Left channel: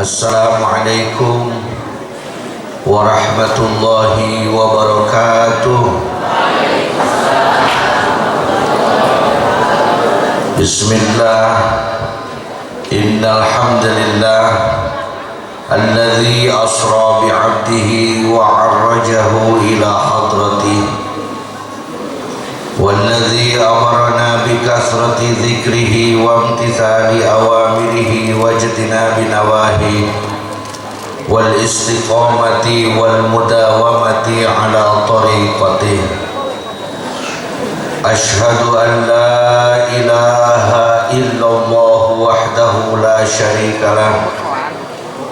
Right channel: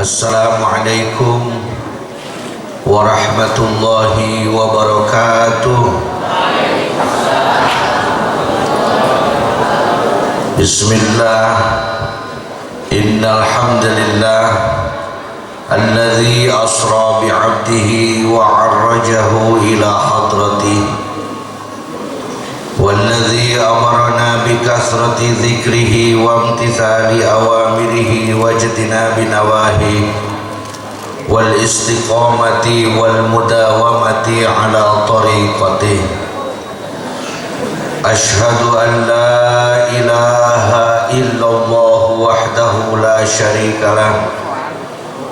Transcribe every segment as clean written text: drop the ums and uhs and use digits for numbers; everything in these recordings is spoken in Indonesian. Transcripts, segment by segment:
Assalamualaikum warahmatullahi wabarakatuh. Bismillah. Innal hamdalillah alladzi asra bi'abdihi wa 'arrajahu ila hadratihi والذي أمرنا بكثرة ذكره وامتثال أوامره واجتناب نواهيه والاستقامة والمداومة على طريقته أشهد أن لا إله إلا الله وحده لا شريك له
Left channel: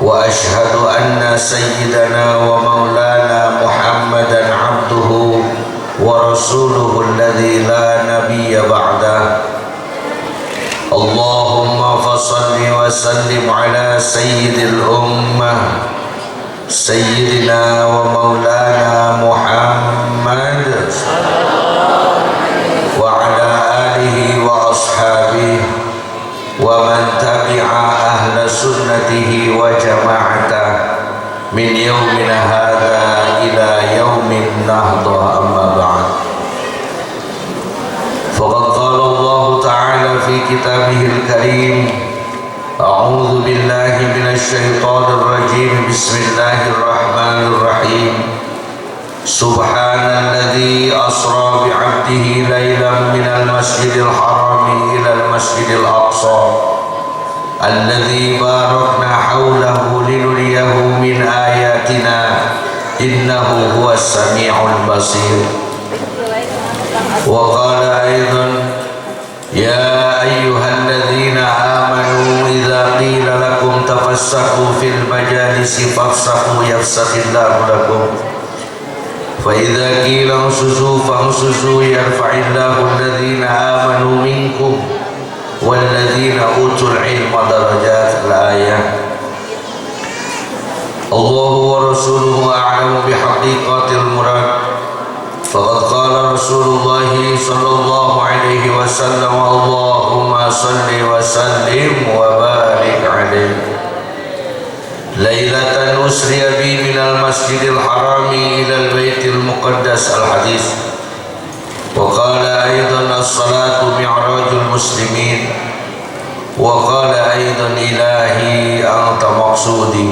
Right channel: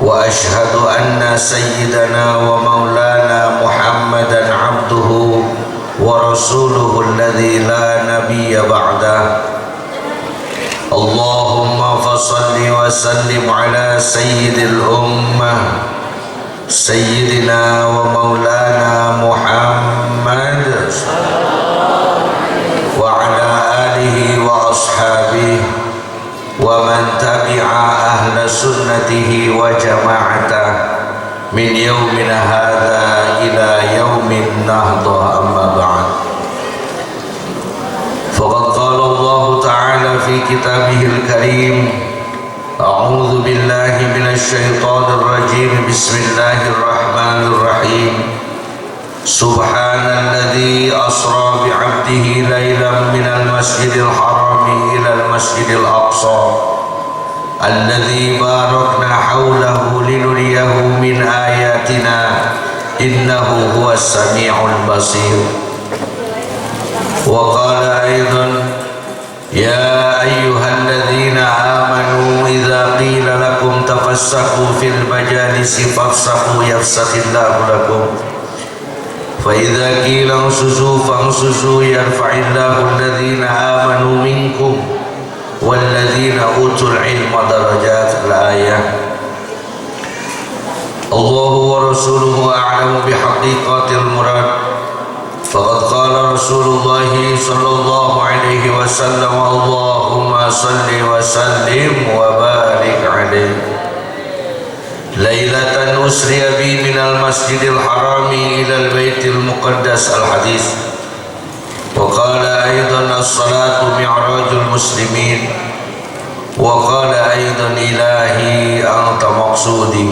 وأشهد أن سيدنا ومولانا محمدا عبده ورسوله الذي لا نبي بعده اللهم فصل وسلم على سيد الأمة سيدنا ومولانا محمد وعلى آله وأصحابه ومن تبع أهل سنته وجماعته من يومنا هذا إلى يوم النهضة أما بعد فقد قال الله تعالى في كتابه الكريم أعوذ بالله من الشيطان الرجيم بسم الله الرحمن الرحيم سبحان الذي أسرى بعبده ليلا من المسجد الحرام إلى المسجد الأقصى الذي باركنا حوله لنريه من آياتنا إنه هو السميع البصير وقال أيضا يا أيها الذين آمنوا إذا قيل لكم تفسحوا في المجالس فافسحوا يفسح الله لكم فإذا قيل انشزوا فانشزوا يرفع الله الذين آمنوا منكم والذين أوتوا العلم درجات الآية الله ورسوله أعلم بحقيقة المراد فقد قال رسول الله صلى الله عليه وسلم اللهم صل وسلم وبارك عليه ليلة أسري بي من المسجد الحرام إلى البيت المقدس الحديث وقال أيضا الصلاة معراج المسلمين وقال أيضا إلهي أنت مقصودي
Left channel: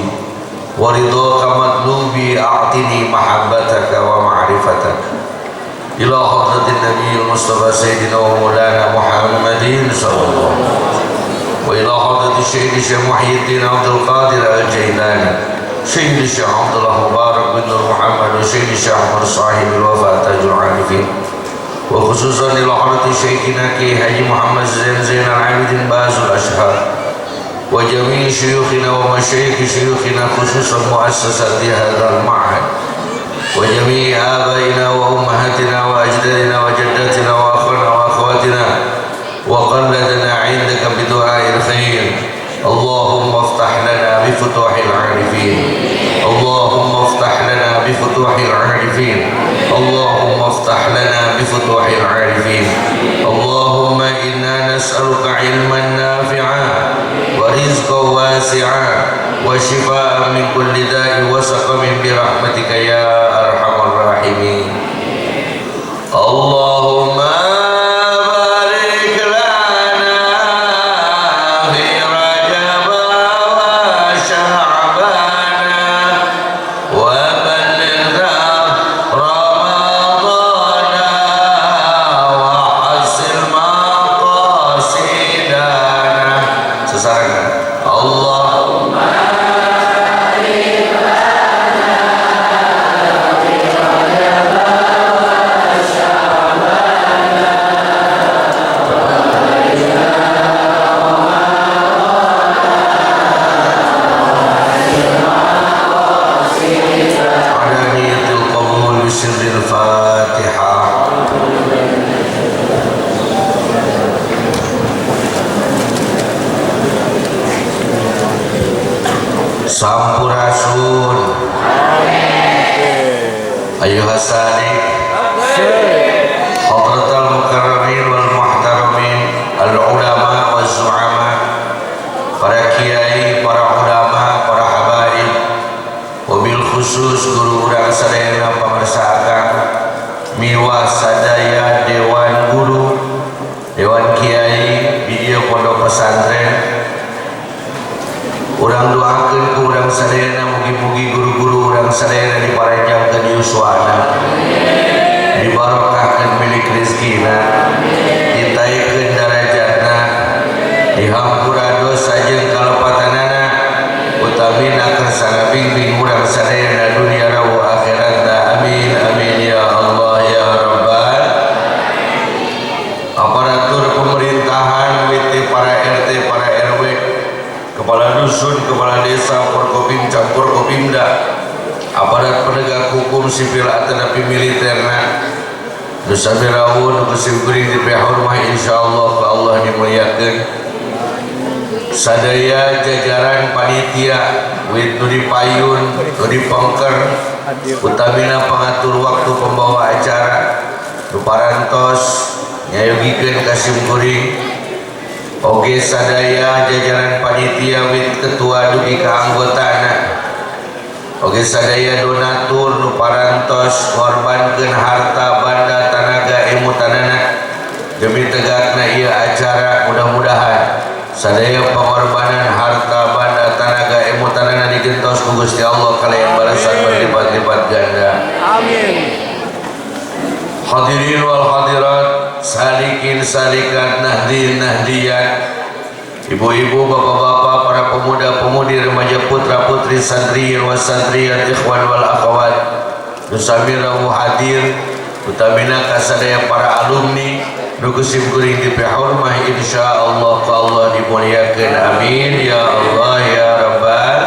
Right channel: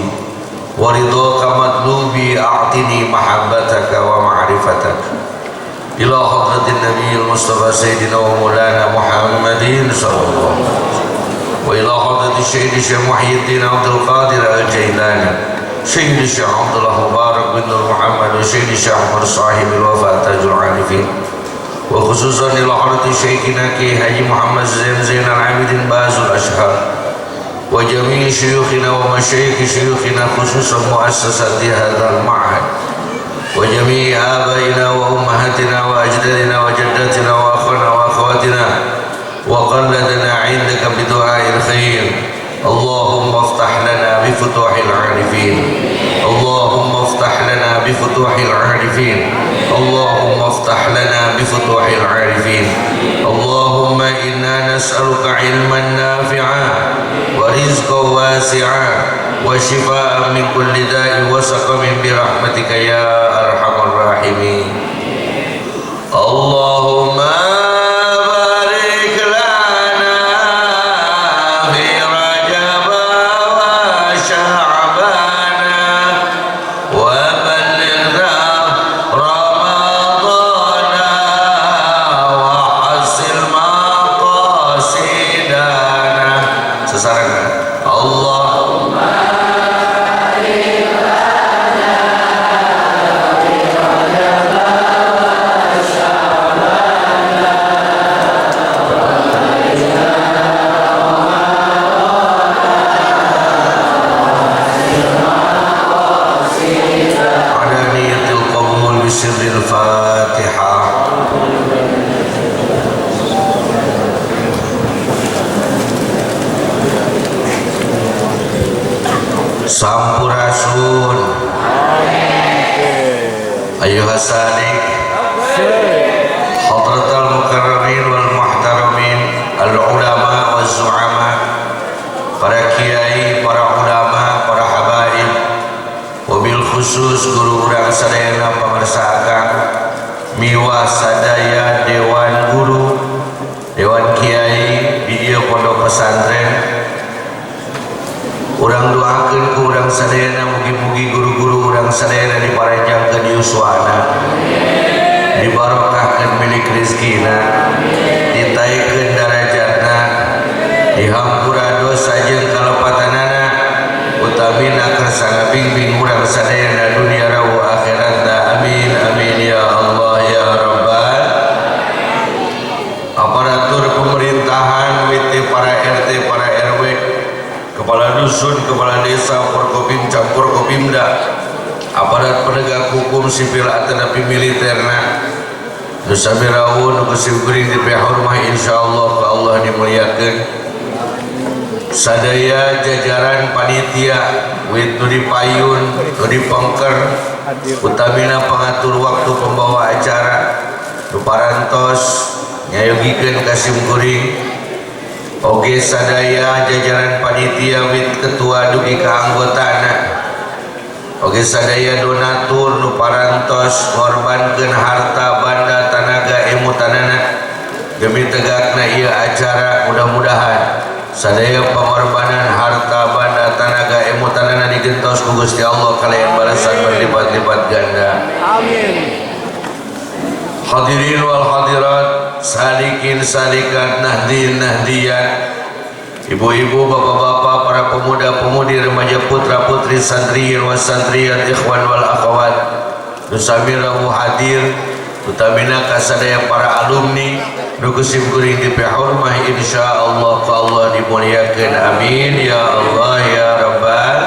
ورضاك مطلوبي أعطني محبتك ومعرفتك إلى حضرة النبي المصطفى سيدنا ومولانا محمد صلى الله عليه وسلم وإلى حضرة الشهيد الشيخ محي الدين عبد القادر الجيلاني شهيد الشيخ عبد الله مبارك بن محمد وشهيد الشيخ عمر صاحب الوفاة تاج العارفين وخصوصا إلى حضرة شيخنا كي حاجي محمد زين العابدين باز الأشهر وجميع شيوخنا ومشايخ شيوخنا خصوصا مؤسسة هذا المعهد وجميع آبائنا وأمهاتنا وأجدادنا وجداتنا وأخواننا وأخواتنا وقلدنا عندك بدعاء الخير اللهم افتح لنا بفتوح العارفين اللهم افتح لنا بفتوح العارفين اللهم افتح لنا بفتوح العارفين اللهم إنا نسألك علما نافعا ورزقا واسعا وشفاء من كل داء وسقم برحمتك يا أرحم الراحمين اللهم Sampurasun Ayuhas sadiq Hadratal mukarramin wal muhtaramin Al ulama wal zu'ama, para kiai, para ulama, khusus guru urang sadayana pangarsa akang miwah sadaya dewan guru dewan kiai di ieu pondok pesantren. Urang doakeun ku urang sadayana mugi-mugi guru-guru urang sadayana diparanjangkeun yuswana, dibarokahkeun milik rezekina, ditaikeun darajatna, dihampura dosa jeung kalepatanana, utamina kersana bimbing urang sadayana dunia rawu akhiratna. Amin amin ya Allah ya Rabbal. Aparatur pemerintahan, witi para RT, para RW, kepala dusun, kepala desa, Forkopim, campur Kopimda, aparat penegak hukum sipil atanapi militerna, dosa mirawun kusimkuring di pihormah insyaallah ke Allah dimuliakeun. Sadaya jajaran panitia wit nu dipayun nu dipengker utamina pengatur waktu pembawa acara nu parantos nyayogikeun kasimkuring. Oge sadaya jajaran panitia wit ketua dugi kaanggotana, oge sadaya donatur nu parantos ngorbankeun harta banda tanaga emutanana demi tegakna ieu acara. Mudah-mudahan sadaya pengorbanan harta banda tanaga emutanana digentos ku Gusti Allah kalayan balasan berlipat-lipat ganda. Amin. Hadirin wal hadirat, salikin salikat, nahdin nahdiyan, ibu-ibu, bapak-bapak, para pemuda-pemudi, remaja, putra-putri, santriyin was santriyat, ikhwan wal akhwat, nusamirahu hadir, utamina kasadaya para alumni, nukusim kuring di pihormah insyaallah ka Allah dimuliakeun. Amin ya Allah ya Rabbal.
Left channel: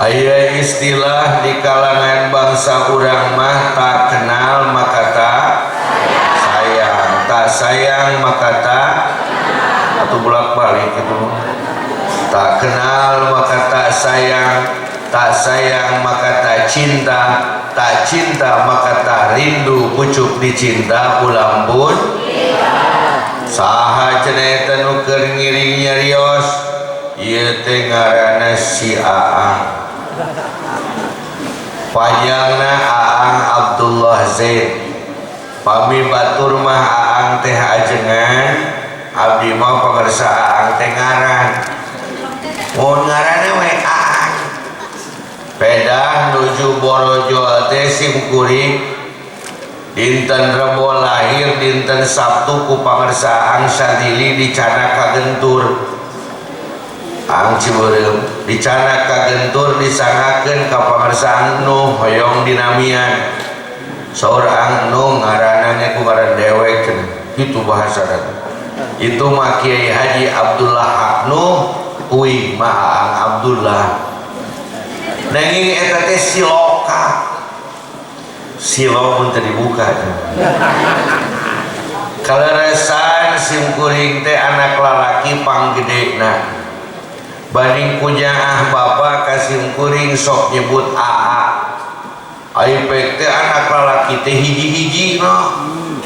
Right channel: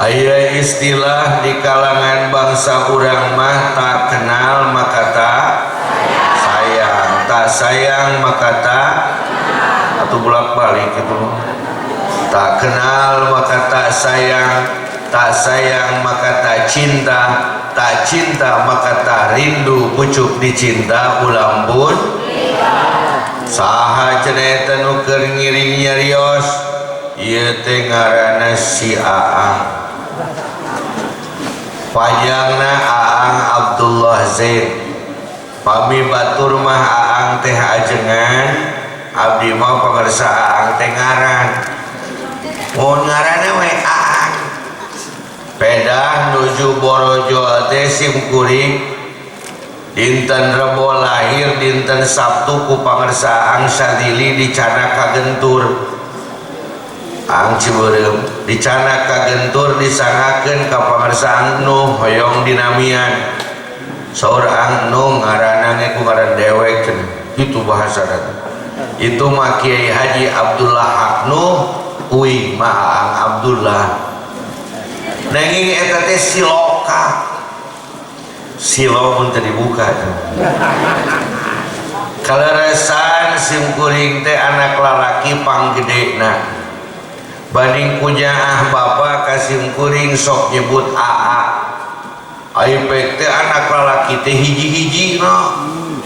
Aya istilah di kalangan bangsa urang mah tak kenal maka tak sayang, tak sayang maka tak, atau bolak-balik itu, tak kenal maka tak sayang maka tak cinta, tak cinta maka tak rindu, pucuk dicinta ulam pun saha cenah eta nu keur ngiring nyarios ieu teh ngaranna si Aang. Panjangna Aang Abdullah Zain, pami batur mah Aang teh ajengan, abdi mah pangarsa Aang teh ngaran. Mun ngaranna we Aang. Pedah nuju Borojo teh simkuring dinten Rebo lahir, dinten Sabtu ku pangarsa Aang Sadili di Canaka Gentur. Aang Ciberem di Canaka Gentur disangakeun ka pangarsa Aang Nuh hoyong dinamian. Saur Aang Nuh ngaranna ge ku ngaran dewek cenah. Kitu bahasana. Itu mah Kiai Haji Abdullah Haq Nuh, uih mah Aang Abdullah. Nanging eta teh siloka. Silo mun teu dibuka. Kaleresan simkuring teh anak lalaki panggedena. Banding kunyaah bapak kasim kuring sok nyebut AA. Aipek teh anak lalaki teh hiji-hiji no.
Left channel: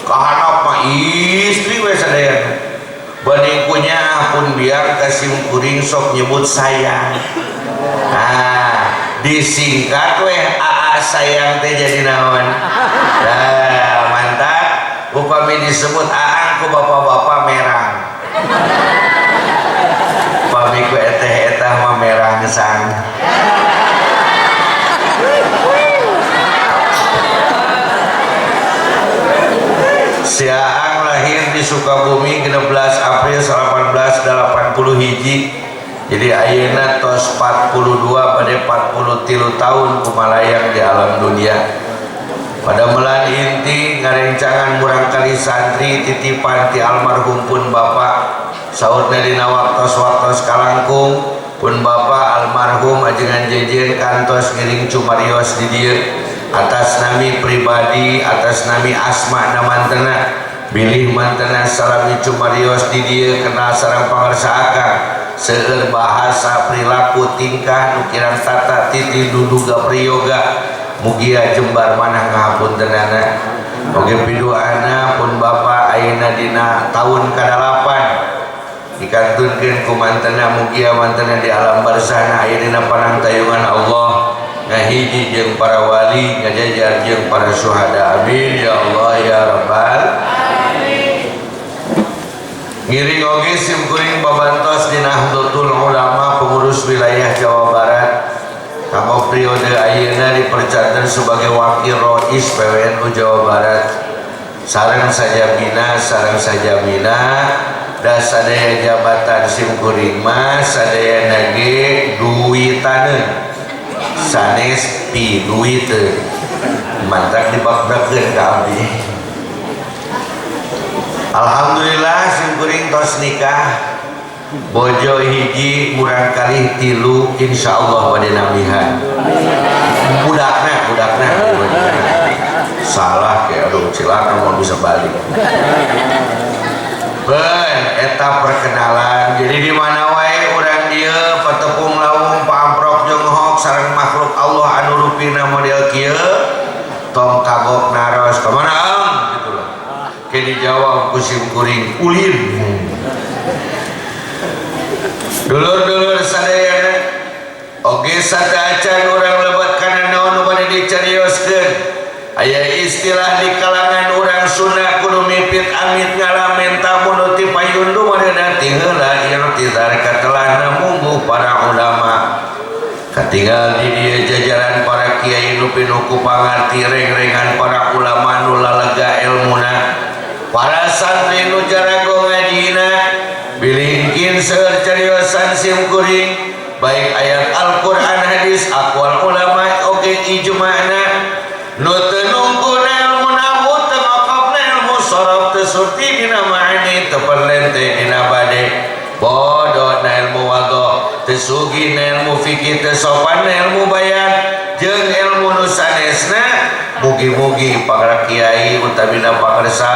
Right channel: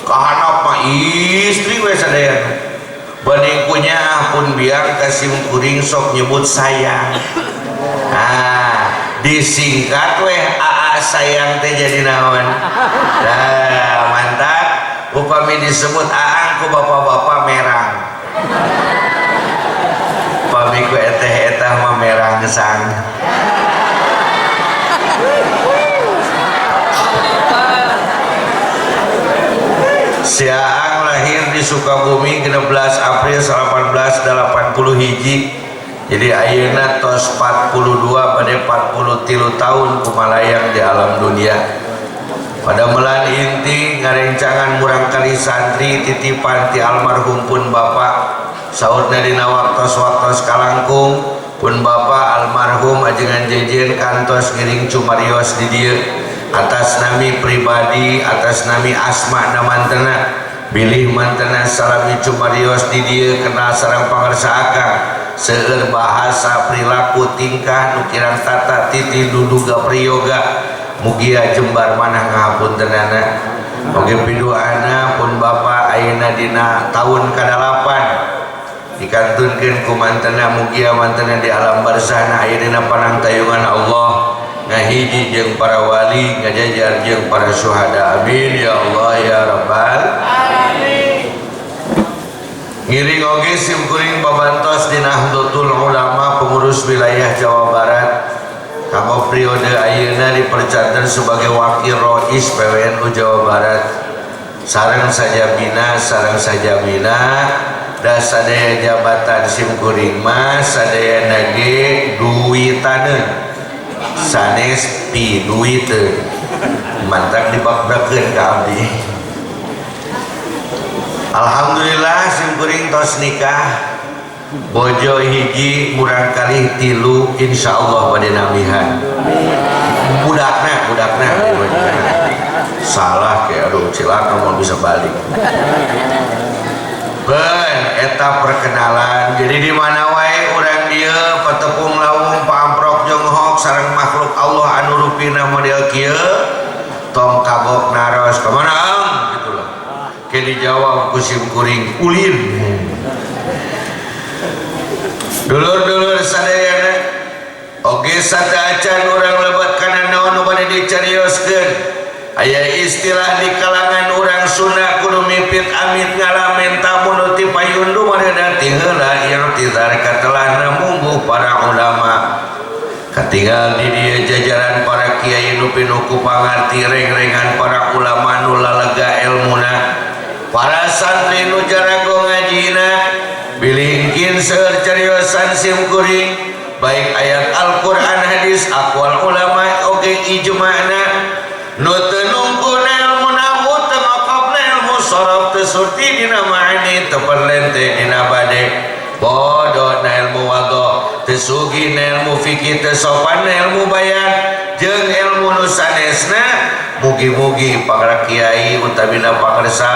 Kahanap mah istri we sadayana. Banding kunyaah pun biar kasim kuring sok nyebut sayang. Nah, disingkat we AA sayang teh jadi naon. Nah, mantap. Upami disebut Aang ku bapak-bapak merang. Pamiku eteh-etah mah merah gesang. Si Aang lahir di Sukabumi 16 April 1880 hiji. Jadi ayeuna tos 42 pada 43 tahun kumalayang di alam dunia. Pada melan inti ngarencangan murang kali santri titipan ti almarhum pun bapak. Saurna dina waktos kalangkung pun bapak almarhum ajengan jejen kantos ngiring cumarios di dieu atas nami pribadi, atas nami asma namantena bilih mantena salami cumarios di dieu kenal sareng pangarsa akang seueur bahasa perilaku tingkah nukiran tata titi duduga priyoga mugia jembar manah ngahapuntenana. Oge piduana pun bapak ayeuna dina tahun ka-8 dikantunkeun ku mantena mugia mantena di alam barzah aya dina panangtayungan Allah ngahiji jeung para wali ngajajar jeung para syuhada amin ya Allah ya rabbal alamin. Ngiring oge simkuring babantos di Nahdlatul Ulama pengurus wilayah Jawa Barat kanggo periode ayeuna dipercatat sebagai wakil rois PWNU Jawa Barat sareng sajabina da sadaya jabatan simkuring mah sadayana ge duitaneun sanes piduiteun mantak dibakdakeun ka abdi. Alhamdulillah simkuring tos nikah bojo hiji murang kali 3 insyaallah bade namihan budakna salah kayak aduh cilaka mau bisa balik ben eta perkenalan jadi di mana wae urang dieu patepung lawung paamprok jeung hok sareng makhluk Allah anu rupina model kieu tong kagok naros ka mana am gitu lah ke dijawab ku simkuring ulin. Dulur-dulur sadayana oge sataacan urang lebat kana naon nu bade dicarioskeun aya istilah di kalangan urang Sunda kudu mipit amit ngalamen tamu nu ti payundu madana ti heula irtizar katelahna mungguh para ulama katinggal di dieu jajaran para kiai nu pinuh ku pangarti reng-rengan para ulama nu lalega ilmuna para santri nu jarago ngajina bilingkin seueur cariosan simkuring baik ayat Al-Qur'an hadis aqwal ulama oge ijma'na nu teu nungkuna ilmu nahwu teu ngokopna ilmu sharaf teu surti dina ma'ani teu perlente dina bade bodona ilmu wadho teu sugina ilmu fikih teu sopanna ilmu bayan jeung ilmu nu sanesna mugi-mugi para kiai utamina pangarsa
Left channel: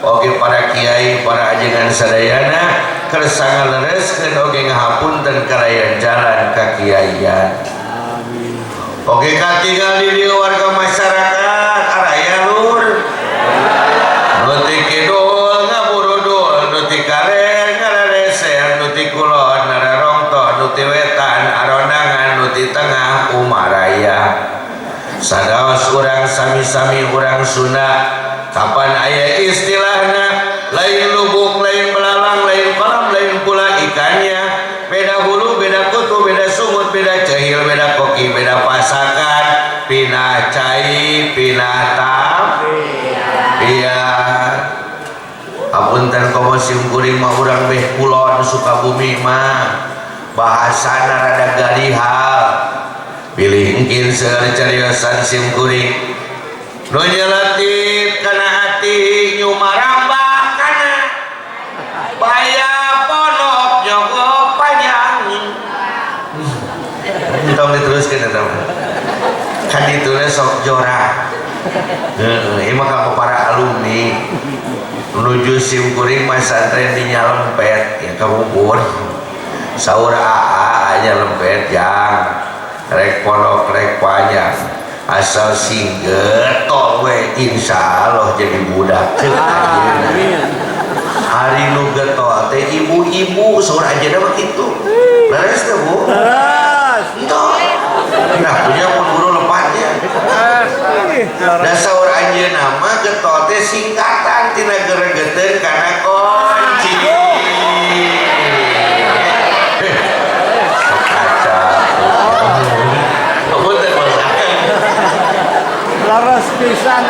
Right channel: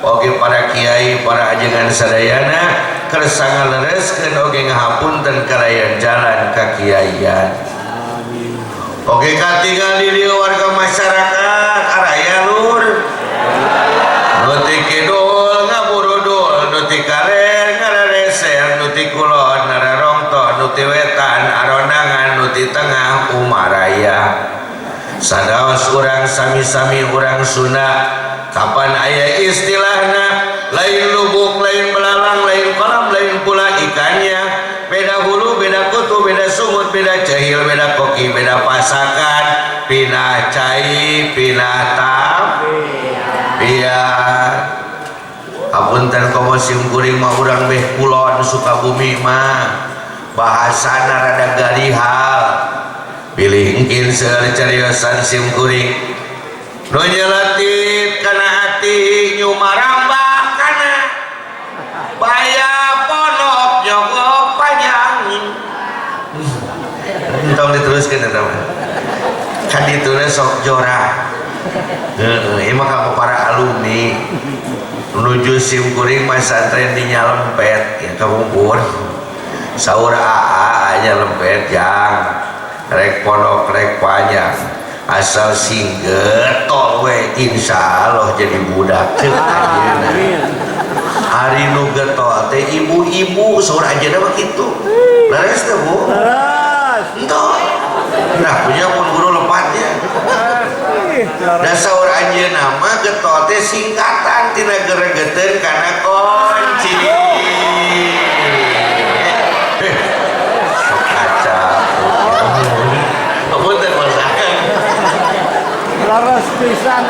oge para kiai para ajengan sadayana kersa ngalereskeun oge ngahapunten kalayan jalan kakiaian oge katinggal di dieu warga masyarakat araya lur nu ti kidul ngaburudul nu ti kaler ngarareser nu ti kulon nararongto nu ti wetan arondangan nu ti tengah umaraya sadaos urang sami-sami urang Sunda kapan aya istilahna lain lubuk lain belalang lain kolam lain pula ikannya beda hulu beda kutu beda sungut beda cahil beda koki beda pasakan pinah cai pinah tam iya apunten komo simkuring mah urang beh kulon Sukabumi mah bahasana rada garihal bilingkin seueur cariosan simkuring nu nyeletit kana hati nyumarambah kana baya ponok nyogok panjang tong diteruskeun eta mah kan ditulis sok jorah ieu mah ka para alumni menuju simkuring mah santren di Nyalempet ya kabubur saur AA aja lempet jang rek pondok rek panjang asal singgetol we insyaallah jadi budak ceuk ayeuna hari nu getol teh ibu-ibu saur ajeuna mah kitu leres teh Bu leres entong nah punya pun guru lepatnya da saur ajeuna mah getol teh singkatan tina geregeteun kana kunci laras pisan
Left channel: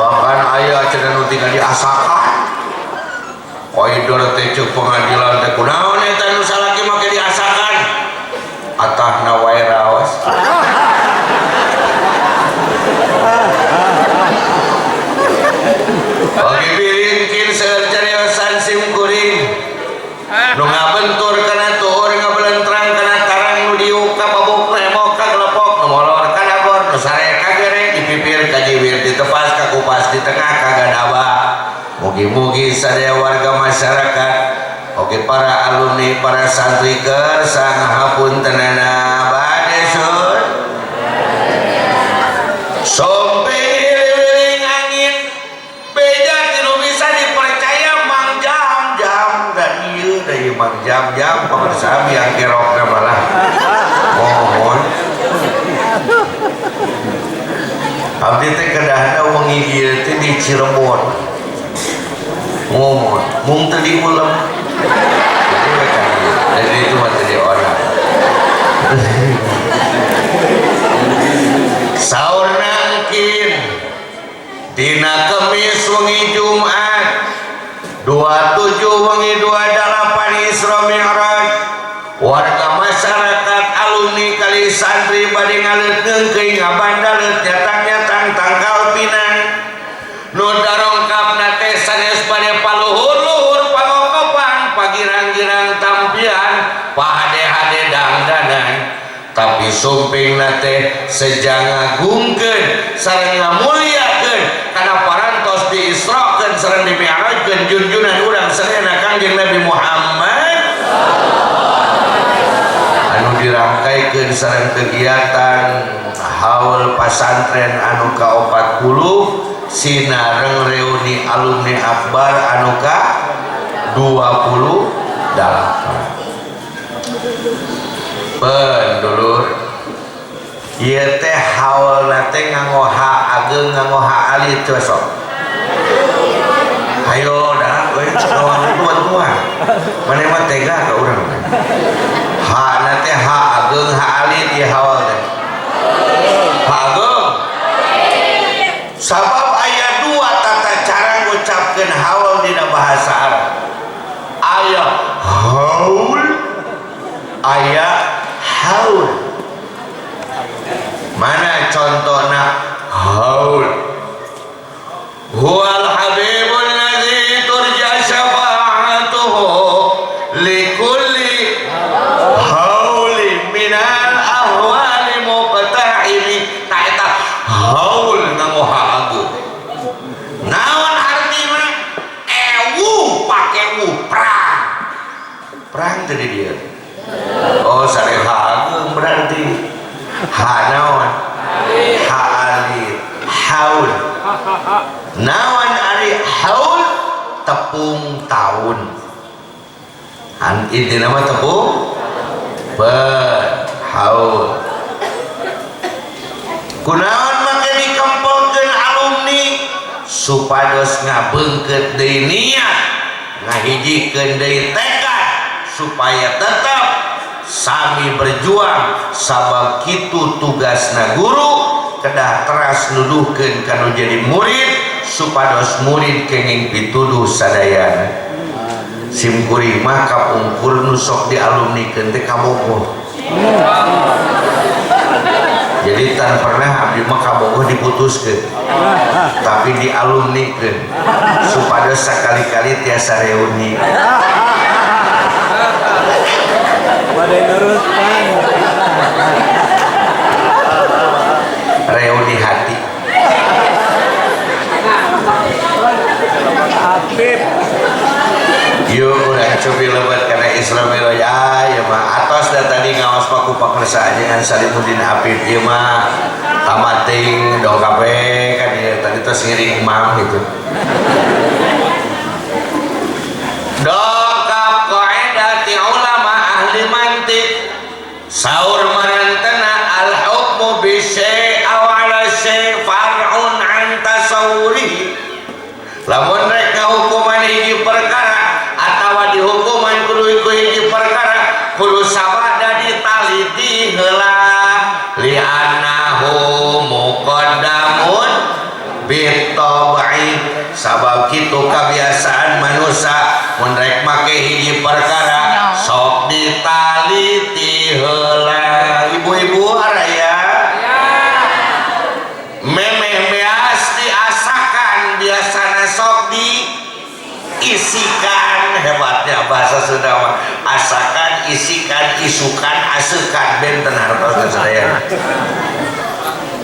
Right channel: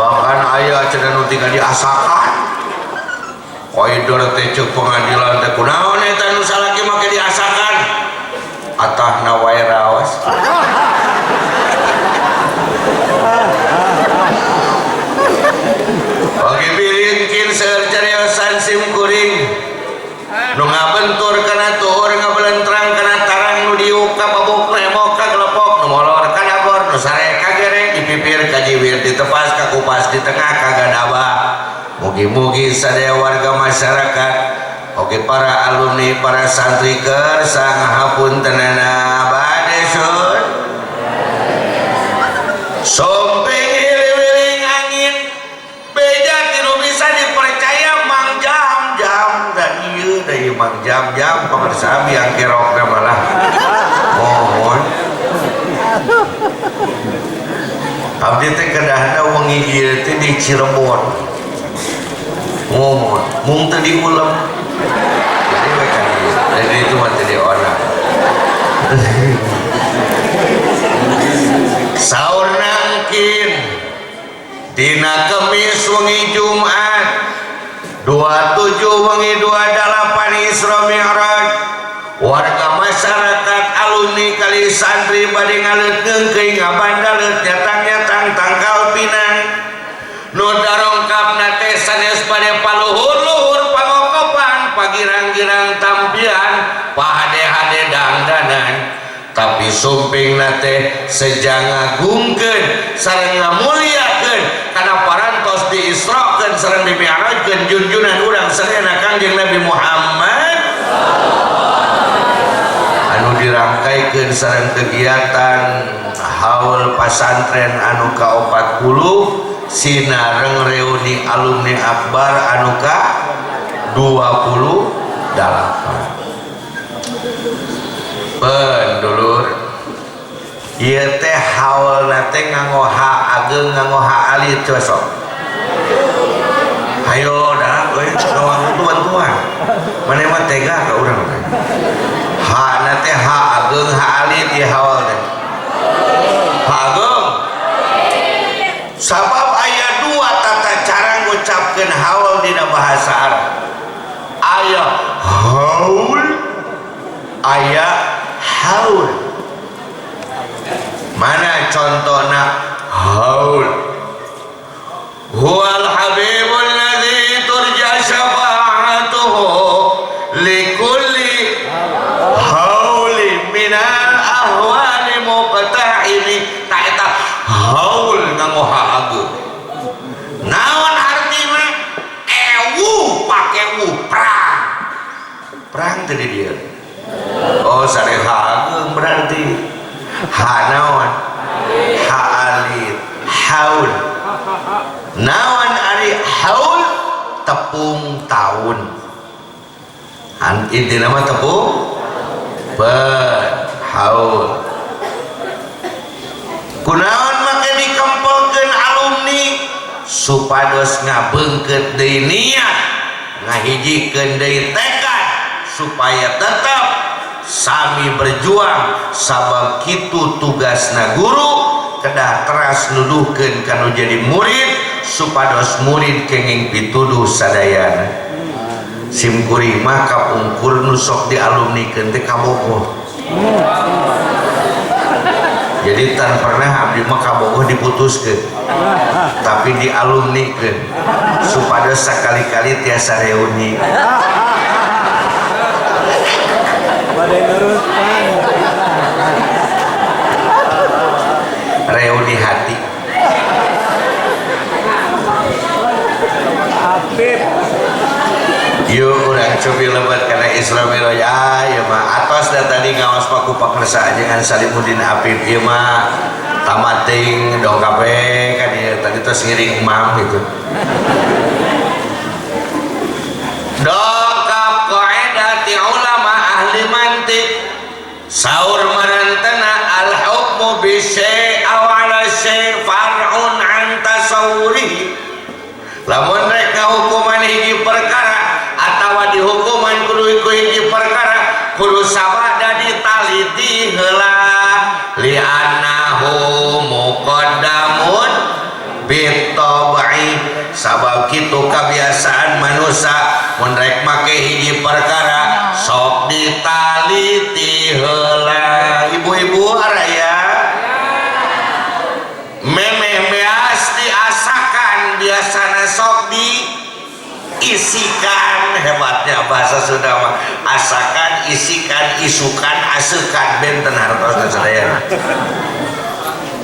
bahkan aya cenah nu tinggal diasakan koridor teh ceuk pengadilan teh kunaon eta nu salaki make diasakan atahna wae raos oge bilingkin seueur cariosan simkuring nu ngabentur kana tuur ngabelentrang kana tarang nu diuk ka babukna emok ka glepok nu molor kana gor nu sare ka gereng dipipir ka jiwir ditepas ka kupas di tengah ka gadaba mugi-mugi sadaya warga masyarakat oge para alumni para santri kersa ngahapuntenana bade sun sompeng iling angin beja tinu bisa dipercaya mang jam-jam pemirsa yang kerokna malah mohon abdi teh kedahna wengi ieu teh di Cirebon mohon mung teh diulam jadi mereka jadi itu mah teh di orang saur nangkin dina Kemis wengi Jumat 27 wengi 28 Isra Mi'raj warga masyarakat alumni kali santri bade ngaleutkeun keuing ngabandaleut nyatang-nyatang tangkal Pinang nu darongkapna teh sanes bade paluhur-luhur pangokopan pagirang-girang tampian pahade-hade dangdanan tapi sumpingna teh sejang ngagungkeun sareng ngamuliakeun kana parantos diisrokeun sareng dimi'rajkeun junjunan urang sadayana Kangjeng Nabi Muhammad anu dirangkaikeun sareng kegiatan haul pasantren anu ka-40 sinareng reuni alumni akbar anu ka 28 pendulur ieu teh haulna teh nganggo ha ageng nganggo ha alit cosok hayo dah euy kawan tuan-tuan mane mah tega ka urang ha na teh ha ageng ha alit ieu haul teh ha ageng sabab aya dua tata cara ngucapkeun haul dina bahasa Arab aya haul aya haul mana contohna haul huwal habibul ladzi turja syafa'atuhu likulli hauli minal ahwali muqta'imi tak eta haul nganggo haageu naon artina ewu pake wu perang tadi dia oh sare haageu berarti ha naon ha alit haul naon ari haul tepung tahun intina mah tepung haul kunaon make dikempelkeun alumni supados ngabeungkeut deui niat ngahijikeun deui tekad supaya tetap sami berjuang sabab kitu tugasna guru kedah teras nuduhkeun kanu jadi murid supados murid kenging pituduh sadayana simkuring mah kapungkur nu sok dialumnikeun teh kabogoh jadi tan pernah abdi mah kabogoh diputuskeun tapi dialumnikeun supados sakali-kali tiasa reuni badai nurutkan reuni hati Habib yuk urang cobi lebat karena Islam ya ya mah atos dan tadi ngawas paku pakersa ajengan Salimuddin Habib ya mah tamating dong kape kan ya tadi tos ngiring imam gitu dongkap qaedati ulama ahli mantik saur marantana al hukmu bi syai' aw ala syai' far'un an tasawwuri lamun rek ngahukuman hiji perkara atawa dihukuman kudu hiji perkara kudu sabada ditaliti heula li annahu muqaddamun bitab'i sabab kitu kebiasaan manusia mun rek make hiji perkara sok ditaliti heula ibu-ibu araya memeh beas diasakan biasana sok diisikan hebatnya bahasa Sunda mah asakan isikan isukan asekan benten hartos sadayana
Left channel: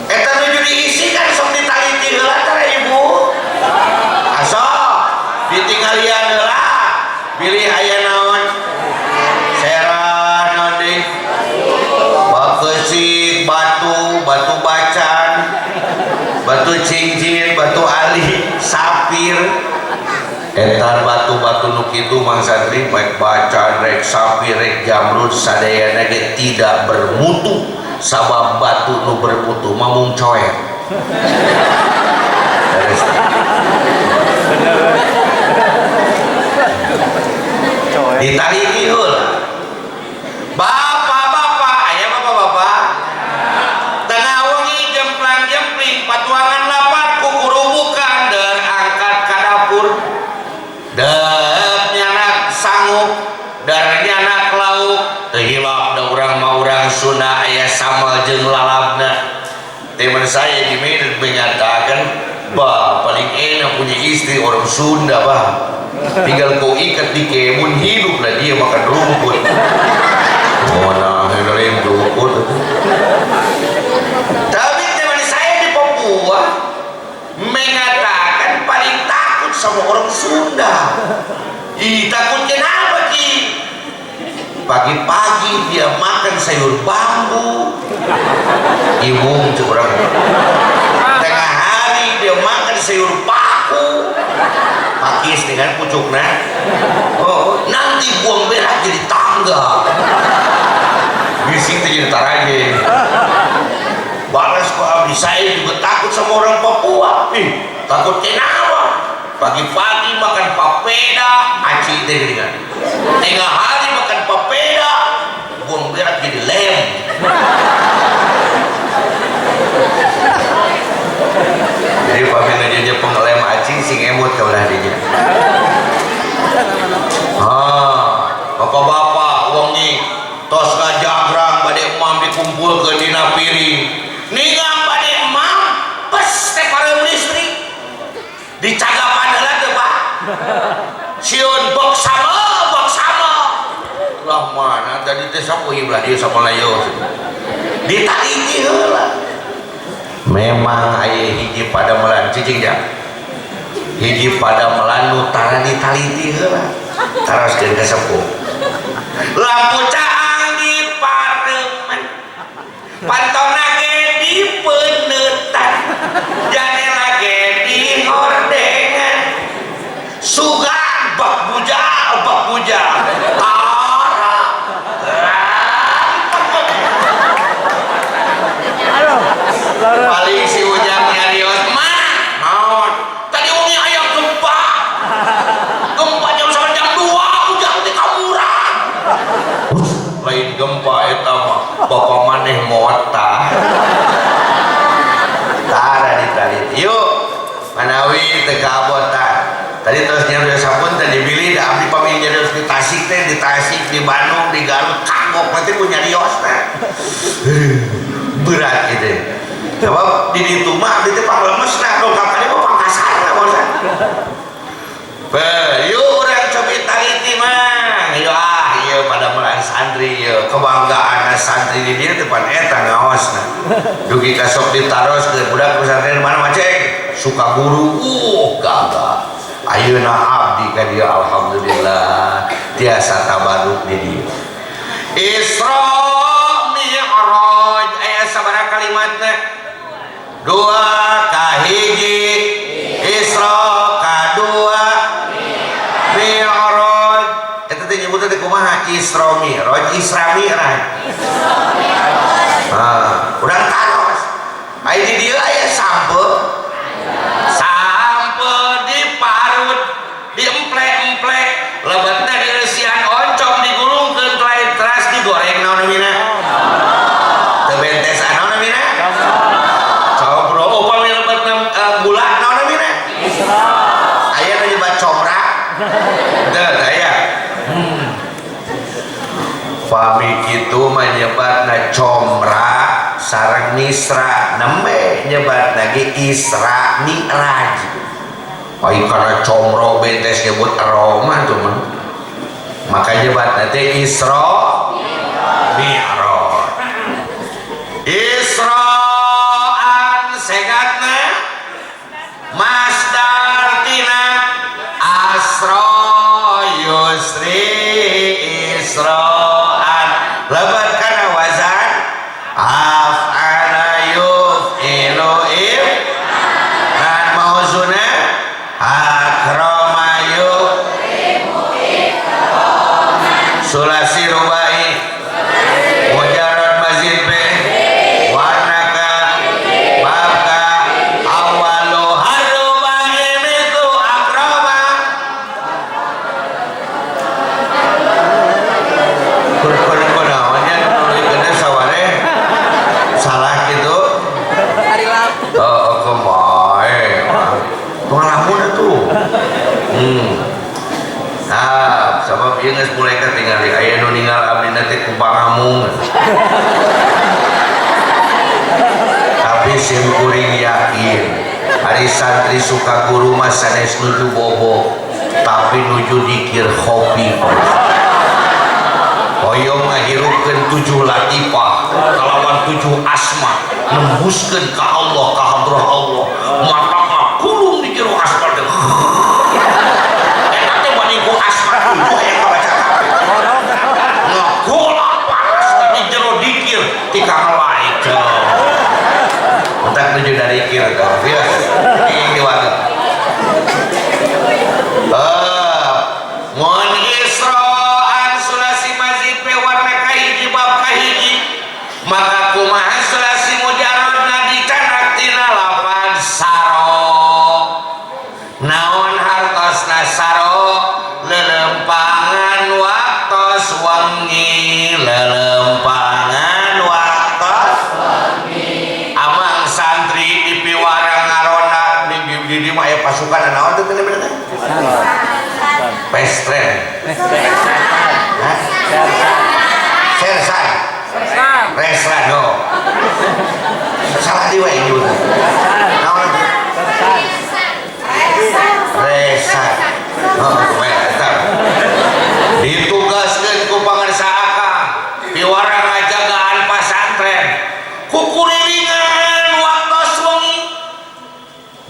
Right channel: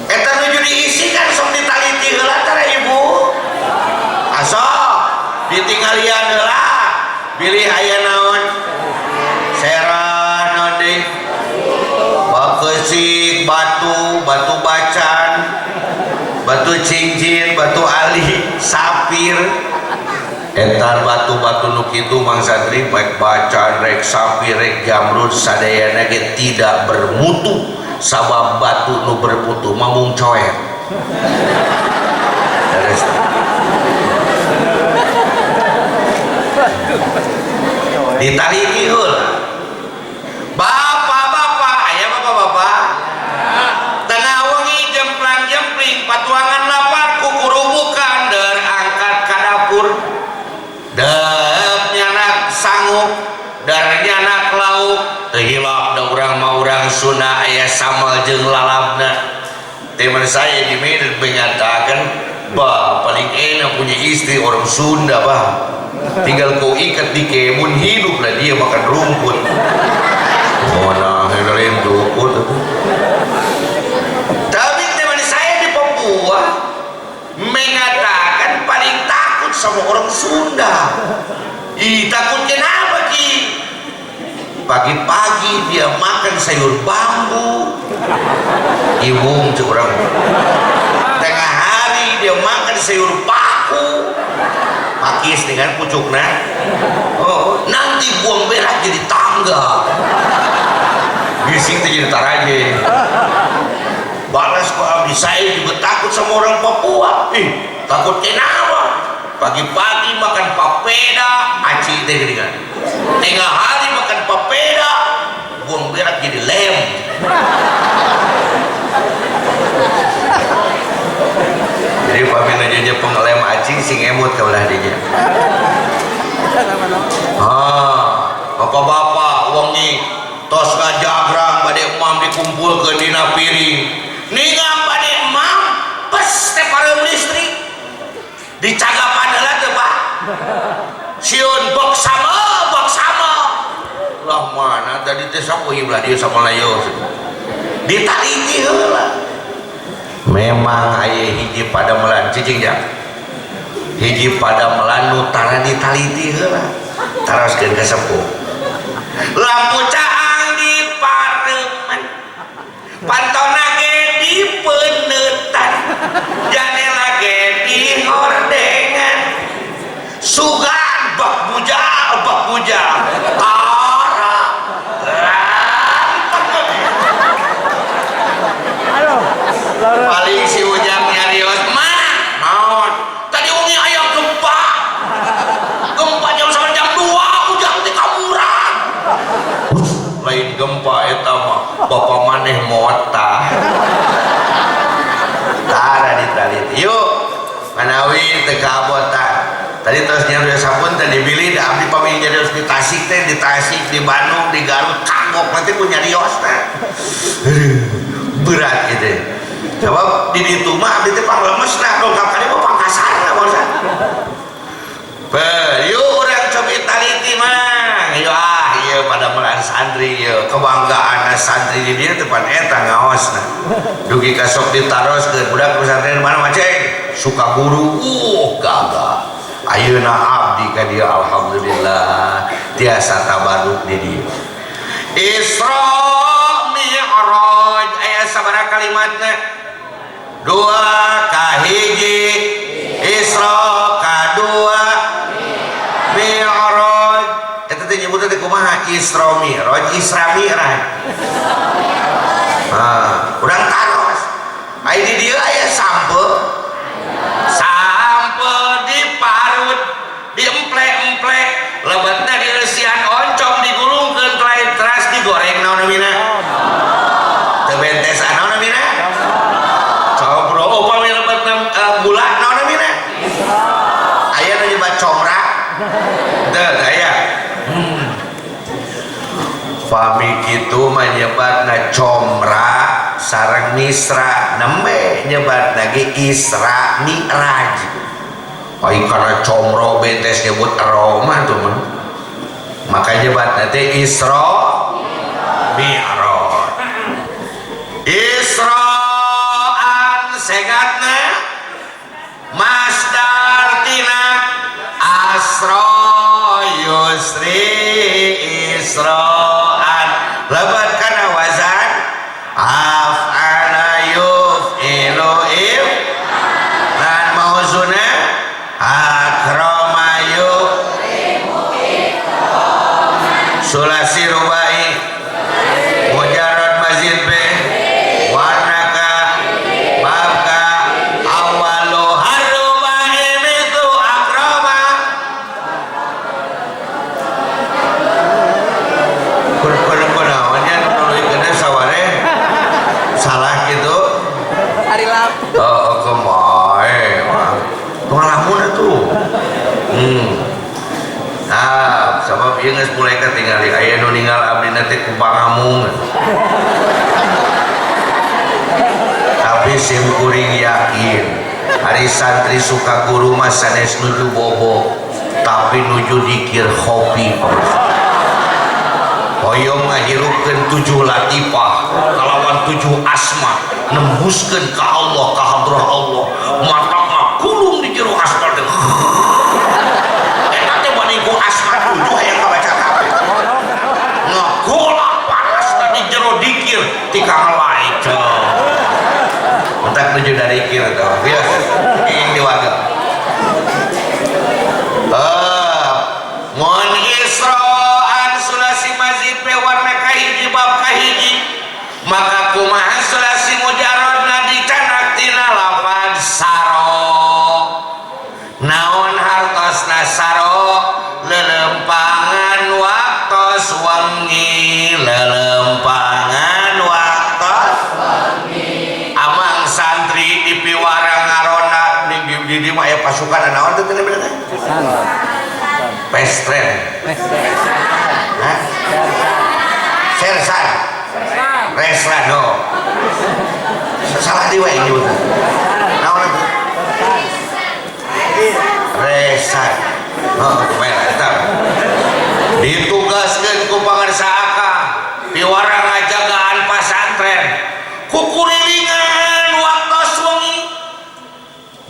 eta nuju diisikan sok ditaliti heula tara ibu asok ditinggalian heula pilih aya naon serah naon deui bakeusik batu bacan batu cincin batu alih sapir eta batu batu nu kitu Mang Santri baik baca rek sapi rek jamrud sadayana ge tidak bermutu sabab batu nu bermutu mamung coet. Ditaliki heula. Bapak-bapak, aya bapak-bapak. Tengah wengi jemplang-jempling patuangan lapar kukurubukan der angkat ka dapur. Deup nyanak sanggup, dar nyanak lauk, teu hilap da urang mah urang Sunda aya sambal jeung lalabna. Teman saya di Medan mengatakan, "Bah, paling enak punya istri orang Sunda, bah. Tinggal kau ikat di kebun hidup lah dia makan rumput." Mana helain rumput. Tapi teman saya di Papua mengatakan paling takut sama orang Sunda. Ih, takut kenapa Ki? Pagi-pagi dia makan sayur bambu. Ibu curang. Tengah hari dia makan sayur paku. Pakis dengan pucuknya. Oh, nanti buang berak jadi tangga. Bising jadi taraje. Balas kok abdi saya juga takut sama orang Papua. Takut kenapa? Pagi-pagi makan papeda, aci teh geuningan. Tengah hari makan papeda, buang berak jadi lem. Jadi pamina aja pengelem acing sing emut kaulah dinya. Bapak-bapak wengi tos ngajagrang bade emam dikumpulkeun dina piring. Ningam bade emam pes teh pareum listrik. Dicagapan heula teu Pak. Sieun bok sama. Lah mana tadi teh sapoe belah dieu samalayo. Ditaliki heula. Memang aya hiji padamelan cicing jang. Hiji padamelan nu tara ditaliti heula. Taroskeun ka sepuh. Lampu caang di pareuman. Pantona ge dipeunetan. Jandela ge dihordengan. Sugan bak buja. Paling si Ujang nyarios mah naon tadi wengi aya gempa jam 2 Ujang teh kamuran lain gempa eta mah bapak maneh mota tara ditaliti yuk manawi teu kabotan tadi terus nyarios sampun teh dibili da abdi pami nyarios di Tasik teh di Tasik di Bandung di Garut kagok nanti ku nyarios teh berat gitu. Sebab di ditu mah abdi teh panglemes nah dongkapannya mah pangkasarna bosan. Yuk urang cobi taliti mah. Ieu pada melan santri ieu kebanggaan santri di dieu teh pan eta ngaosna. Dugi ka sok ditaroskeun budak pesantren mana mah cek suka guru gagah. Ayeuna abdi ka dieu alhamdulillah tiasa tabarruk di dieu. Isra Mi'raj aya sabaraha kalimatna? 2 kahiji Isra kadua Mi'raj eta teh nyebutna teh kumaha Isra Mi'raj urang taros aya di dieu aya sampe diparut diemplek-emplek lebetna dieusian oncom digulungkeun teras digoreng naon namina teu bentesan naon namina gula naon namina aya nu nyebat comra teu aya pami kitu mah nyebatna comra sareng misra nembe nyebatna ge Isra Mi'raj ai kana comro bentes nyebut aroma tuh mah maka nyebatna teh Isra Mi'raj Isra'an segatna masdar tina asra yusri isra'an lebat kana wazan af'ala yuf'ilu dan mauzuna akrama yukrimu sulasi rubai mujarrad mazid be warna ka bab ka awalu harubai itu akroma kur naonnya nuliskeun saware salah gitu Hari lap. oh kemae pengalaman itu sabab ieu geus mulai katingali aya nu ninggal abdi teh ku pangamung tapi sim kuring yakin ari santri suka guru mah sanes nuju bobo tapi nuju dikir hobi hoyong ngahirupkeun 7 latifah kalawan 7 asma nembuskeun ka Allah ka hadrah Allah mata mah kulung di jero asma teh eta teh bani ku asma 7 aya kabaca kabeh ngagolak panas di jero dikir ti kang lain entak nuju dari dikir teh ya ing diwaga mun Isra'an sulasi mazid pe warna kahiji bab kahiji maka kumaha sulasi mujarradna dicanak tina lafaz saro naon hartosna saro lelempangan waktos wengi lelempangan waktos wengi amang santri di piwarang ngarona di mah aya pasukan naon teh bener-bener pestren sersan reslan no salah di wae juga naon resan oh bae eta ditugaskeun ku pangarsa akang piwarang ngajagaan pasantren ku kurilingan waktos wengi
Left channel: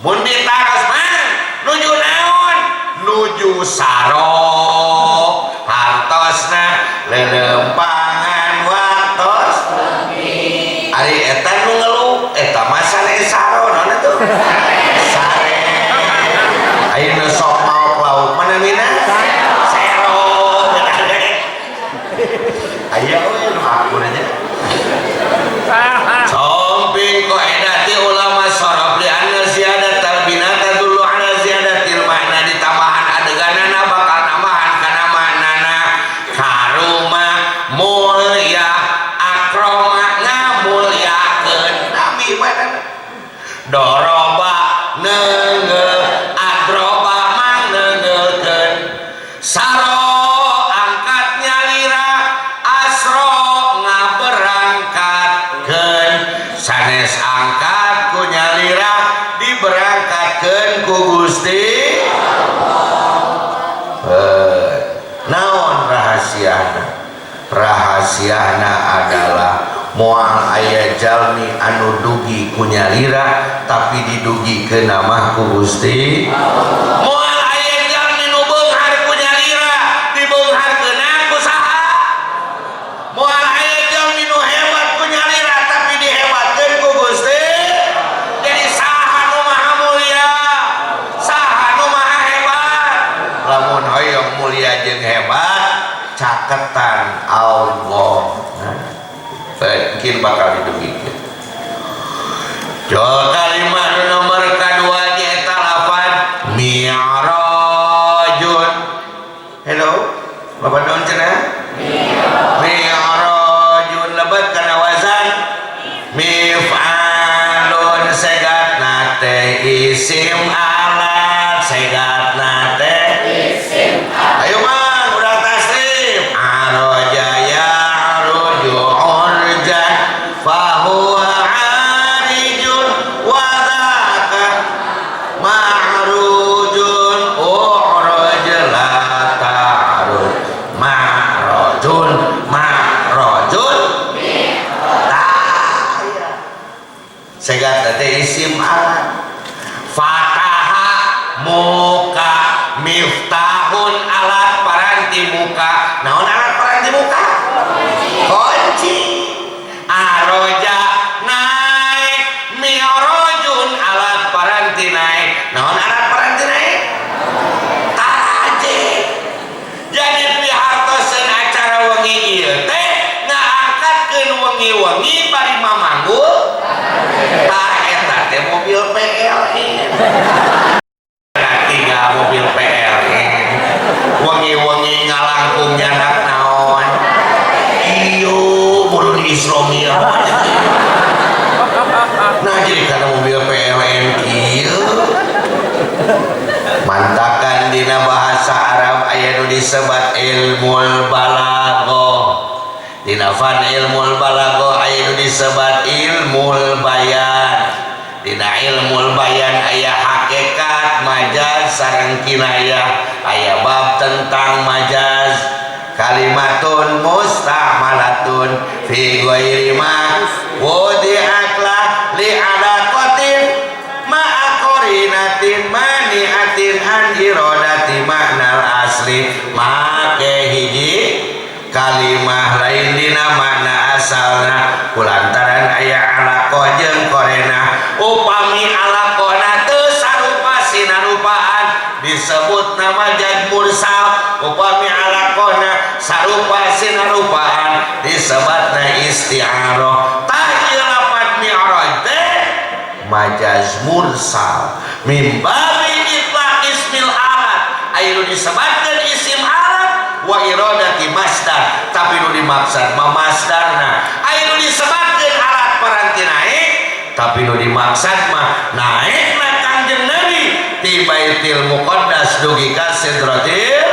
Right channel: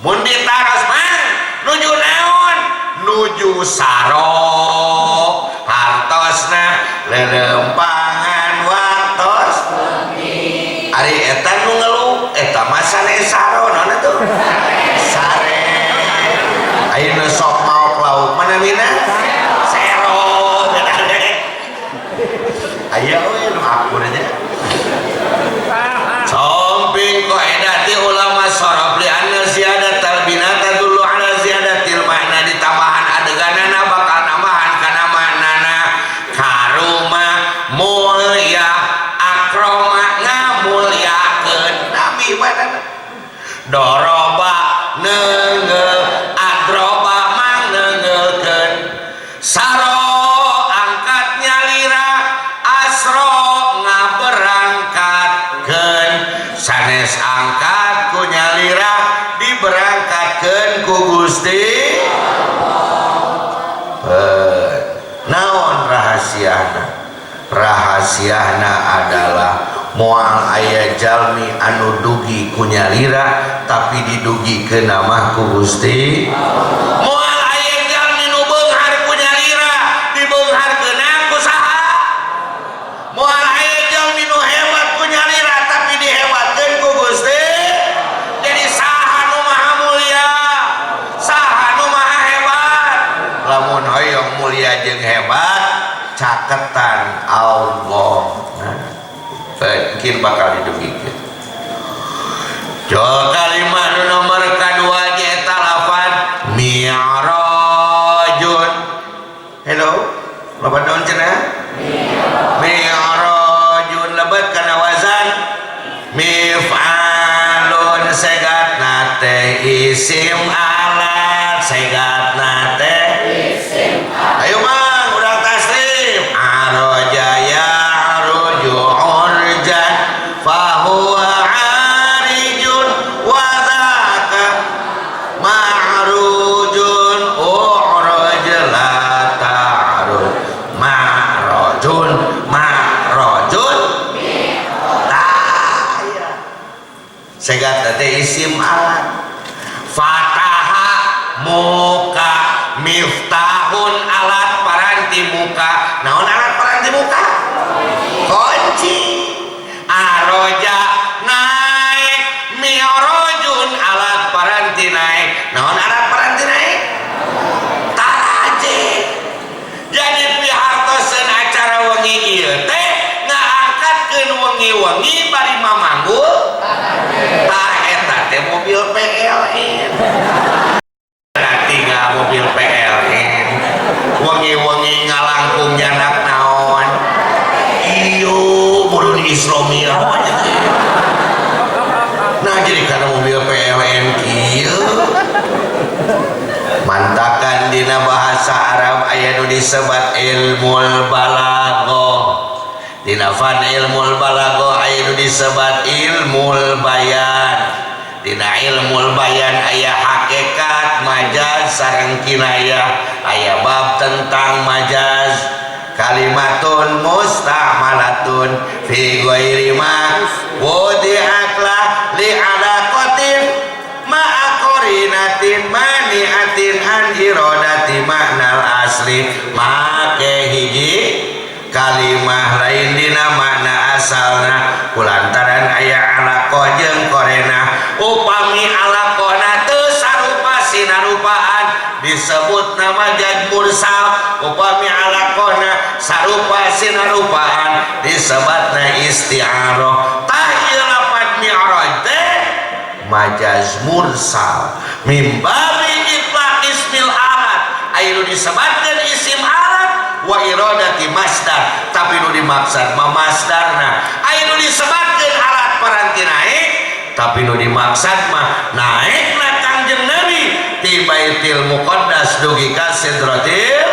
mun ditaros mah nuju naon nuju saro hartosna lelempangan waktos ari eta nu ngeluh eta mah sane saro naon atuh sare ayeuna sok maok lauk mana mina sero aya we nu akur aja samping qaidati ulama saraf li anna ziyadatal binata dulu ala ziyadatil makna ditambahan adeganana bakal namahan kana maknana karuma mulya akroma ngamulyakeun nami mana doroba neungeul adroba mang neungeulkeun saro angkat nyalira asro ngaberangkatkeun sanes angkat ku nyalira diberangkatkeun ku Gusti naon rahasiana adalah moal aya jalmi anu dugi ku nyalira tapi didugikeun nama ku Gusti moal aya jalmi nu beunghar ku nyalira dibeungharkeun ku saha moal aya jalmi nu hebat ku nyalira tapi dihebatkeun ku Gusti jadi saha nu maha mulia saha nu maha hebat lamun hoyong mulia jeung hebat caketan Allah mungkin bakal didugikeun jol kalimat nomor kedua eta lafaz mi'rajun hello bapak naon cenah mi'rajun lebat kana wazan mif'alun segatna teh isim alat segatna teh isim alat ayo mang urang tasrif araja ya urjan fahuwa arijun wa dzaka ma'rujun uraj la ta'rud ma'rajun segat teh isim alat fataha muka miftahun alat paranti muka naon alat paranti muka kunci aroja naik mi'rajun alat paranti naik naon alat paranti naik taraje jadi pihartoseun acara wengi ieu teh ngaangkatkeun wengi-wengi bari mamanggul tah eta teh mobil PLN tinggal mobil PLN wengi-wengi ngalangkung nyanak naon iyo mulun Isromia nah jadi karena mobil PLN kieu mantakan dina bahasa Arab aya nu disebat ilmul balaghah dina fan ilmul balaghah aya nu disebat ilmul bayan dina ilmul bayan aya hakikat majaz sareng kinayah aya bab tentang majaz kalimatun musta'malatun fi ghairi ma wudi'atlah li alaqatin ma'a qarinatin mani'atin an iradati maknal asli make hiji kalimah lain dina makna asalna kulantaran aya alaqah jeung korena upami alaqona teu sarupa sinarupaan disebut nama jad mursal upami alaqona sarupa sinarupaan disebutna isti'arah tah ieu lapat mi'raj teh majaz mursal mimbabi itlaq ismil alat aya nu disebutkeun isim alat wa iradati masdar tapi nu dimaksud mah masdarna aya nu disebutkeun alat paranti naik tapi nu dimaksud mah naikna Kangjeng Nabi ti Baitul Muqaddas dugi ka Sidratil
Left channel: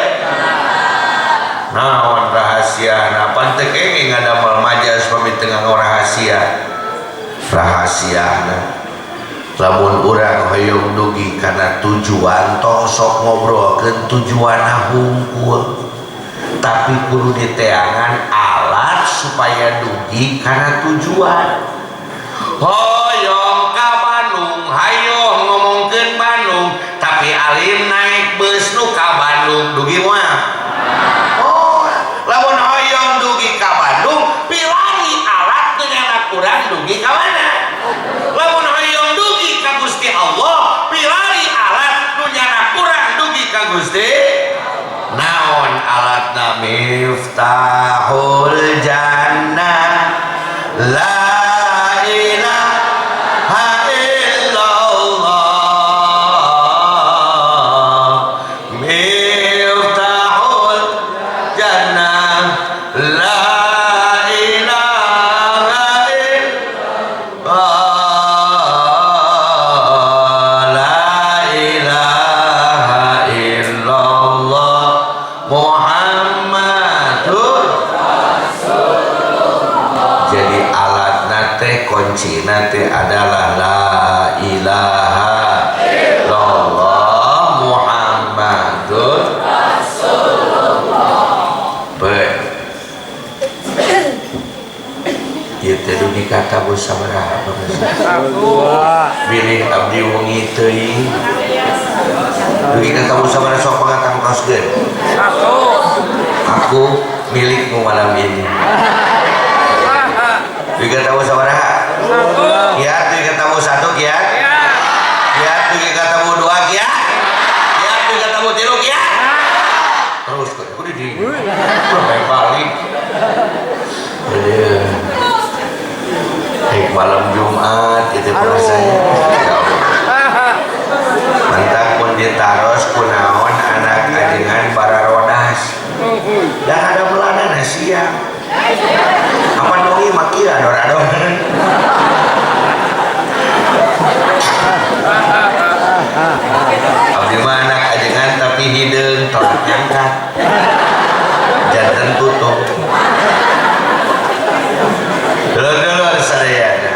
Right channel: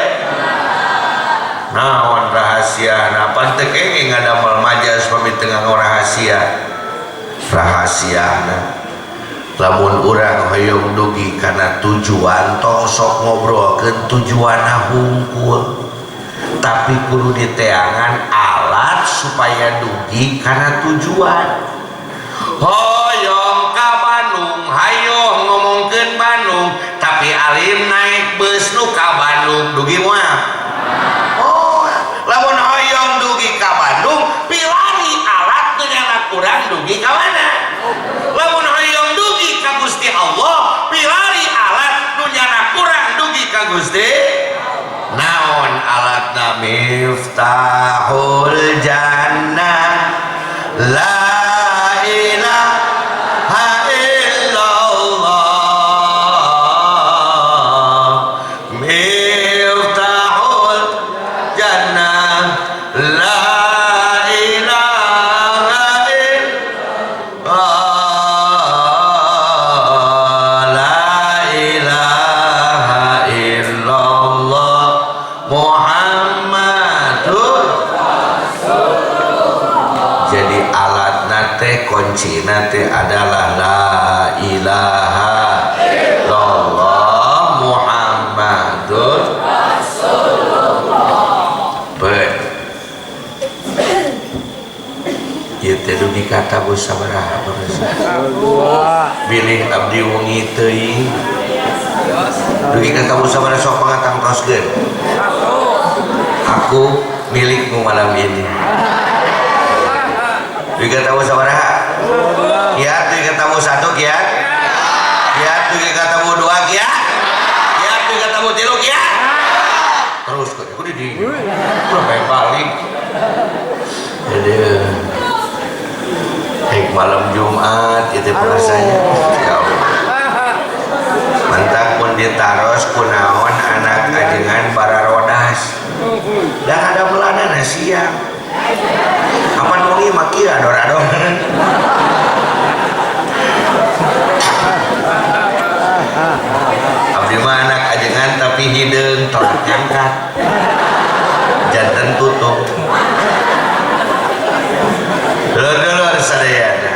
naon rahasiana pan teu kenging ngadamel majaz pami teu nganggo rahasia rahasiana lamun urang hoyong dugi kana tujuan tong sok ngobrolkeun tujuanna hungkul tapi kudu diteangan alat supaya dugi kana tujuan hoyong ka Bandung hayo ngomongkeun Bandung tapi alim naik bus nu ka Bandung dugi moal oh lamun hoyong dugi ka Bandung pilari alat teu nyana kurang dugi ka mana lamun hoyong dugi ka Gusti Allah pilari alat nu nyana kurang dugi ka Gusti naon alatna miftahul jannah la ilaha illallah miftahul jannah la ilaha illallah la ilaha illallah Muhammadur Rasulullah jadi alat nate kunci nate adalah la ilaha illallah Muhammadur Rasulullah ieu teh dugi kata bos sabaraha bilih abdi wengi teuing dugi kata bos sabaraha sok pangatangtoskeun aku milikmu malam ini dugi kata bos sabaraha kiat dugi kata bos 1 kiat kiat dugi kata bos 2 kiat kiat dugi kata bos 3 kiat terus kudu di balik jadi malam Jumat itu biasanya ya Allah mantap pun ditaros kunaon anak ajengan para rodas dan ada melana siang kapan mungi maki ador-ador abdi mah anak ajengan tapi hideung tolak nyangkat jantan tutup dulur-dulur sadayana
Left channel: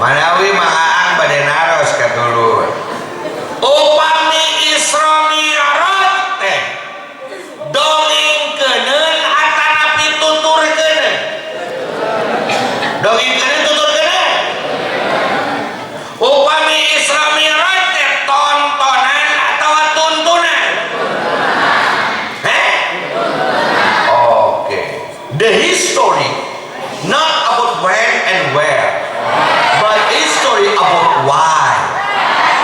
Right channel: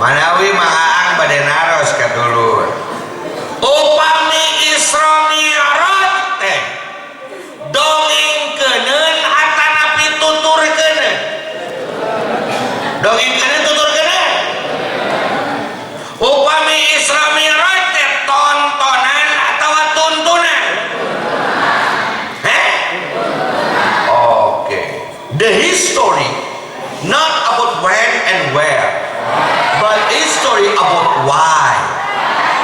manawi mangaang bade naros ka dulur upami Isra Mi'raj teh dongengkeuneun atanapi tuturkeuneun dongengkeuneun tuturkeuneun upami Isra Mi'raj teh tontonan atawa tuntunan oke the history not about when and where but history about why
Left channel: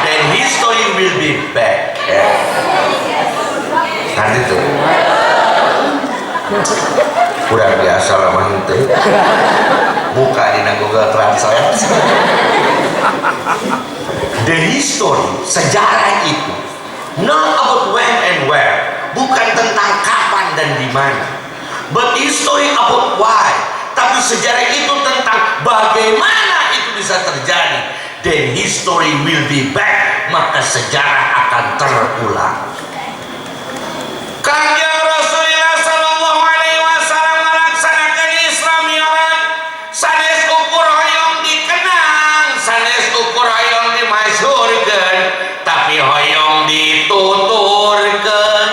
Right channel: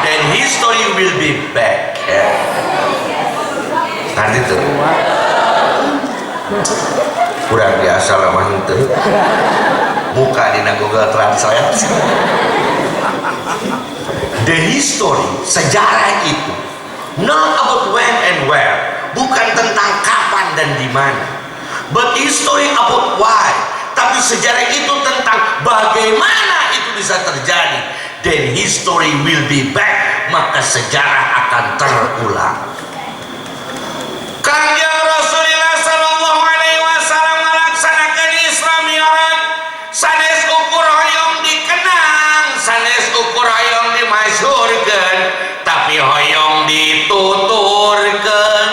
then history will be back nanti tuh kurang biasa lah mantu buka di Google Translate. The history, sejarah itu not about when and where, bukan tentang kapan dan di mana, but history about why. Tapi sejarah itu tentang bagaimana itu bisa terjadi. Then history will be back, maka sejarah akan terulang. Kanjeng Rasulullah sallallahu alaihi wasallam melaksanakan Isra Mi'raj sanes ukur hoyong dikenang, sanes ukur hoyong dimasyhurkeun, tapi hoyong dituturkeun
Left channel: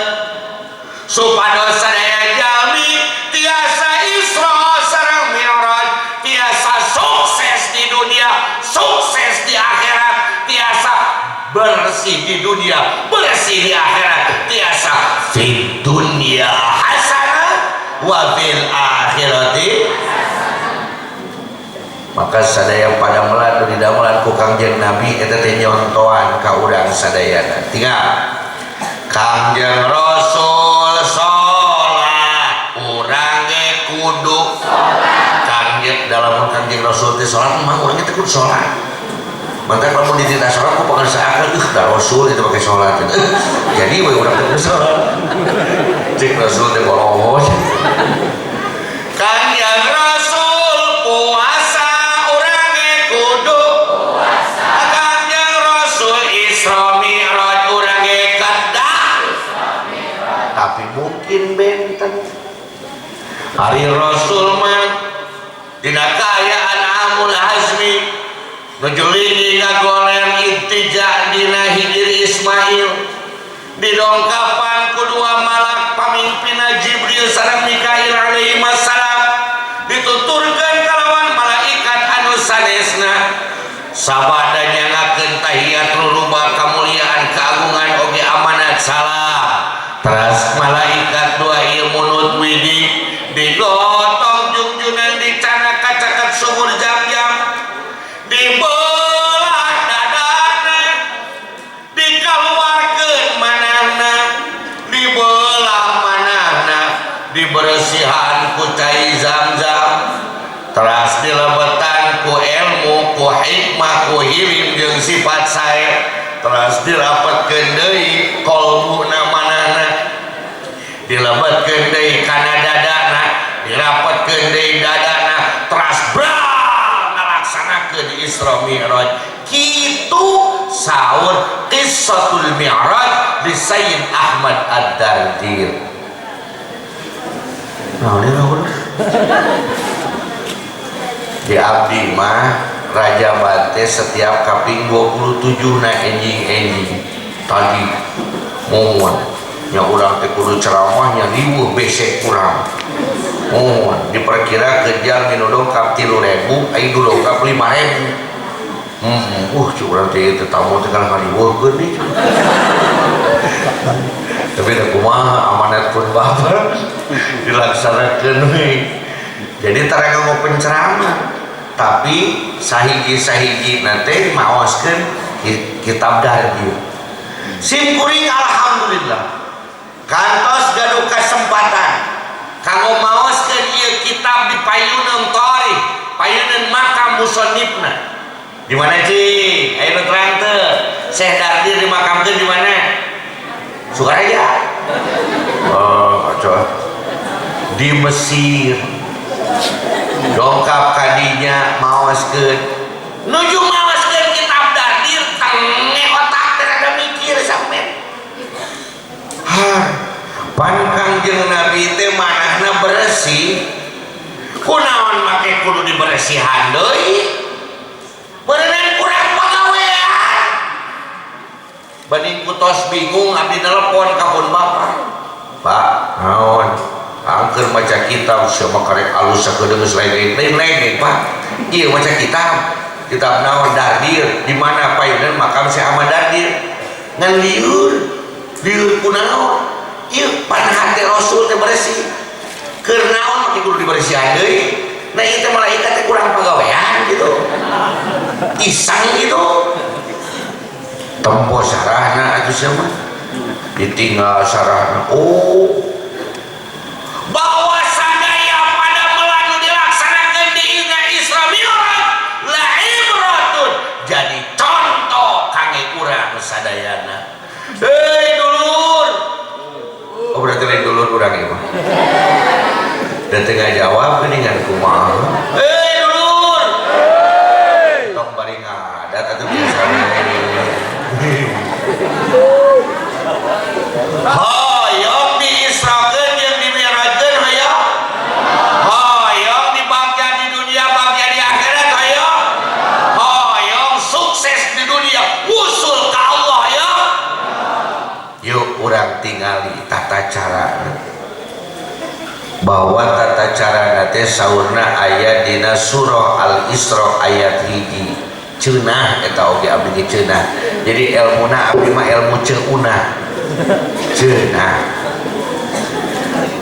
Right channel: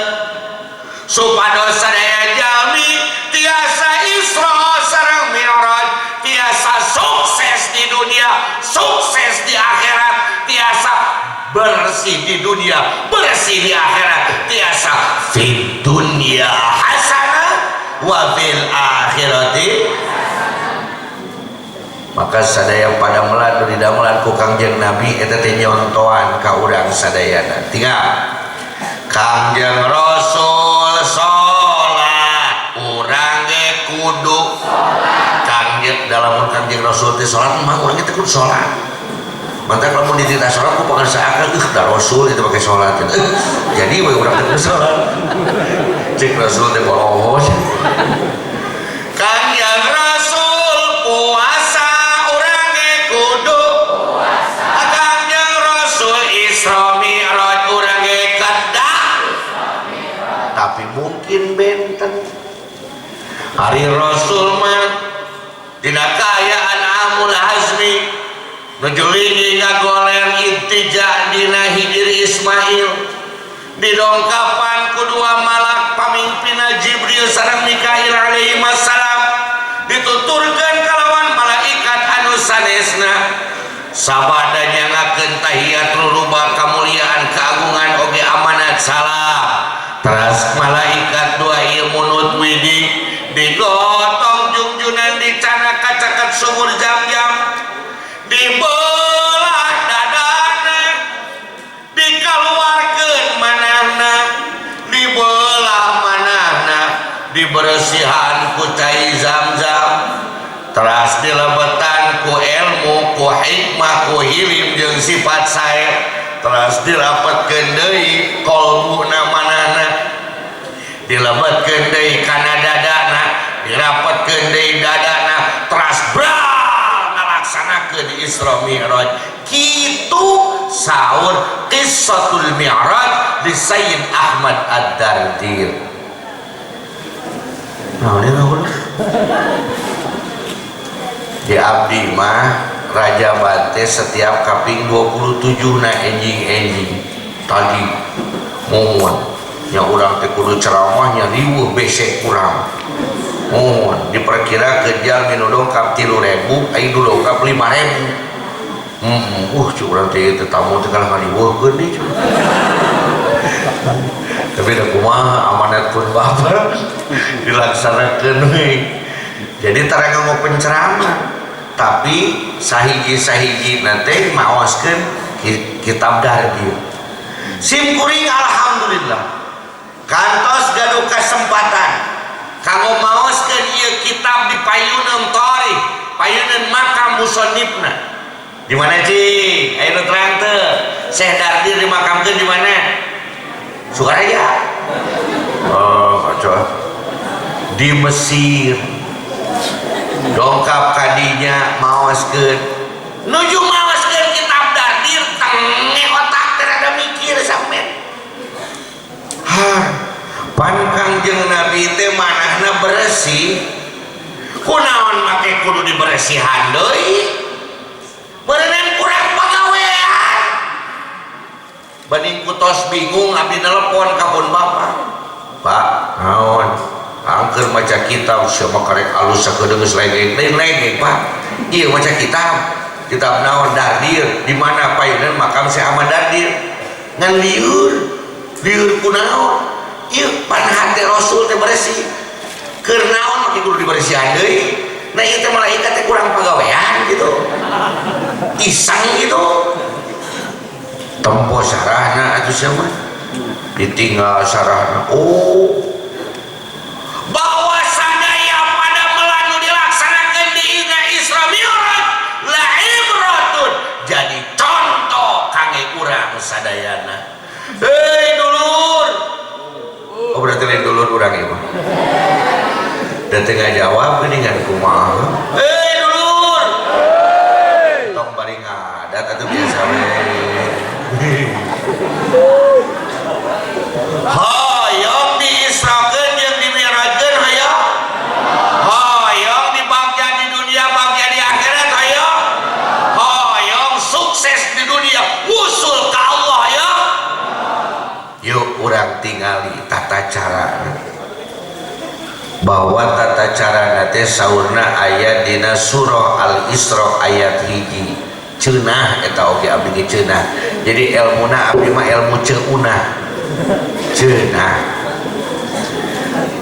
supados sadaya jalmi tiasa Isra sareng Mi'raj tiasa sukses di dunia, sukses di akhirat, tiasa bersih di dunia, bersih di akhirat, tiasa fid dunya hasanah wa fil akhirati. Maka sadaya pada meladu di damelan ku Kangjeng Nabi eta teh nyontoan ka urang sadayana. Tinggal Kangjeng Rasul salat, urang ge kudu salat. Dalam Kangjeng Rasul teh salat mah urang teh kudu salat. Mantap kamu dititah sholat, aku pengen seakan, dah Rasul itu pakai sholat. Jadi we orang teu sholat. Cek Rasul teh bolos. Kanjeng Rasul puasa, urang ge kudu puasa. Kanjeng Rasul Isra Mi'raj, urang ge kedah. Tapi mungkin benten. Hari Rasul mah dina kaayaan Amul Hazmi nujulingi ngagoler intija dina hijri Ismail didongkapan kedua malak pamimpina Jibril sareng Mikail alaihi wassalam dituturkeun kalawan malaikat anu sanesna sabada nyangakeun tahiyat rubah kamuliaan keagungan oge amanat salam teras malaikat dua ilmu nutwidi digotong junjunan dicana kacaket sumur jam-jam dibelah dadana dikeluarkeun manahna dibelah manahna dibersihan ku cai Zam-Zam teras dilebetan ku ilmu ku hikmah ku hilim jeung sifat sae teras dirapetkeun deui qalbuna manahna dilebetkeun deui kana dadana dirapetkeun deui dadana teras di Isra Mi'raj kitu saur qissatul Mi'raj di Sayyid Ahmad Ad-Dardir. Nah, ini di abdi mah Raja Bante setiap kaping 27 na enjing-enjing tadi mohon yang urang teh kudu ceramahnya riweuh besek kurang. Oh, diperkira kejal minu dongkap 3.000, aing dulu dongkap 5.000. Curang teh itu tamu teh kalau ngaliweuhkeun nih. Tapi da kumaha amanat pun bapak dilaksanakeun we. Jadi tara ngomong penceramah, tapi sahiji-sahiji nanti maoskeun kitab Dardir. Sim kuring alhamdulillah. Kantos gaduh kesempatan kanggo maoskeun ieu kitab di payuneun Thori, payuneun makam musannifna. Di mana cing? Ayo terang teu. Syekh Dardir dimakamkeun di mana? Sukaraja. Oh, kacau. Di Mesir. Dongkap kadinya maoskeun. Nuju maoskeun kitab Dardir tengeh otak teh rada mikir sampean. Pan Kangjeng Nabi teh manahna bersih kunaon make kudu diberesihan deui berenang kurang pagawean banding kutos bingung abdi nelpon ka pun bapak pak naon angker maca kitab siapa karek alus sakedeung geus lain pak ieu maca kitab naon Dardir di mana payuneun makam Syekh Ahmad Dardir ngan lieur kunaon ieu pan hati Rasul teh bersih keur naon make kudu diberesihan deui nah ieu teh malaikat teh kurang pagawean gitu iseng gitu tempo sarahna atuh sia mah ditinggal sarahna oh bawa sadaya tadi dulu urang ieu. Da teu ngajawab geuningan kumaha. Dulur. Tong bari ngadat atuh biasa we. Hayang diisrakeun jeung dimi'rajkeun hayang. Hayang dibagja di dunia bagja di akhirat hayang. Hayang sukses di dunia usul ka Allah hayang. Yuk urang tingali tata carana. Bahwa tata carana teh saurna aya dina surah Al-Isra ayat 1. Ceunah eta oge abdi ge ceunah. Jadi ilmuna abdi mah ilmu ceunah. Ceunah.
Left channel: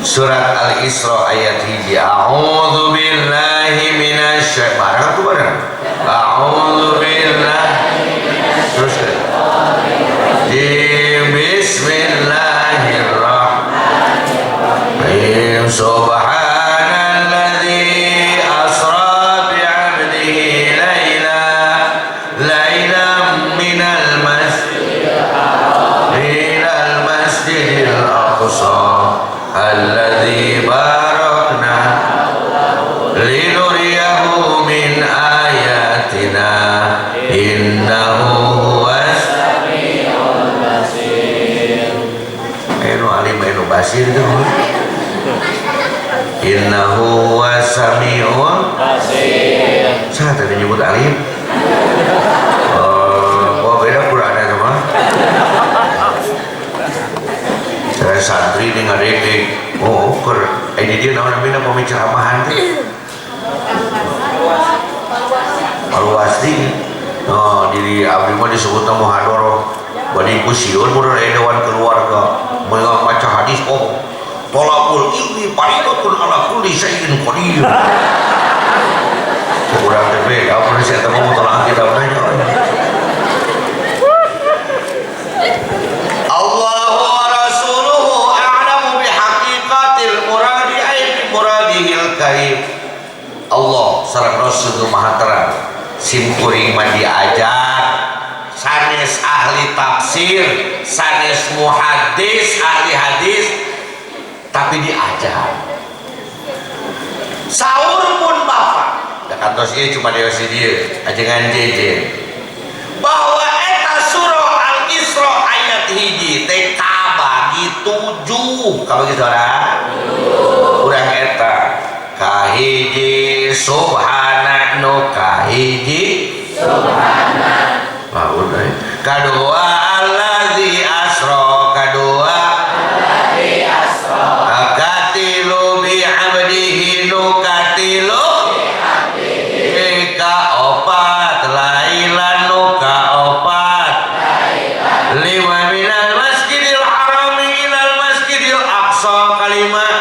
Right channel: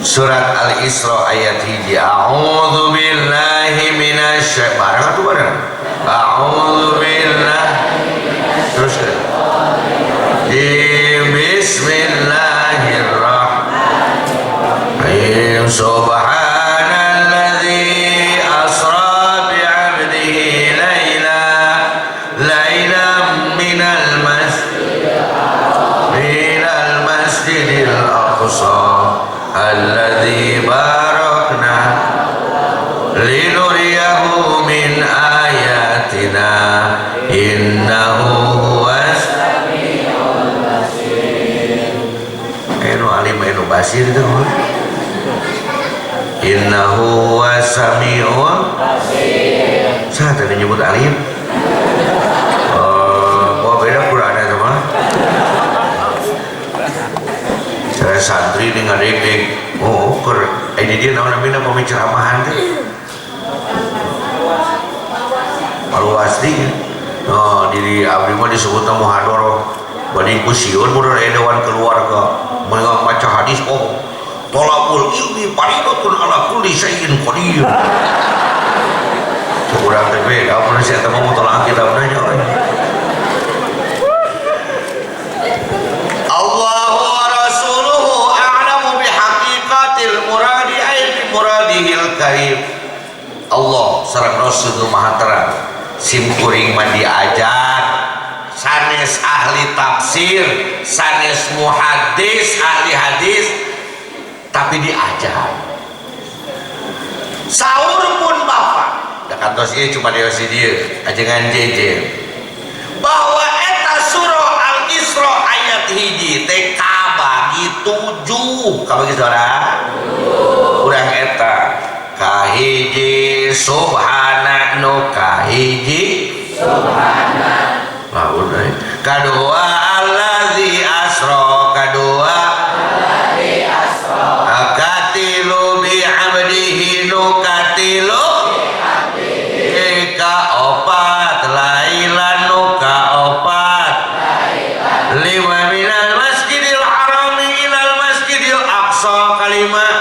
Surat Al-Isra ayat 1. A'udzu billahi minasy barang tuh barang. A'udzu billahi terus Bismillahirrahmanirrahim. Subhanalladzi asra bi'abdihi lailan minal masjidil aqsa alladzi barakna linuriyahu min ayatina innahu huwas samiul basir. Anu alim anu basir itu innahu huwas samiul basir. Saya tadi nyebut alim. Oh beda Quran itu mah. Saya santri dengan dedek. Oh kur ini dia namanya pembicaraan teh. Malu asli. Oh diri abdi mah disebut muhadharah. Badi kusiun mun aya dewan keluarga meunang maca hadis oh tolakul ilmi faridatun ala kulli syai'in qadir. Urang teh beda mun sia teh mau tolak kitabna nya. Allahu wa rasuluhu a'lamu bihaqiqatil muradi ay bi muradihil karim. Allah sareng Rasul Maha Terang. Sim kuring mah diajar sanes ahli tafsir, sanes muhaddis, ahli hadis, tapi diajar. Saur pun bapak, da kantos ieu cuma dewe si dieu, ajengan jejer. Bahwa eta surah Al-Isra ayat 1 teh kabagi 7, kabagi saudara. Urang eta kahiji subhana nu kahiji subhana kadua allazi asra kadua allazi asra katilu bi abdihi nu katilu bi abdihi ka opat lailan nu ka opat lailan lima minal masjidil harami ilal masjidil aqsa kalimat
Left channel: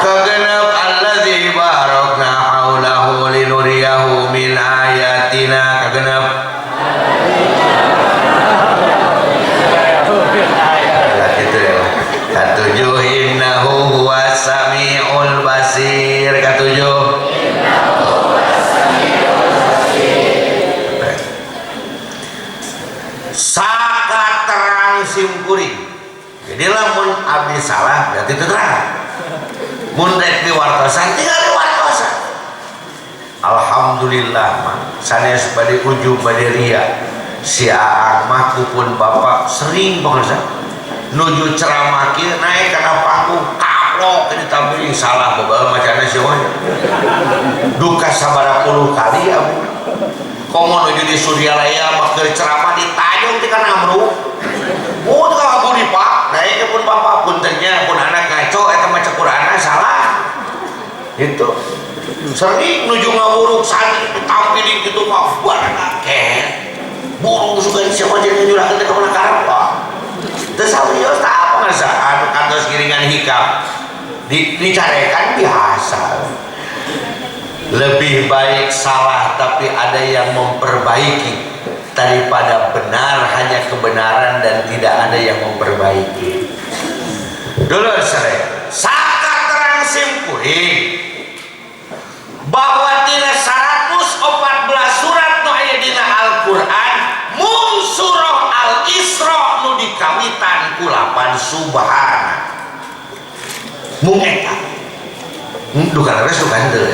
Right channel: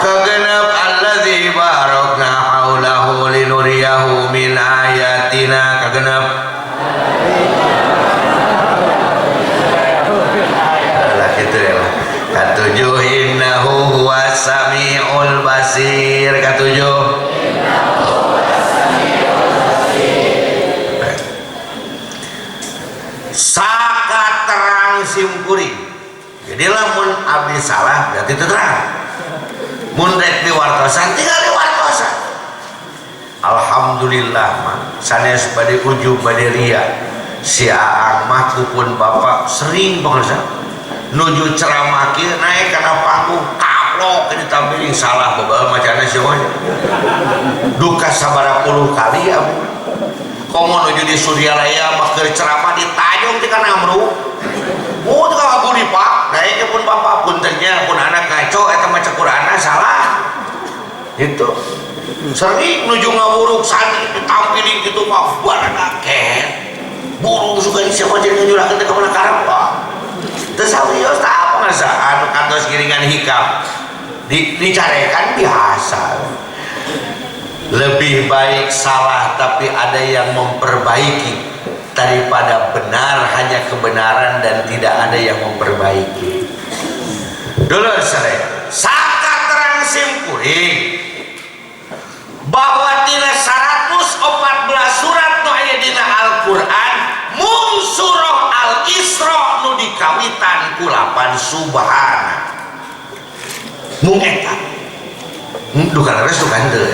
kagenep allazi barakna haulahu linuriyahu min ayatina kagenep lah gitu ya katujuh innahu huwas samiul basir katujuh sakat terang simkuring jadi lamun abdi salah berarti itu terang mun rek diwartosan tinggal diwartosan. Alhamdulillah mah sanes bade ujub bade ria si Aang mah kupun bapak sering pengersa nuju ceramah kieu naik kana panggung kaplok ditampilin salah babaeun macana semuanya duka sabaraha puluh kali abu komo nuju di Suryalaya mah keur ceramah ditajong ti kana amru oh teu kabur di pak naik pun bapak puntennya pun anak ngaco eta maca Qur'anna salah itu sering nuju ngawuruk santri ditampilin gitu mah barang akeh burung suka siapa jadi nyurahkeun teh ka mana karep pak teu sawios tah apa ngasa anu kantos giringan hikam dicarekan biasa lebih baik salah tapi ada yang memperbaiki daripada benar hanya kebenaran dan tidak ada yang memperbaiki. Dulur sadaya sakat terang simkuring bahwa tina 114 surat nu aya dina Al-Qur'an mung surah Al-Isra nu dikawit lapan subhana mung eta dukan res dukan teu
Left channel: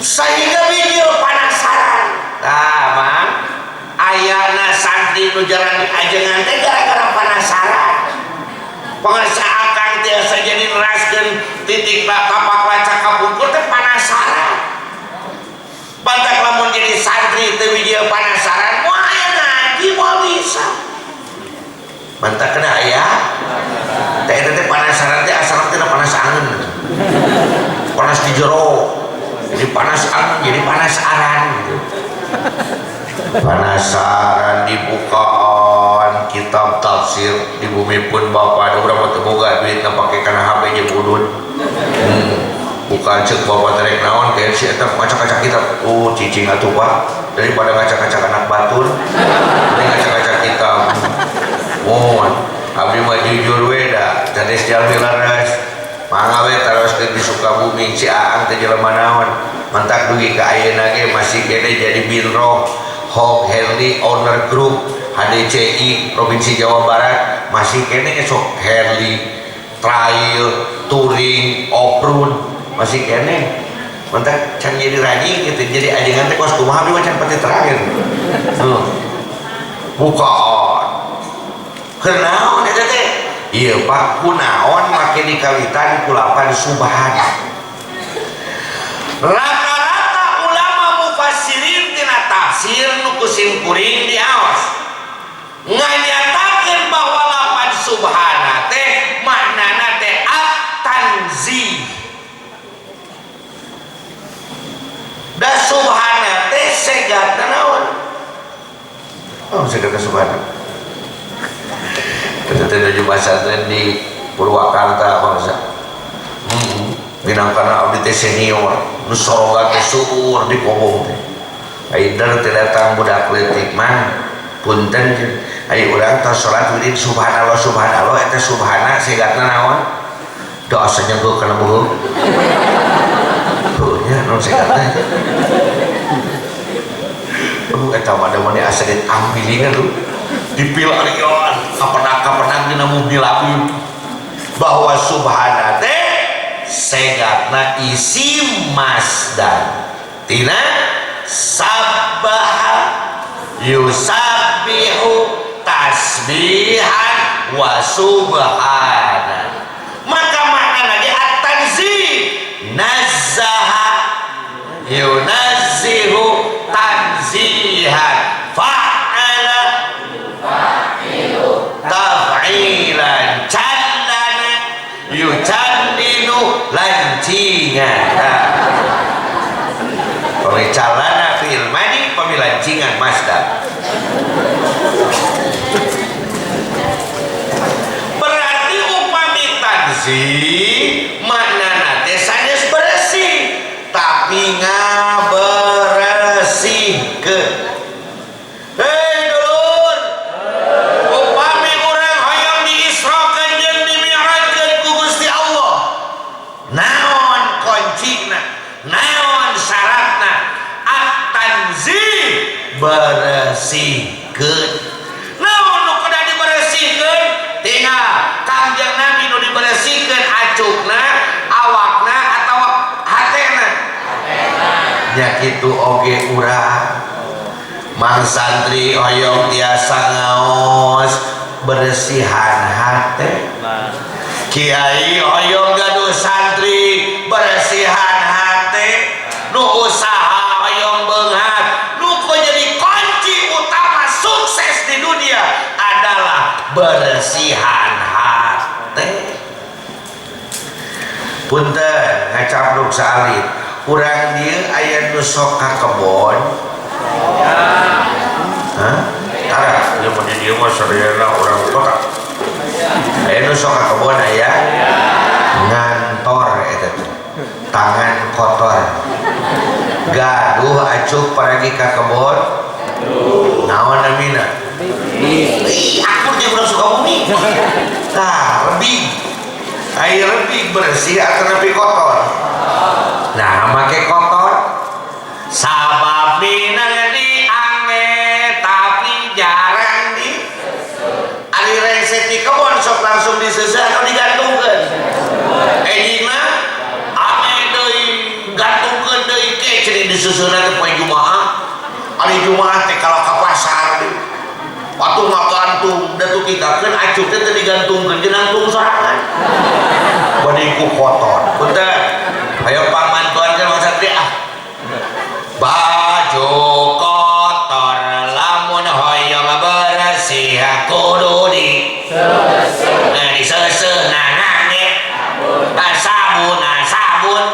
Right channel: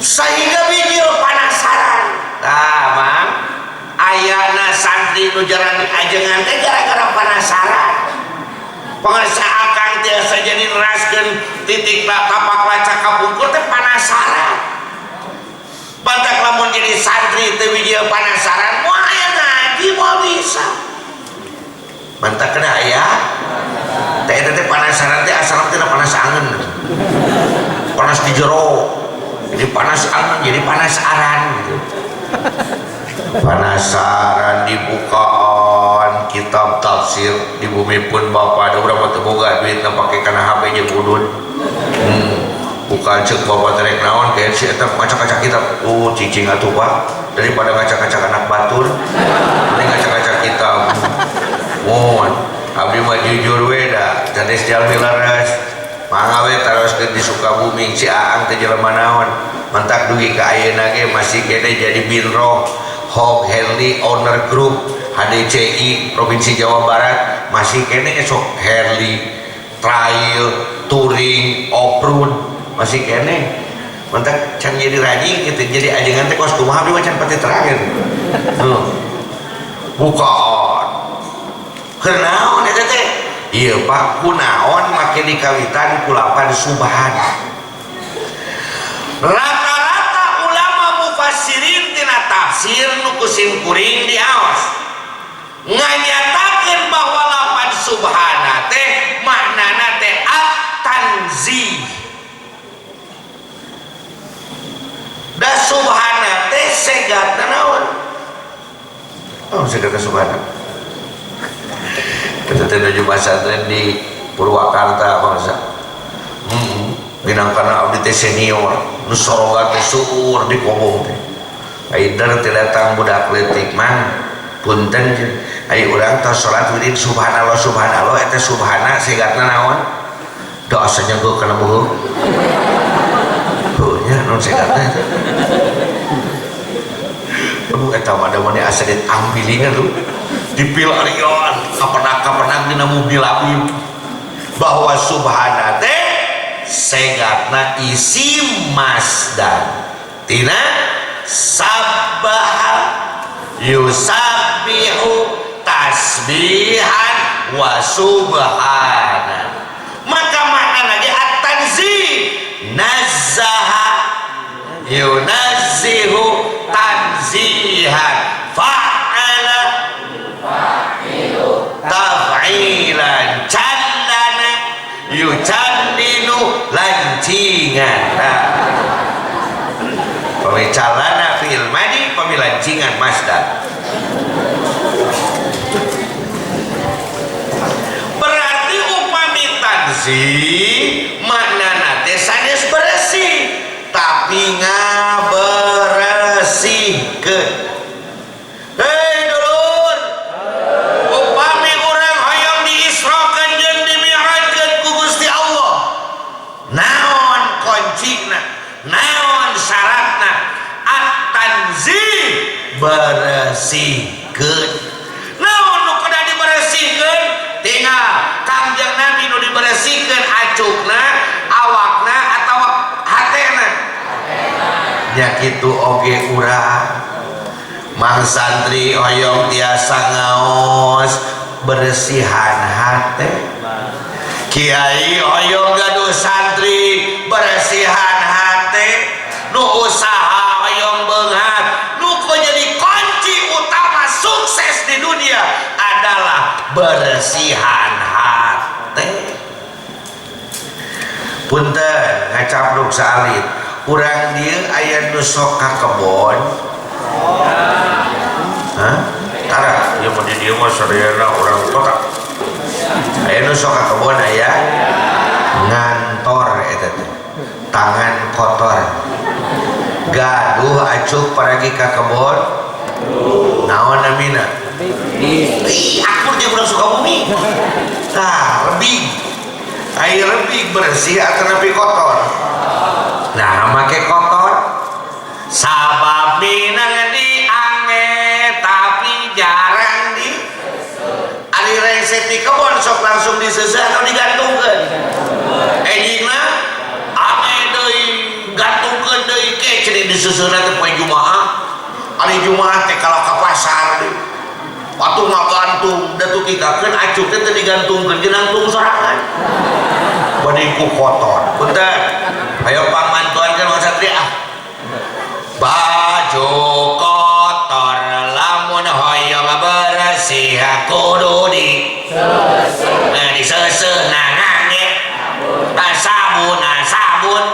sehingga video penasaran mang ayana santri nu jaran ajengan teh gara-gara penasaran pengarsa akang tiasa jadi neraskeun titik kapak laca kapungkur teh penasaran bantak lamun jadi santri teh video penasaran moal aya ngaji moal bisa bantak kena aya teh eta teh penasaran teh asal teh panas angin panas di jero jadi panas angin jadi panas aran gitu penasaran dibukaan kitab tafsir di bumi pun bapak ada berapa teboga duit nggak pakai karena HP nya budun bukan cek bapak terek naon kayak si eta ngacak-ngacak kitab cicing atuh pak daripada ngacak-ngacak anak batur ini ngacak-ngacak kitab mohon abdi mah jujur we da jades jalmi laras mangga we taros di Sukabumi si Aang teh jelema naon mentak dugi ka ayeuna ge masih kene jadi binro Hog Herli Owner Group HDCI Provinsi Jawa Barat masih kene sok Herli Trail Touring Off-road masih kene mentak can jadi rajin gitu jadi ajengan teh kos kumaha we can pati terakhir bukaan kenaon eta teh ieu Pak kunaon make dikawitan ku lapan subhana rata-rata ulama mufassirin tina tafsir nu kusim kuring di awas nganyatakeun bahwa lapan subhana teh maknana teh at-tanzih da subhana teh segatna naon segatna subhana kita teh nuju pasantren di Purwakarta bangsa binangkana abdi teh senior nu sorogan teh suur di kobong teh aidar teh datang budak leutik man punten ai urang tos salat wirid subhanallah subhanallah eta subhana segatna naon doa sanyenggo kana beuh nya non segatna aduh eta mah da mane asa dit ambilingan lu dipil arion kapenak dina mobil api bahwa subhana teh segatna isim masdar tina sabbaha yusabbihu tasbihan wa subhana maka makna ge at-tanzih nazzaha yunazzihu tanzihan fa'ala taf'ilan candana yucandinu lancingan pemicalana fi'il madi pemilancingan masdar berarti upami tanzih maknana teh sanes bersih tapi ngabersihkeun hei dulur upami urang hoyong diisrokeun jeung dimi'rajkeun ku Gusti Allah naon kuncina naon syaratna at-tanzih bersihkeun naon nu kudu dibersihkeun tinggal Kangjeng Nabi nu dibersihkeun acukna awakna atawa hatena nya kitu oge urang mang santri hoyong tiasa ngaos bersihan hate kiai hoyong gaduh santri bersihan hate nu usaha hoyong beungat nu jadi kunci utama sukses di dunia adalah bersihan hate punten ngacapruk salit urang dieu aya nu sok ka kebon tara ieu mun di dieu mah sadayana urang kota aya nu sok ka kebon aya ngantor eta teh tangan kotor gaduh acuk paragi ka kebon naon namina akur dia urang Sukabumi lebih air lebih bersih atau lebih kotor nah make kotor sabab dina diange tapi jarang di ari WC di kebon sok langsung diseseh atau digantungkan ejina ame deui gantungkeun deui ke cenah disusunna teh poe Jumaah ari Jumaah teh kalau ka pasar deui waktu ngagantung da tuh kikakeun acuh teh digantungkeun jenantung sorangan bade ku kotor punten ayo pamantuan kan Mang Satria baju kotor lamun hoyong bersih kudu di diseuseun nange sabun sabun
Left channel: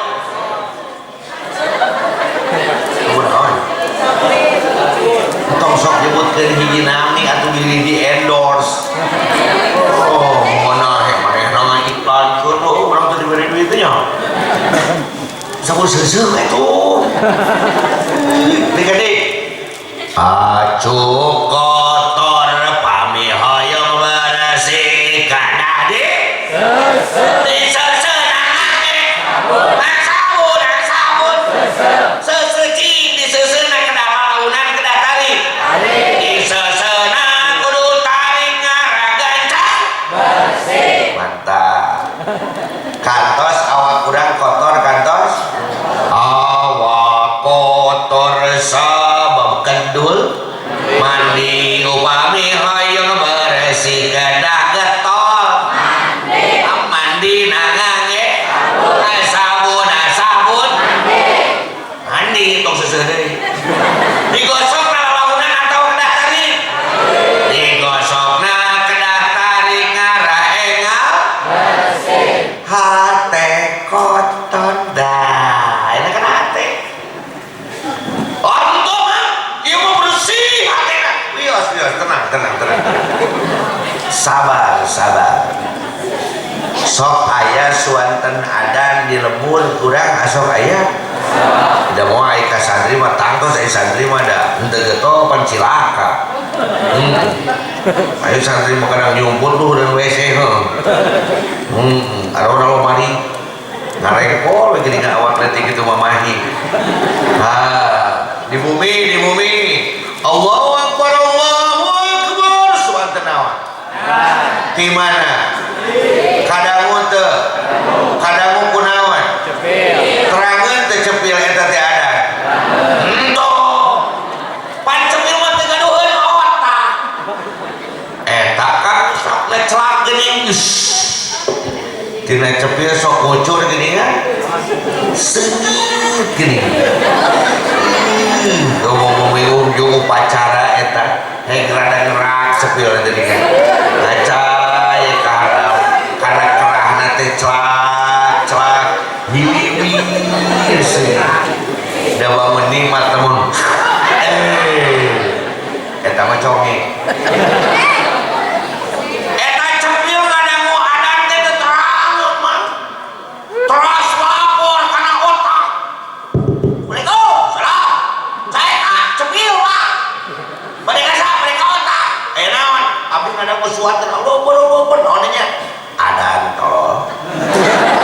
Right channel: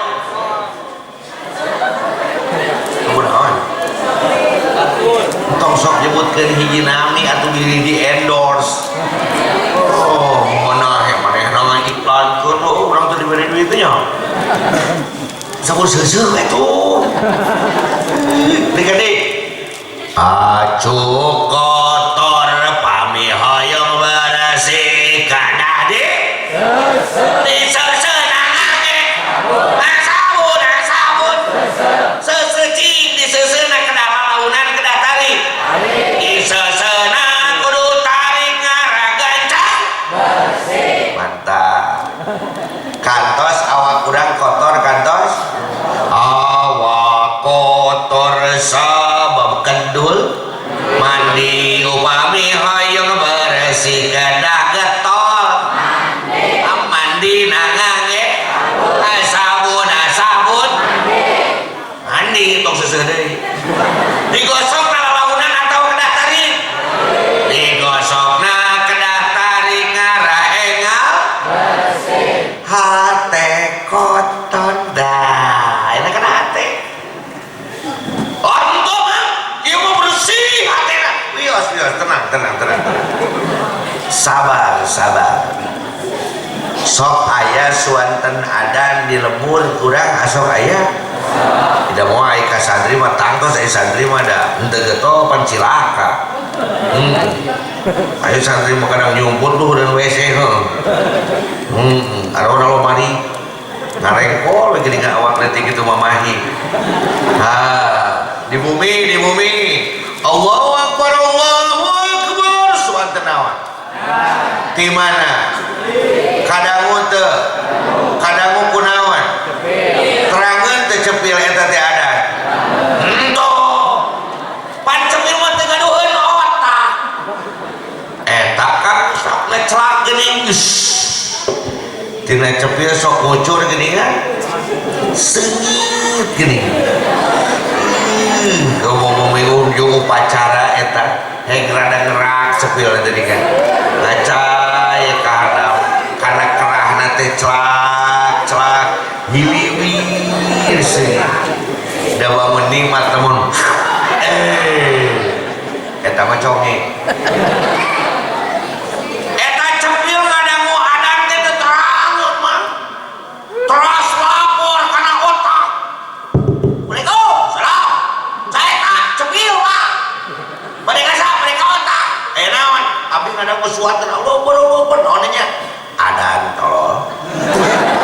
naon tong sok nyebutkeun hiji nami atuh diri di endorse oh monahe manehna ngiklankeun lo urang teh diberi duit teh nya sabun seuseuh atuh dik-dik acuh kotor pami hoyong bersih kana di diseuseun nange sabun seseuci diseuseun kana launan kedah tarik diseuseun kudu tarik ngaragancan bersih mantap kantos awak urang kotor kantos awak kotor sabab kendul mandi upami hoyong bersih kedah getol mandi nangange sabun mandi tong seuseut deui digosokna lalaunan atau kedah tarik digosokna kedah tarik ngaraengal bersih hate kotor dah enak kan hate ontong ieu mah bersih hatena wios tenang sabar sok aya suanten adan di lembur kurang asok aya tidak mau ai ka santri mah tangtos ai santri mah da henteu geto pan cilaka ayo santri mah kadang nyumput tuh dan WC arona lomari ngarengkol lagi di awak letik itu mamahi di bumi Allahu Akbar suanten naon di mana kadangu teu kadangu kunaon terangeun teu cepil eta teh adan pan cepil mah teu gaduheun otak eta kan sok ngeclak geuning tina cepil sok kucur geuningan seungit geuning ngomong ujung upacara eta rada ngerak cepil tadi kan ngacai kaharam karena kerahna teh celak hiliwir sih dawa menikmat temun eta mah conge eta cepil ngadangu adan teh teu terangeun mah teras lapor kana otak Waalaikumsalam saya cepil pak bade ka mereka otak naon abdi ngadangu suatan Allah naon nya adan tolol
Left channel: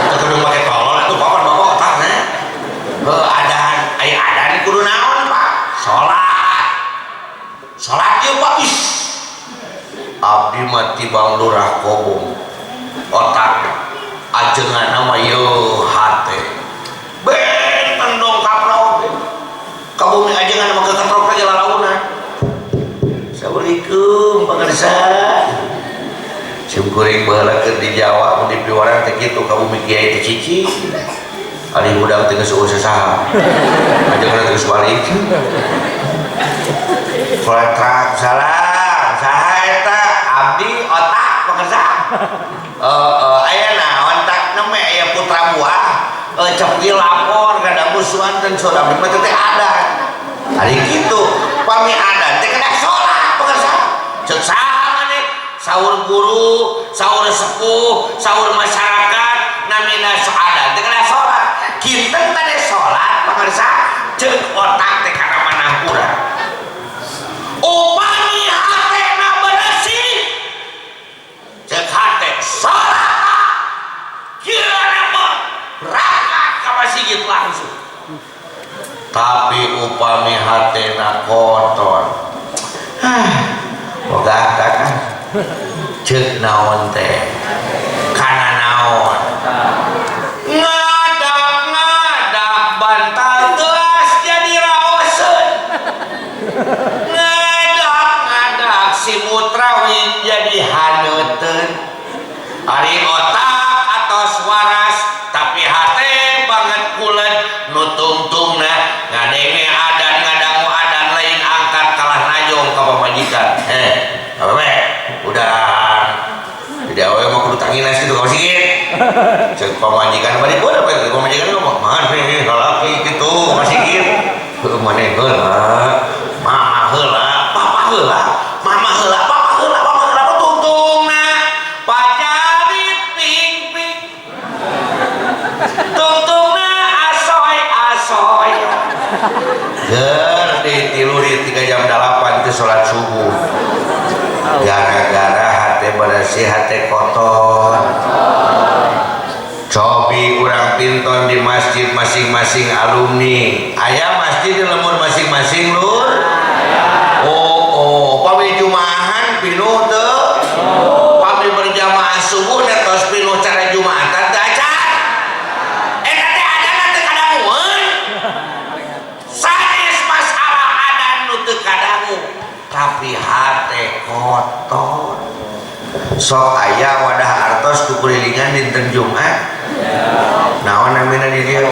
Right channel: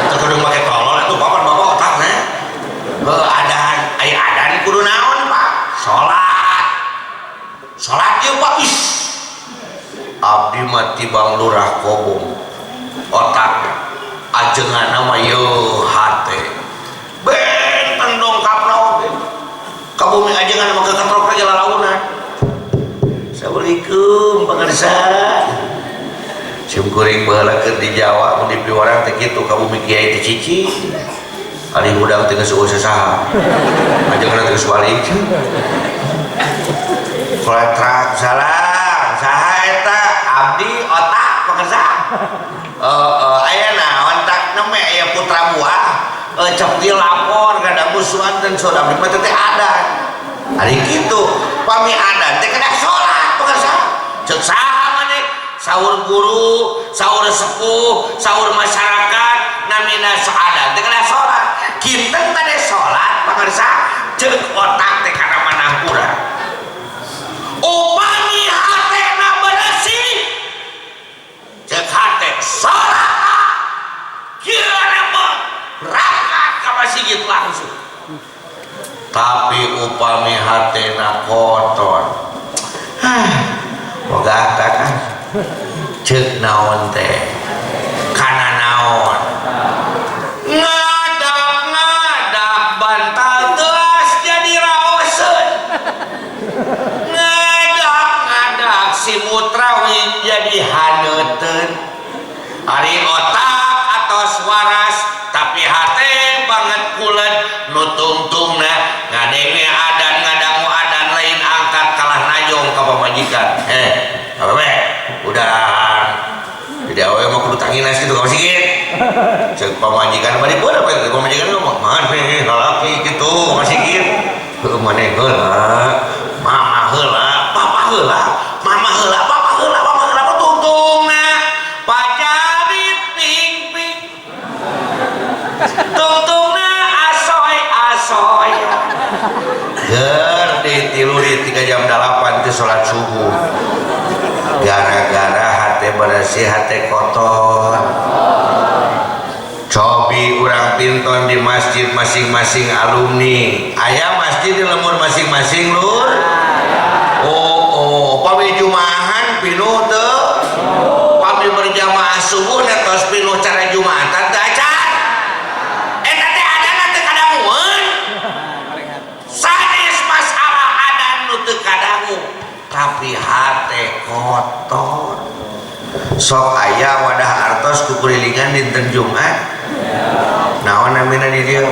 teu kudu make tolol atuh bapak otak nah adan aya adan kudu naon pak salat ieu pak abdi mah tibang lurah kobong otak ajenganna mah yeuh hate benten dongkapna oge ka bumi ajenganna mah keketrok aja lalaunan Assalamualaikum pangarsa simkuring baheula keur di Jawa mun di piwarang teh kitu ka bumi kiai teh cici ari hudang teh geus eueuh saha ajenganna teh geus balik Koletrak salam saha eta abdi otak pangarsa aya naon tak neme aya putra buah cepil lapor kada musuhan dan saudara mah teh adan ari kitu pami adan teh kada salat pangarsa ceuk saha maneh saur guru saur sepuh saur masyarakat namina adan teh kada salat kinten teh salat pangarsa ceuk otak teh kana manah urang upami hatena bersih ceuk hate salat kira mah berangkat ka masjid langsung tapi upami hatena kotor boga kan Cek naon teh kana naon ngadak bantal teas jadi raoseun ngadak si mutrawid jadi haneuteun ari otak atos waras tapi hate banget kulet nu tungtungna ngadenge adan ngadangu adan lain angkat kalah najong ka pamajikan apa be udah jadi awe mah kudu tanginas gitu ka sigit ceuk pamajikan bari pun apa pamajikan ngomong maneh lalaki kitu ka sigit heuh maneh heula mama heula papa heula mama heula papa heula mama heula tungtungna pajarit ping-ping tungtungna asoy-asoy ger ditiluri 3 jam 8 teh salat subuh gara-gara hati bersih hati kotor cobi urang pinton di masjid masing-masing alumni aya masjid di lemur masing-masing lur oh pami jumahan pinuh teu pami berjamaah subuh netos pinuh cara jumatan teu acan eta teh adana teu kadangueun sanes masalah adan nu teu kadangu tapi hati kotor sok aya wadah artos kukurilingan dinten Jumat naon namina di dieu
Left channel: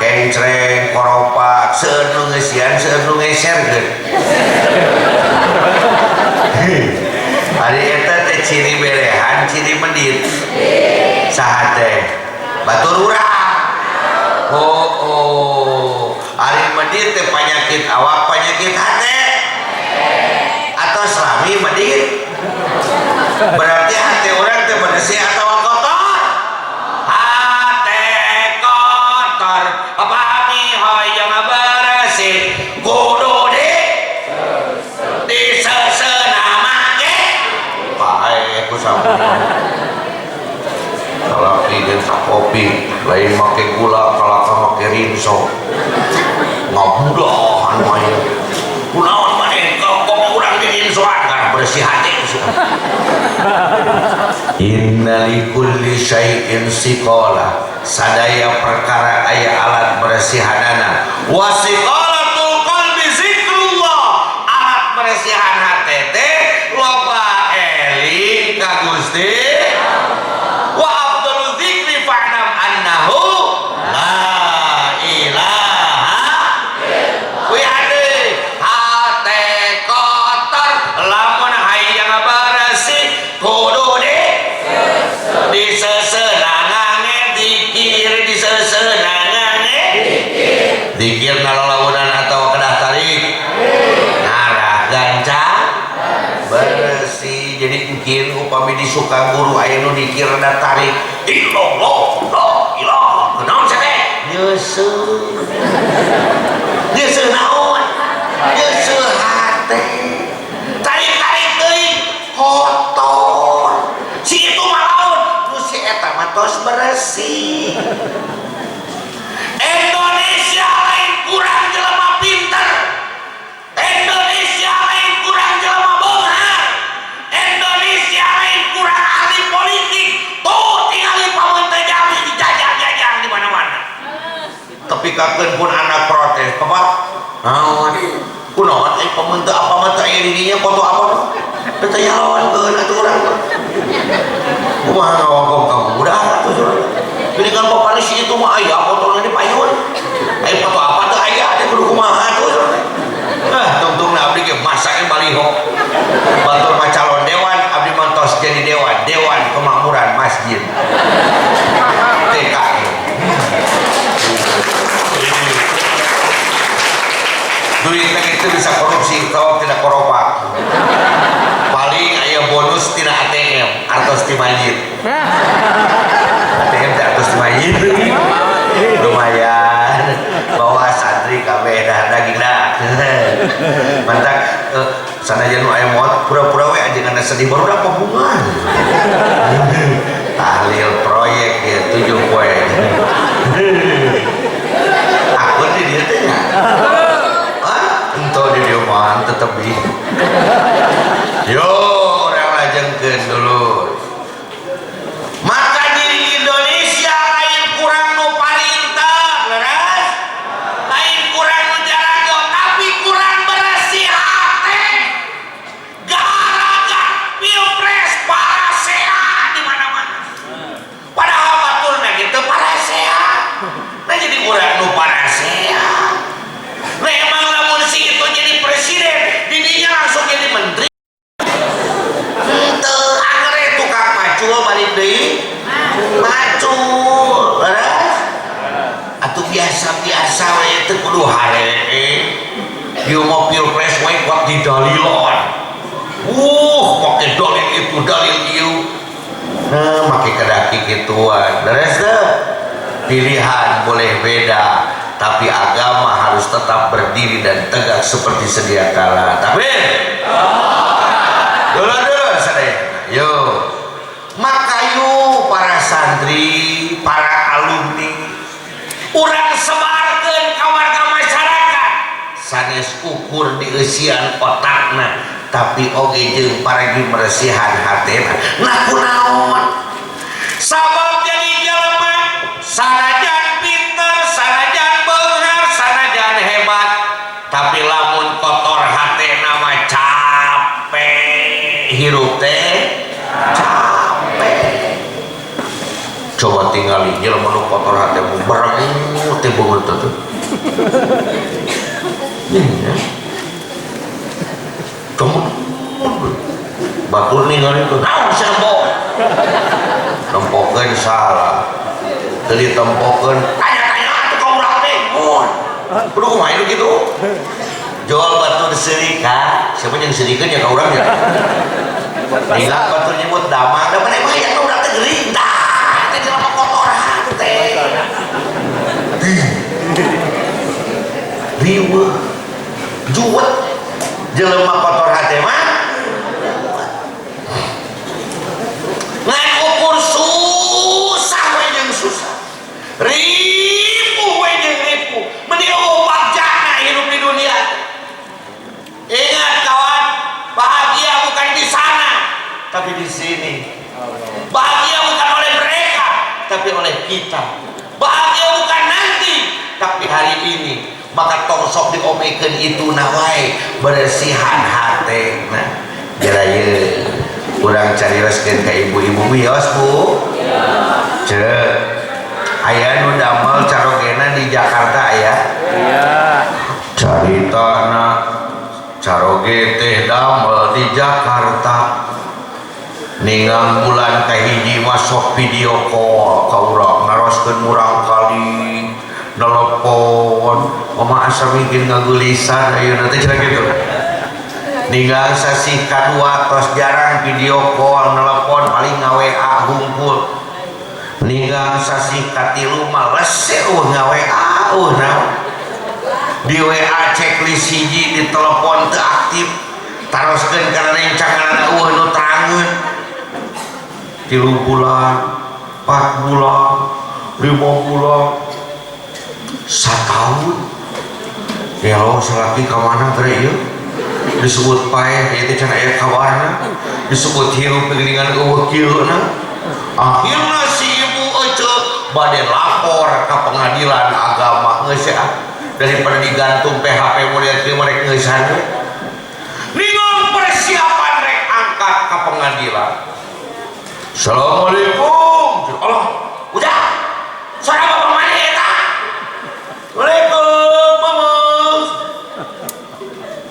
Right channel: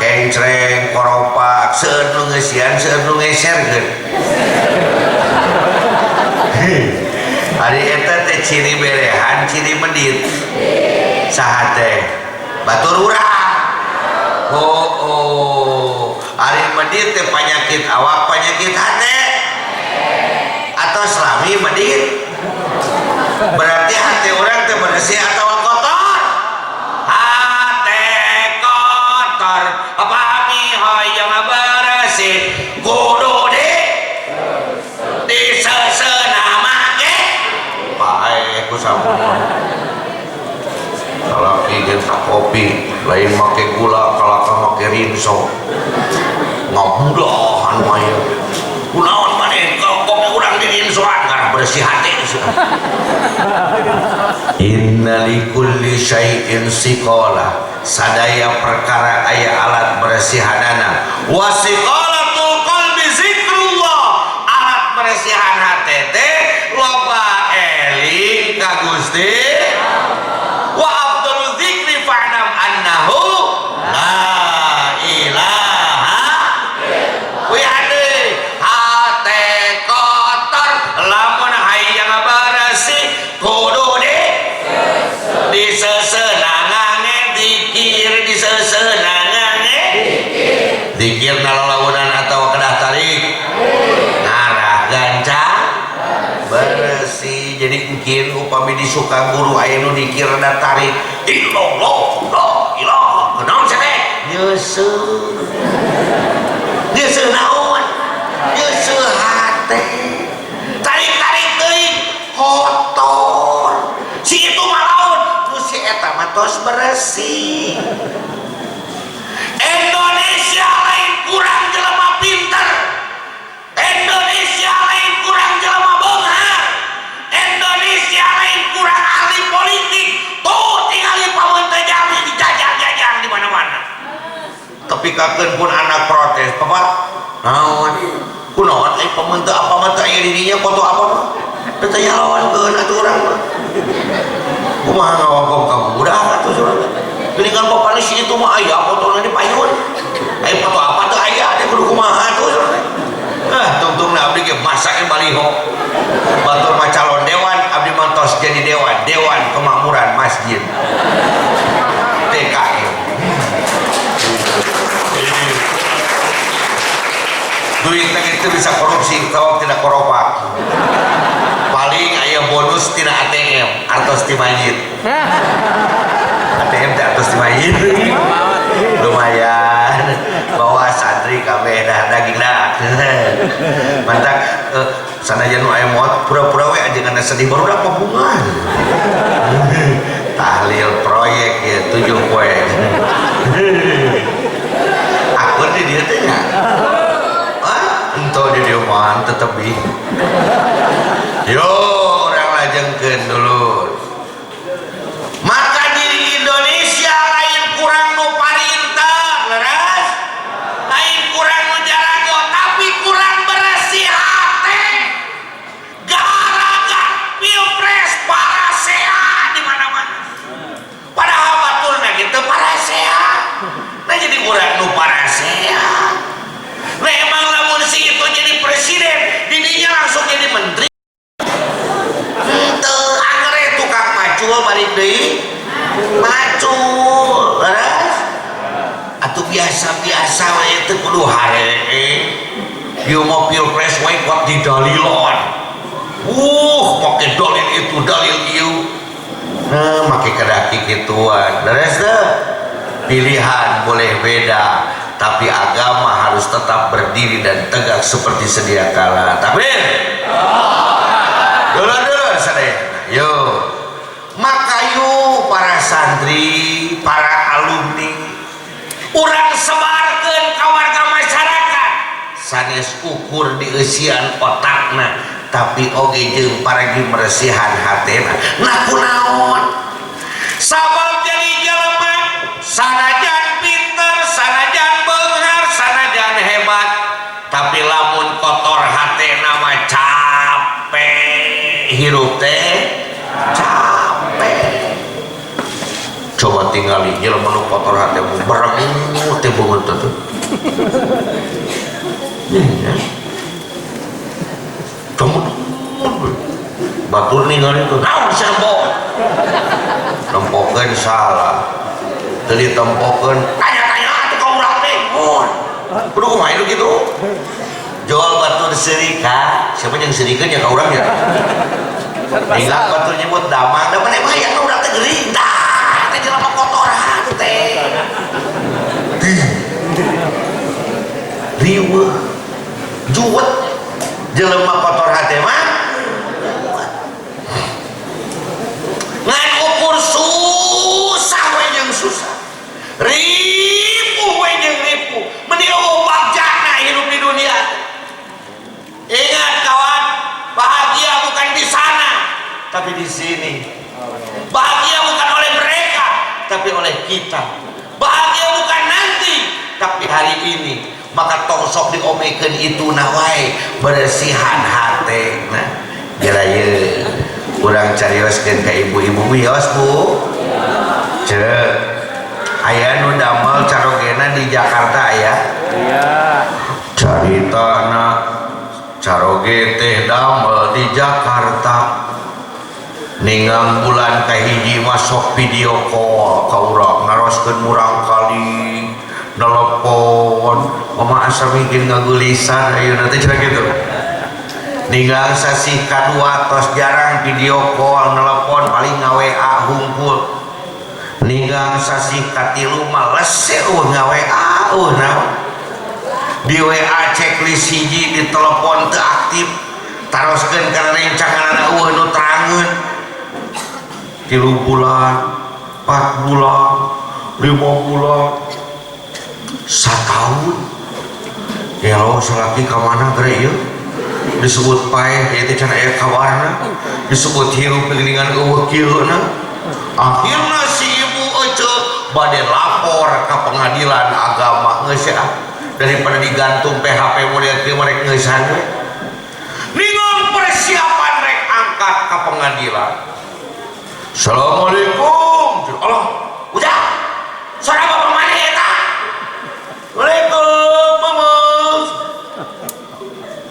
kencreng koropak seueur nu ngeusian seueur nu ngeserkeun ari eta teh ciri berehan ciri medit saha teh batur urang oh ari medit teh penyakit awak penyakit hate atau selami medit berarti hati orang teh bersih atau kotor hati kotor pami hoyong bersih kudu diseuseuna make pae ku sampun kalau bikin kopi lain make gula kalau make rinso ngabudahan mah kunaon maneh kopi urang di rinsoan karena bersih hati inna likulli syai'in siqala sadaya perkara aya alat beresihanana wa siqalatul qalbi zikrullah alat beresihan hate teh loba eling ka Gusti wa afdalul dzikri fa'lam annahu la ilaha lamun hayang bersih kudu disesenangange dikir disesenangange dikir nalalawanan atau kedah tarik ngarah gancang bersih jadi mungkin upami disuka guru aya nu dikir da tarik illallah la ilaha kenaon cenah nyeuseun nyeuseun naon nyeuseun hate tarik-tarik teuing kotor si itu malaun nu si eta mah tos bersih Indonesia lain kurang jelema pinter Indonesia lain kurang jelema beunghar Indonesia lain kurang ahli politik tuh tingali pamunten jami dijajah-jajah di mana-mana tapi kakeun pun anak protes papa naon kunaon ai pamunten apa mah teh dirinya foto apa tuh teh nyalawankeun atuh urang kumaha ngawongkong kamu udah atuh surang geuningan bapak si itu mah aya fotona di payun ai foto apa teh aya teh kudu kumaha atuh surang tungtungna abdi ge masake baliho batur mah calon dewan abdi mantos jadi dewan kemakmuran masjid TKI duitnya itu bisa korupsi kalau tidak koropak paling aya bonus tidak ATM artos di masjid ATM tidak artos di masjid lumayan bawa santri kabeh dah daging dah mantak sanajan nu aya moot pura-pura we ajengan sedih baru da pabungan tahlil proyek ya 7 poin aku di dieu teh nya ento di dieu mah tetep di yo orang lajengkeun macul balik deui macul beres atuh biasa-biasa we teu kudu haree ieu mah pilpres we kuat didalilon make dalil itu dalil ieu make kadaki kituan beres teh pilihan boleh beda tapi agama harus tetap berdiri dan tegak seperti sedia kala. Takbir. Dulu sadaya. Yo. Maka yuk para santri, para alumni, urang sebarkeun ka warga masyarakat. Sanes ukur di eusian otakna, tapi oge jeung paragi meresihan hatena. Nah kunaon? Sabab jadi jelema sanajan pinter, sanajan beunghar, sanajan hebat, tapi lamun kotor hatena mah capek hirup teh capek. Coba tinggali jelema nu kotor hate mu berengu teh beungeut teh. Ya. Coba batur ningali tuh. Naon serbo? Tempokeun salah. Tadi tempokeun tanya-tanya atuh ka urang teh. Mun. Kudu kumaha itu gitu. Jual batur serika, siapa yang serikeun ya ka urang ya. Ninggal batur nyebut damang, da mana mah yang urang teh geuring. Tah, teh jelema kotoran teh. Riweuh. Juwet. Jelema kotor hate mah ngan ukur susah we jeung susah. Ripuh we jeung ripuh. Meni bagjana hidup di dunia. Ingat kawan, bahagia bukan di sana, tapi di sini. Bahagia bukan oleh mereka, tapi oleh kita. Bahagia bukan nanti, tapi hari ini. Maka tong sok diomekeun itu nawai bersihan hate. Nah, jerayeun urang carioskeun ka ibu-ibu bios Bu. Ceuk. Aya nu damel carogena di Jakarta aya? Iya. Caritana caroge teh damel di Jakarta. Ningang bulan kahiji masuk video call ka urang naroskeun murang kali nelpon mama asa bikin ngagulisan ayeuna teh cenah kitu. Ninggal sasi kadua tos jarang video call nelpon paling nga-WA hungkul. Ninggal sasi katilu mah lese nga-WA naon. Di WA checklist hiji di telepon teu aktif. Taroskeun kana rencanganna nu terangeun. 3 bulan, 4 bulan, 5 bulan, 1 tahun. Ya lo salaki ka mana teh ieu? Disebut paeh ieu teh can aya kabarna. Disebut hirup gelingan eueuh kieuna. Akhirna si ibu ece bade lapor ka pengadilan agama geus ya. Daripada digantung PHP mulia teh merek geus hade. Ningal persiapan rek angkat ka pengadilan. Assalamualaikum. Allah. Udah. Suara bapak mana eta? Waalaikumsalam, Mama.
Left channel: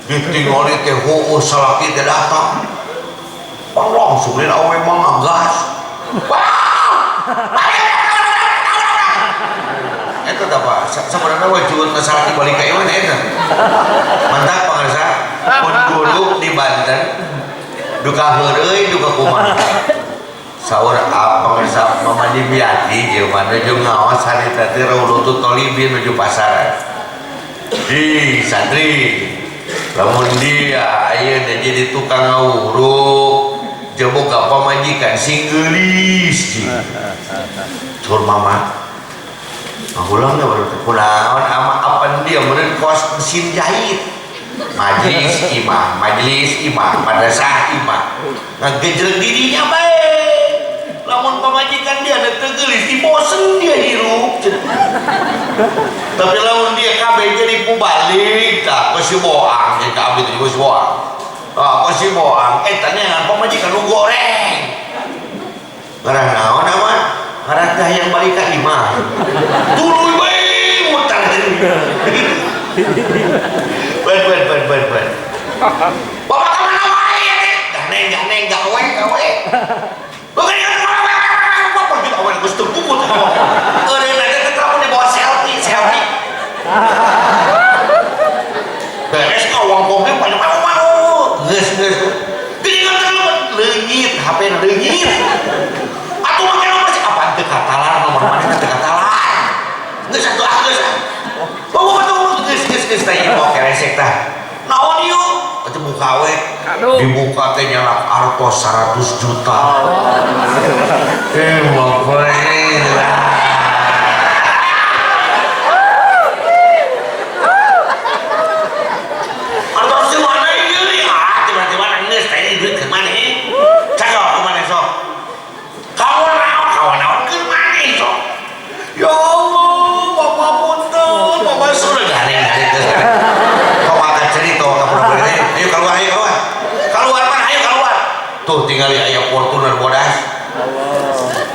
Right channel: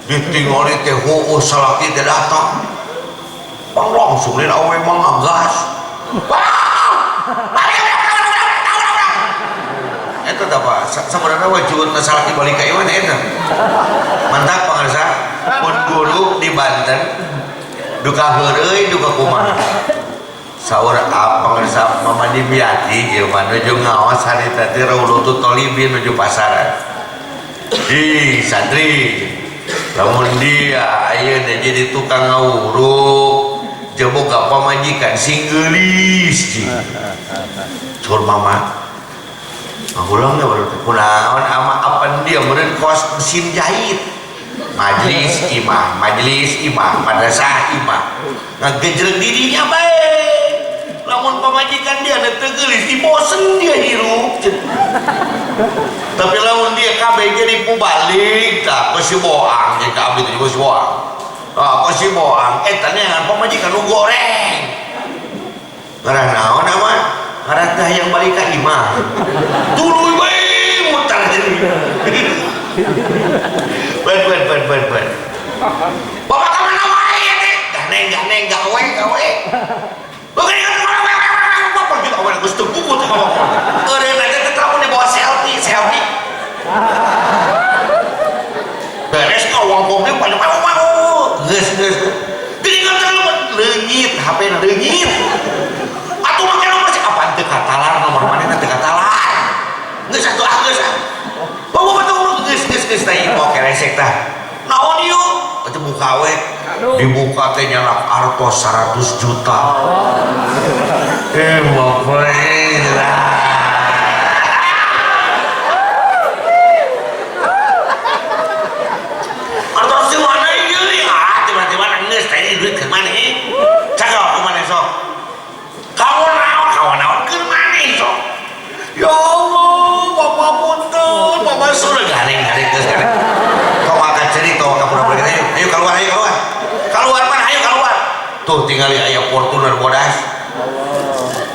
Ditinggali teh heueuh salaki teh datang. Pang langsung lain awe mah gas. Wow! Eta teh apa? Sabarana wajibna salaki balik ka ieu eta. Mantap pangarsa. Mun guru di Banten duka heureuy duka kumaha. Saur apa pangarsa Mama Dimyati ieu mah nuju ngaos harita teh Raudhatul Thalibin nuju pasaran. Di santri lamun dia ayeuna jadi tukang ngawuruk jeung boga pamajikan sing geulis. Tur Mama ulang na baru kunaon ama apan dia meureun kos mesin jahit. Majelis imah, madrasah imah. Ngagejreg dirinya bae. Lamun pamajikan dia teu geulis dibosen dia hirup. Tapi lamun dia kabeh jadi pubalik tah peusi boang jeung kabeh teh peusi boang. Peusi boang eta neangan pamajikan nu goreng. Ngaran naon aman? Ngaran teh yang balik ka imah. Tuluy bae mutar. Ben. Bapak ka mana wae teh? Gak neng gawe. Bukan dibuka teh nyalak artos 100 juta. Bapak artos di mana ini? Tiba-tiba nangis tadi duit ke mana? Cakap ke mana sok? Kawan-kawan ke mana sok? Ya Allah, Bapak punten, Bapak sudah garing-garing ke sana. Kau akan cerita, kau pura-pura ayo keluar, keluar mana, ayo keluar. Tuh tinggal ayah Fortuner bodas.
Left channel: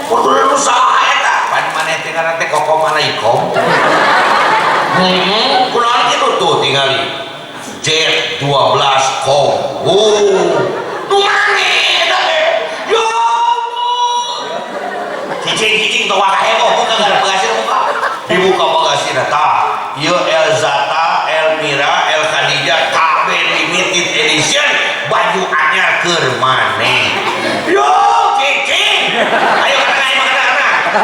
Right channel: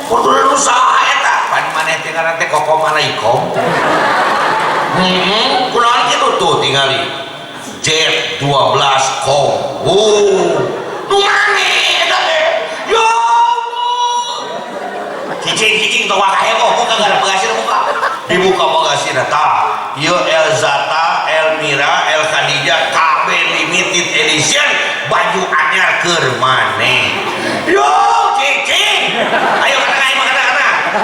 Fortuner usaha eta, pan mana tinggal nanti koko mana ikom. Kunaon gitu tuh tinggal Jet 12 kom. Nu mana eta teh? Ya Allah. Cicing teu wae heboh, buka gara bagasi buka. Dibuka bagasi tah. Ieu Elzata, Elmira, El Khadijah KB limited edition baju anyar keur maneh. Yo cicing. Ayo kata.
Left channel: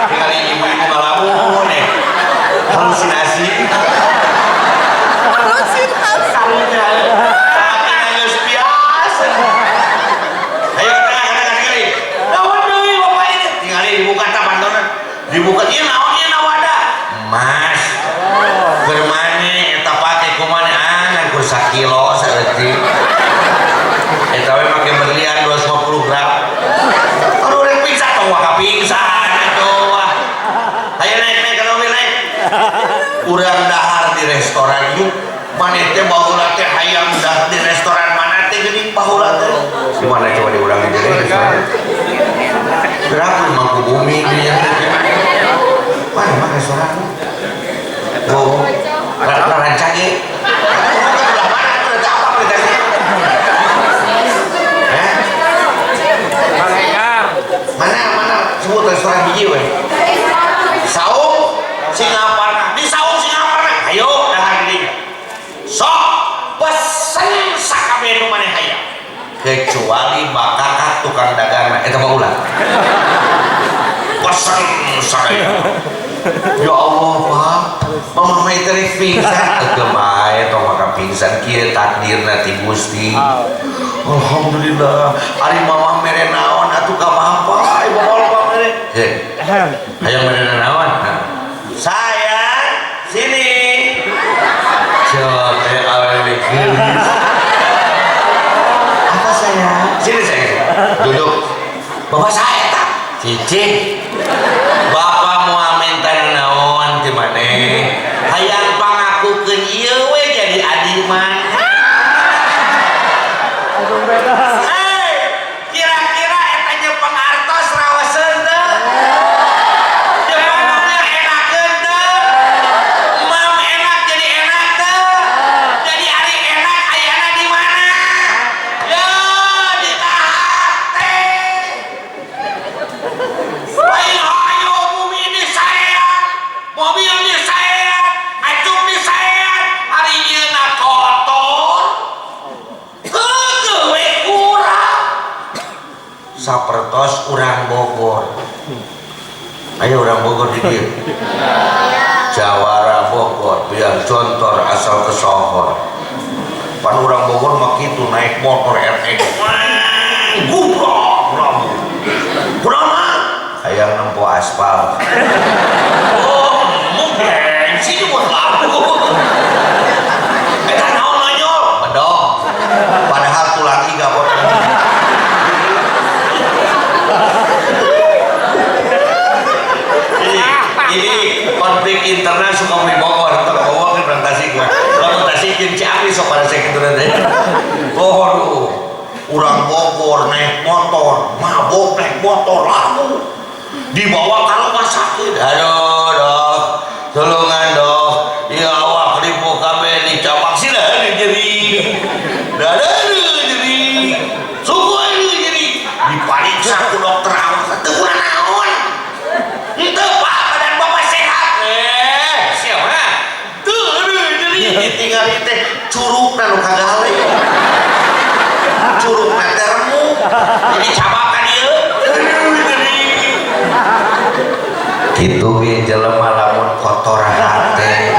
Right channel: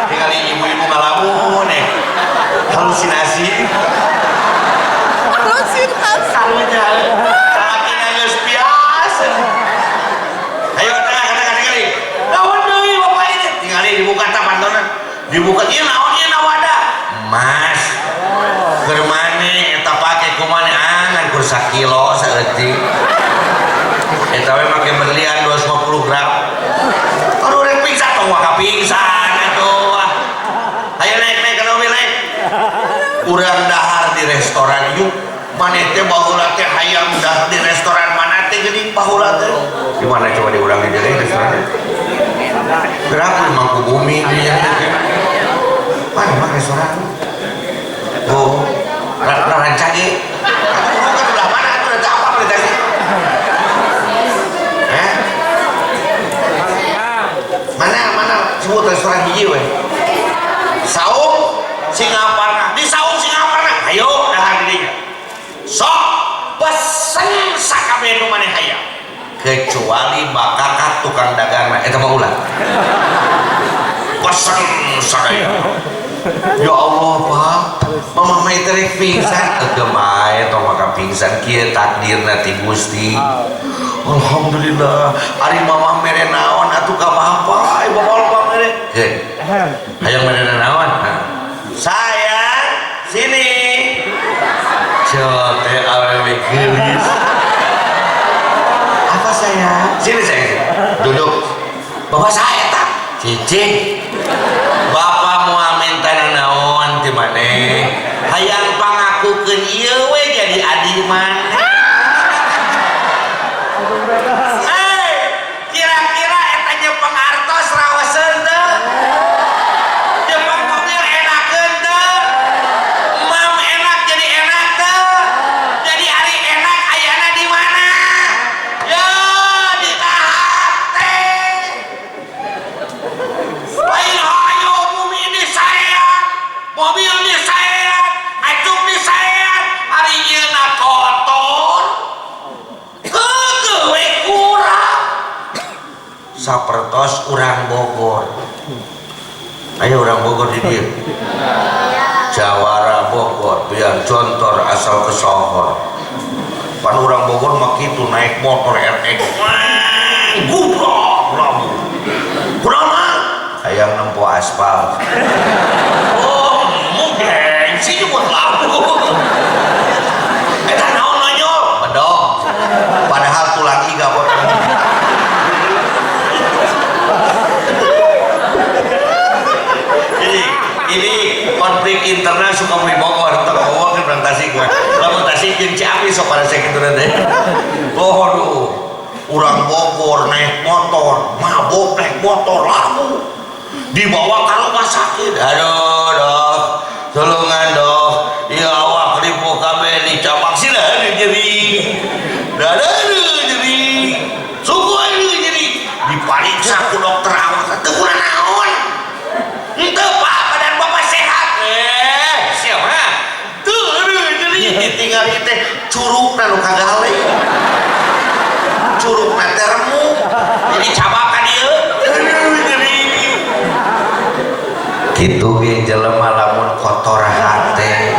Tinggal ibu-ibu ngalamun halusinasi. Tapi nangis biasa. Ayo kata. Naon deui Bapak ini? Tinggal dibuka tah pantonan. Dibuka ieu naonnya nawada? Mas. Keur maneh eta pake kumaha angan kur 1 kilo saeutik. Eta we make berlian 250 gram. Aduh rek pingsan tong wah pingsan atuh. Ayo naik kalau naik. Urang dahar di restoran yuk. Maneh teh baheula teh hayang dahar di restoran mana teh geuning baheula teh. Di mana coba diurang di restoran. Berapa mangku bumi dia. Mana mah restoran? Oh, rancang ge. Udah mana tuh udah apa beritanya? Mana sebut restoran hiji we. Saung Singaparna. Di Saung Singaparna. Ayo dahar didinya. Sok pesen sakabeh nu maneh hayang. Kecuali bakakak tukang dagangna eta mah ulah. Pesen sakaya. Ya Allah Pak, mama mah teh pingsan kemae tong maka pingsan kieu takdirna ti Gusti. Alhamdulillah, ari mama mere naon atuh ka Bapak, ibu Bapak mere. Hayang mere naon? Sayang, sini. Coba awewe geulis. Apa sayang? Sini sayang. Duduk. Bapak saya tak. Cicing. Bapak mau minta naon di mana? Hayang pangakukeun ieu we jadi adi mah. Kira-kira eta Jepang artos rawaseun teu? Jepang mobil enakeun teu? Mam enak jadi enak teu? Jadi ari enak ayana di mana? Ya di tahap teh. Lain hayo bumi disayang, mobil disayang, acung disayang, ari ieu na kotor. Heuh we kurang. Sapertos urang Bogor. Ayo urang Bogor di dieu. Jawara Bogor biar contor asal kesohor. Pan urang Bogor mah kitu naik motor RX. Gubrok lamu. Kunaon hayang nempo aspal. Oh, mungkin sih buat labu. Eta naon nonyol? Bedog. Padahal tulang iga potong. Ini konflik internal suka mui Bogor, tak Bogor kan Tasik mah. Lamun Tasik jeung Ciamis sok pada sakitu teh. Bogor urang Bogor naik motor, mabok naik motor lamu. Dibawa ke rumah sakit. Aduh dok, tolongan dok, ya awak ribu kabeh dicabak sila jadi jadi suku ini jadi dipariksa ku dokter awak teu kurang naon henteu Pak badan Bapak sehat siapa teu jadi ditinggal teh curugna nu kagale curugna teh remuk jadi cabakan ieu gitu ge jelema lamun kotor hate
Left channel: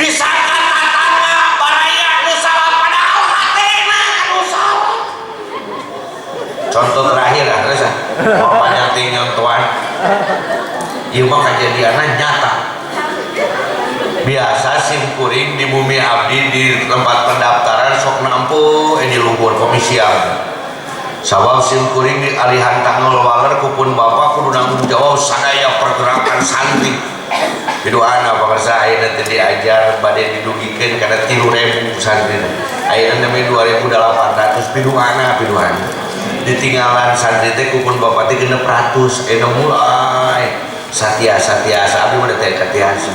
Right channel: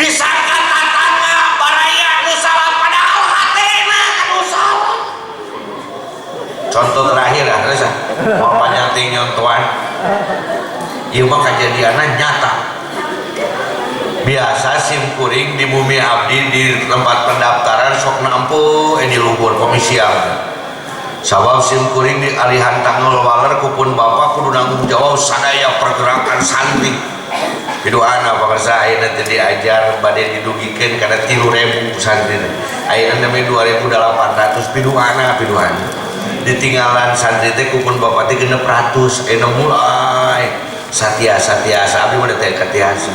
disangka tatangga baraya nu salah padahal hatena anu Bapaknya tinggal tuan. Ieu mah kejadianna nyata. Biasa simkuring di bumi abdi di tempat pendaftaran sok nampu di luhur komisian. Sabab simkuring di alihan tanggal waler kupun bapak kudu nanggung jawab sadaya pergerakan santri. Biduana pakarsa ayeuna teh diajar bade didugikeun kana 3.000 santri. Ayeuna mah 2.800 biduana. Ditinggalan santri teh kupun bapak teh 600. Ayeuna mulai satia-satia abdi mah teh katiasa.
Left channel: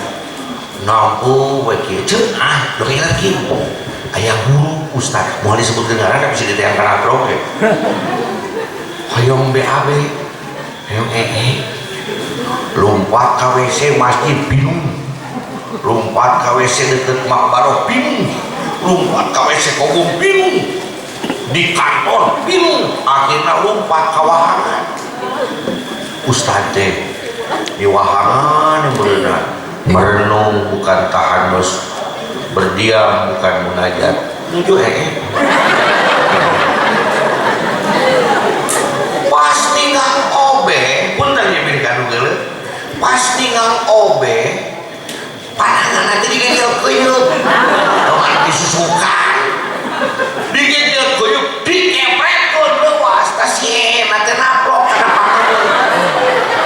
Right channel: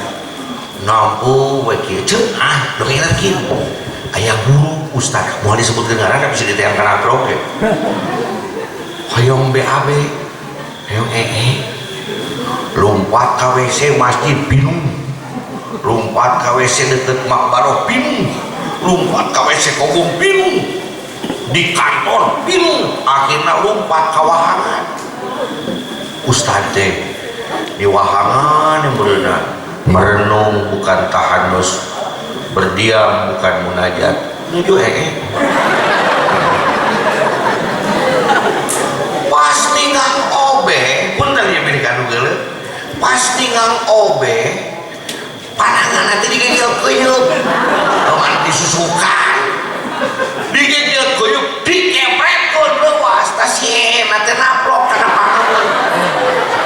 Nampu bae kieu ceuk dongeng lagi. Aya guru ustad moal disebutkeun ngaranna bisa ditayang kana grog ge. Hoyong BAB, hoyong lompat ka WC masjid bingung, lompat ka WC deket makbarok bingung, lompat ka WC kobong bingung, di kantor bingung, akhirnya lompat ka wahangan. Ustad teh di wahangan yang berenang, merenung bukan tahanus, berdiam bukan munajat. Nuju pas tinggal obe punten ya berikan geuleuh pas tinggal obe panangan nanti digegel kuyup lawan disusukan digegel kuyup dikepretkeun leuwas tas ye mate naplok kana pangamun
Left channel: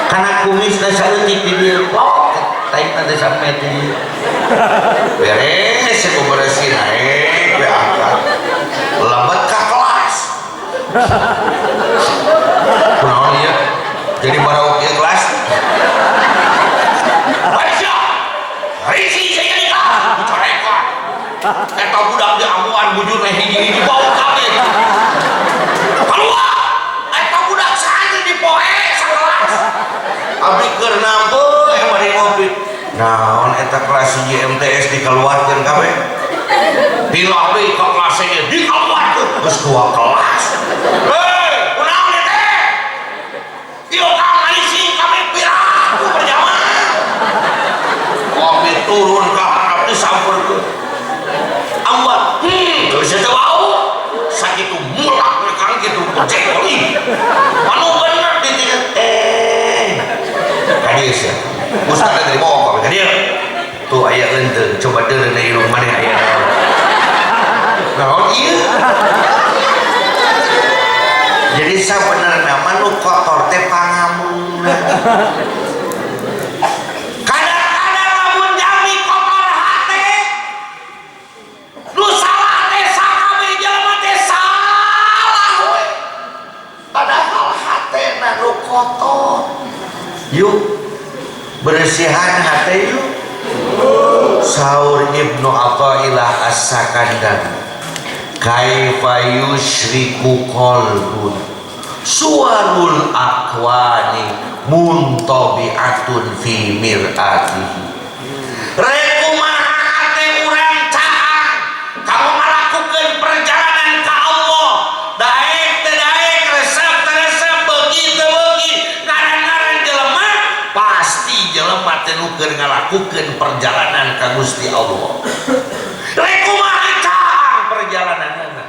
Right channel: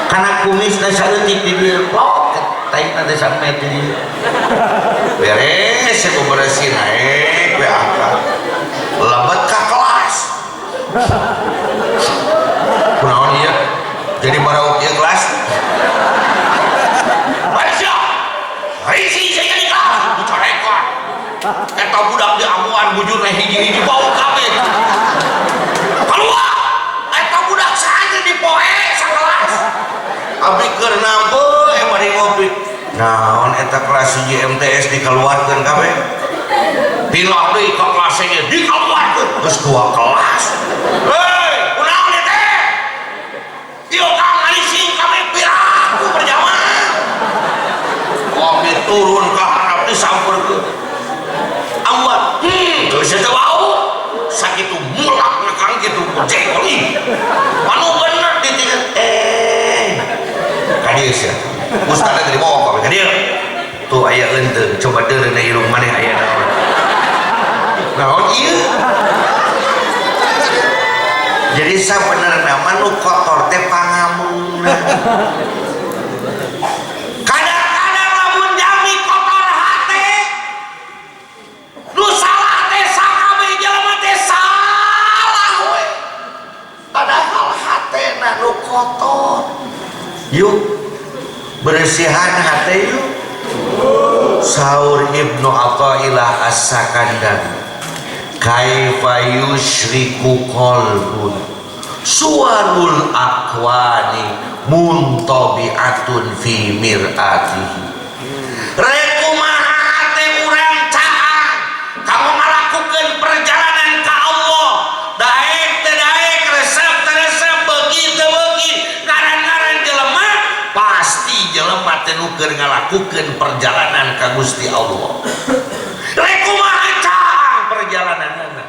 kana kumis da saeutik di dieu plok taina teh sampe di dieu beres ku beresin we angkat lebat ka kelas. Kunaon ieu jadi baraok ieu kelas Aisyah risi saya nikah dicorekan eta budak di amuan bujurna hiji-hiji bau kabeh keluar eta budak santri di poe sakelas abdi keur nampeu bari ngopi naon eta kelas hiji MTS dikeluarkeun kabeh pilah deui ka kelas ge dikeluarkeun geus 2 kelas. Turun ke harap disamperkeun awat geus teu bau sakitu mulak nekang kitu jekoli anu bener ditinggal kadieu sia ustad tadi bawa ka kadieu tuh aya leunteung coba deureuna irung maneh aya naon ieu jadi sabenerna mah nu kotor teh pangamunna. Kotor yuk bersihan hati yuk saur Ibnu Athaillah As-Sakandari kaifa yusyriku qalbun suwarul akwani muntabi'atun fi mir'atihi rekumaha hati urang caang kamu melakukan perjalanan ke Allah daek teh daek resep teh resep beuki teh beuki ngaran-ngaran jelema pasti jelema teh nu keur ngalakukeun perjalanan ka Gusti Allah. Rek kumaha caang perjalananna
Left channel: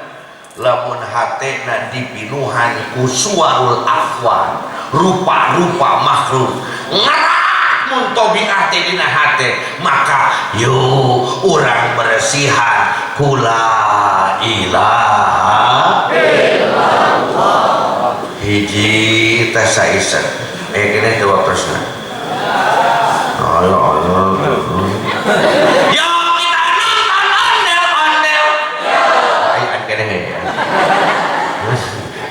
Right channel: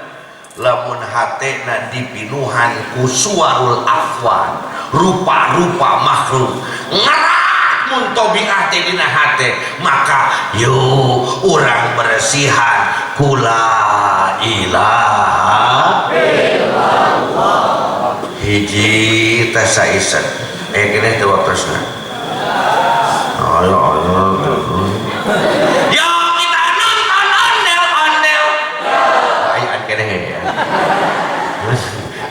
lamun hatena dipinuhan ku suwarul afwan rupa-rupa makhluk ngarak mun tabiat teh dina hate maka yo urang beresihan kula ilaha illallah hiji tasaisan kene teu wapresna ayo yo kita nonton ondel-ondel aya kene ya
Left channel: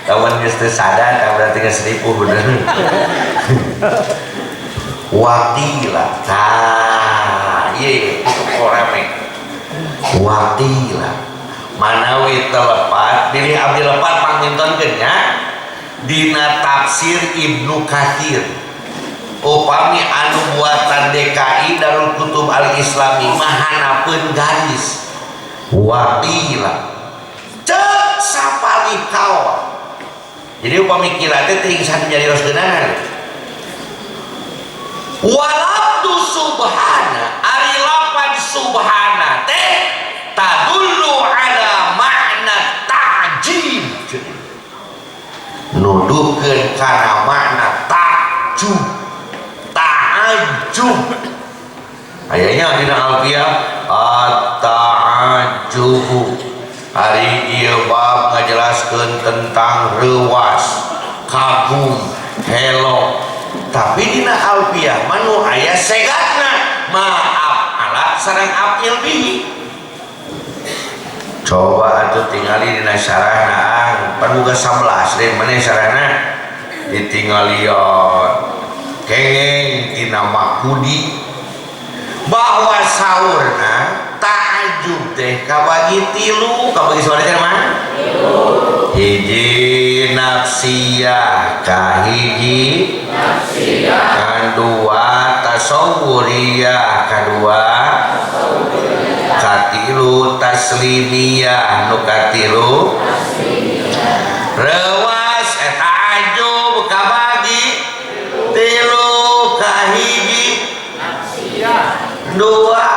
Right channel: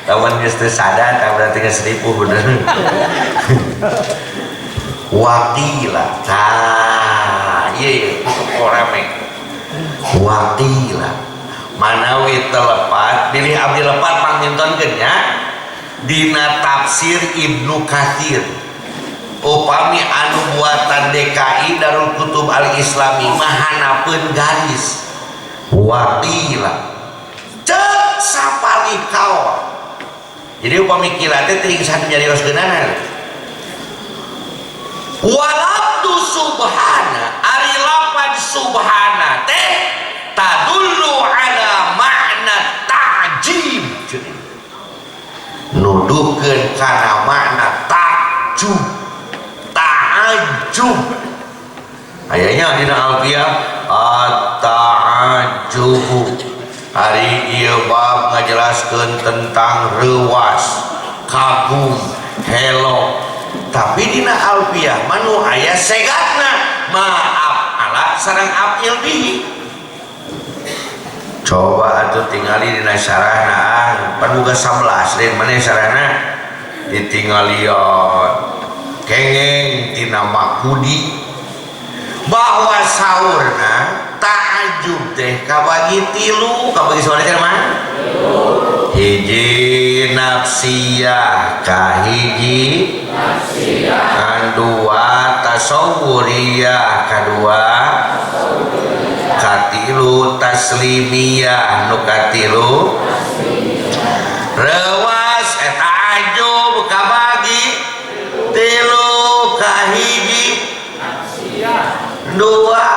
lawan geus teu sadar tah berarti geus ripuh bener wakila tah ieu rame wakila manawi telepat pilih abdi lepat pangintonkeun nya dina tafsir Ibnu Katsir upami anu buatan DKI Darul Kutub Al-Islami mahanapeun garis wakila cek sapali kawa jadi upami kila teh teuing san jadi rosgeunana walabdu subhana ari lapad subhana teh tadullu ala makna ta'jib nuduh nuduhkeun kana makna ta'ajjub. Ayahnya dina alfiah at-ta'ajjubu. Hari ieu bab ngajelaskeun tentang reuas, kagum, hello. Tapi dina alfiah manu aya segatna maaf ala sareng af'il bihi. Coba atuh tingali dina syarahna pan boga 11 den maneh syarahna ditinggalion kengeng tina makudi bahwa saurna ta'ajub teh kabagi tilu, kabagi soalnya mah hiji nafsiyah, kahiji kadua tasawwuriyah, kadua katilu taslimiyah, nu katilu rewas eta ajub kabagi tilu, kahiji dua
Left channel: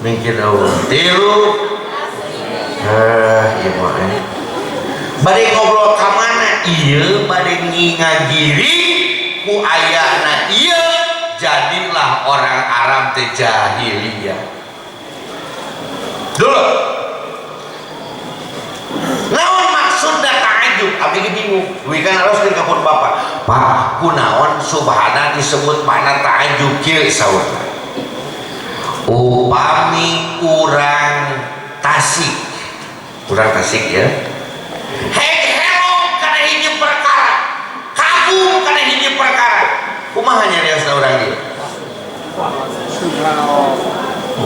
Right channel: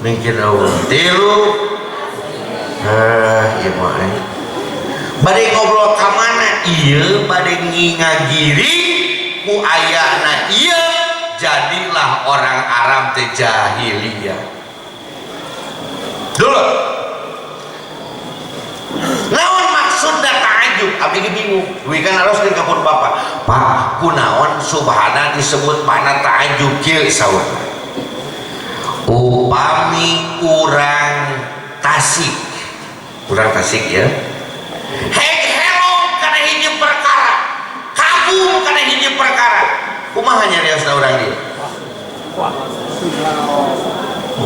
mungkin tilu iya mah bade ngobrol ka mana ieu bade ngingagiri ku ayana ieu jadilah orang Arab teh jahiliyah dulu naon maksudna ta'ajub abdi bingung duwi kan harus ke kapur bapak pak kunaon subhana disebut mana ta'ajub kieu saurna upami urang Tasik ya hello kana hiji perkara kagum kana hiji perkara kumaha nyariosna urang ieu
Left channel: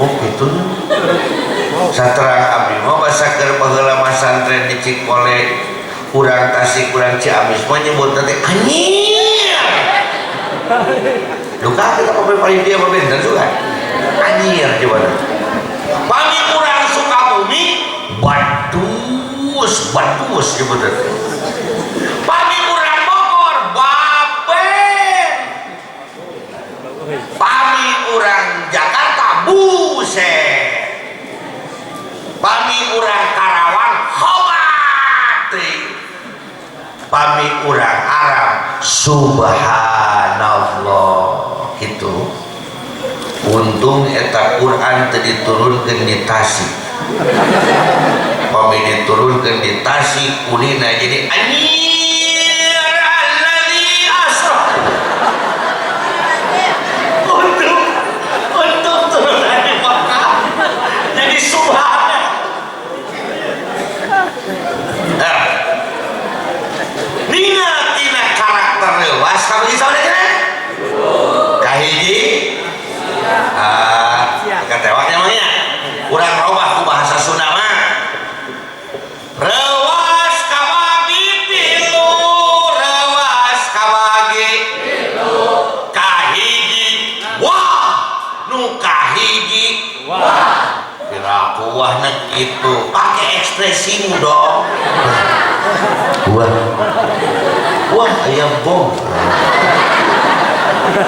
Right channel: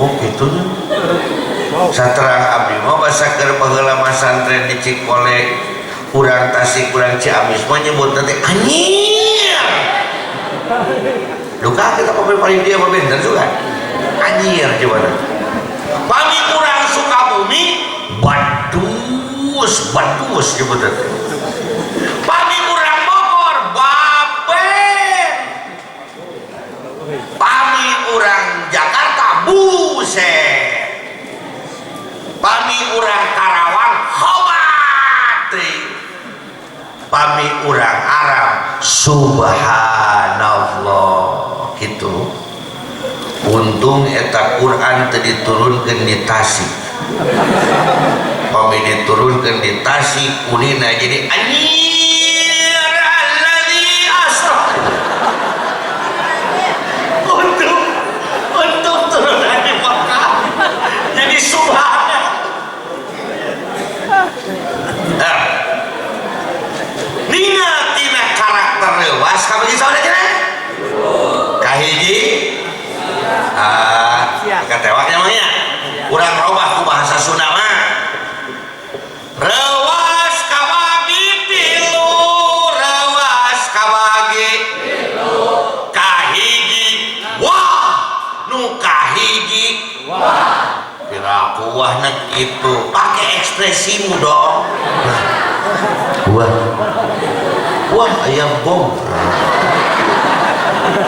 oh gitu saterang abdi mah basa keur baheula masantren di Cikole urang Tasik urang Ciamis mah nyebutna teh anyir duka kita paling dia bener juga anyir coba pami urang Sukabumi badus nyebutna pami urang Bogor baben pami urang Jakarta buset pami urang Karawang hobat pami urang Arab subhanallah gitu. Untung eta Quran teu diturunkeun di Tasik pami diturunkeun di Tasik kulina jadi anjir alladzi asra untuk turunan di Makkah jadi subhana. Nina tina karakter leuwas kabagi saudara kahiji ketewaknya mah kurang robah ku bahasa Sunda mah rewas kabagi tilu kahiji wah nu kahiji kira kuah nek itu pakai ekspresimu dong wah ayam bom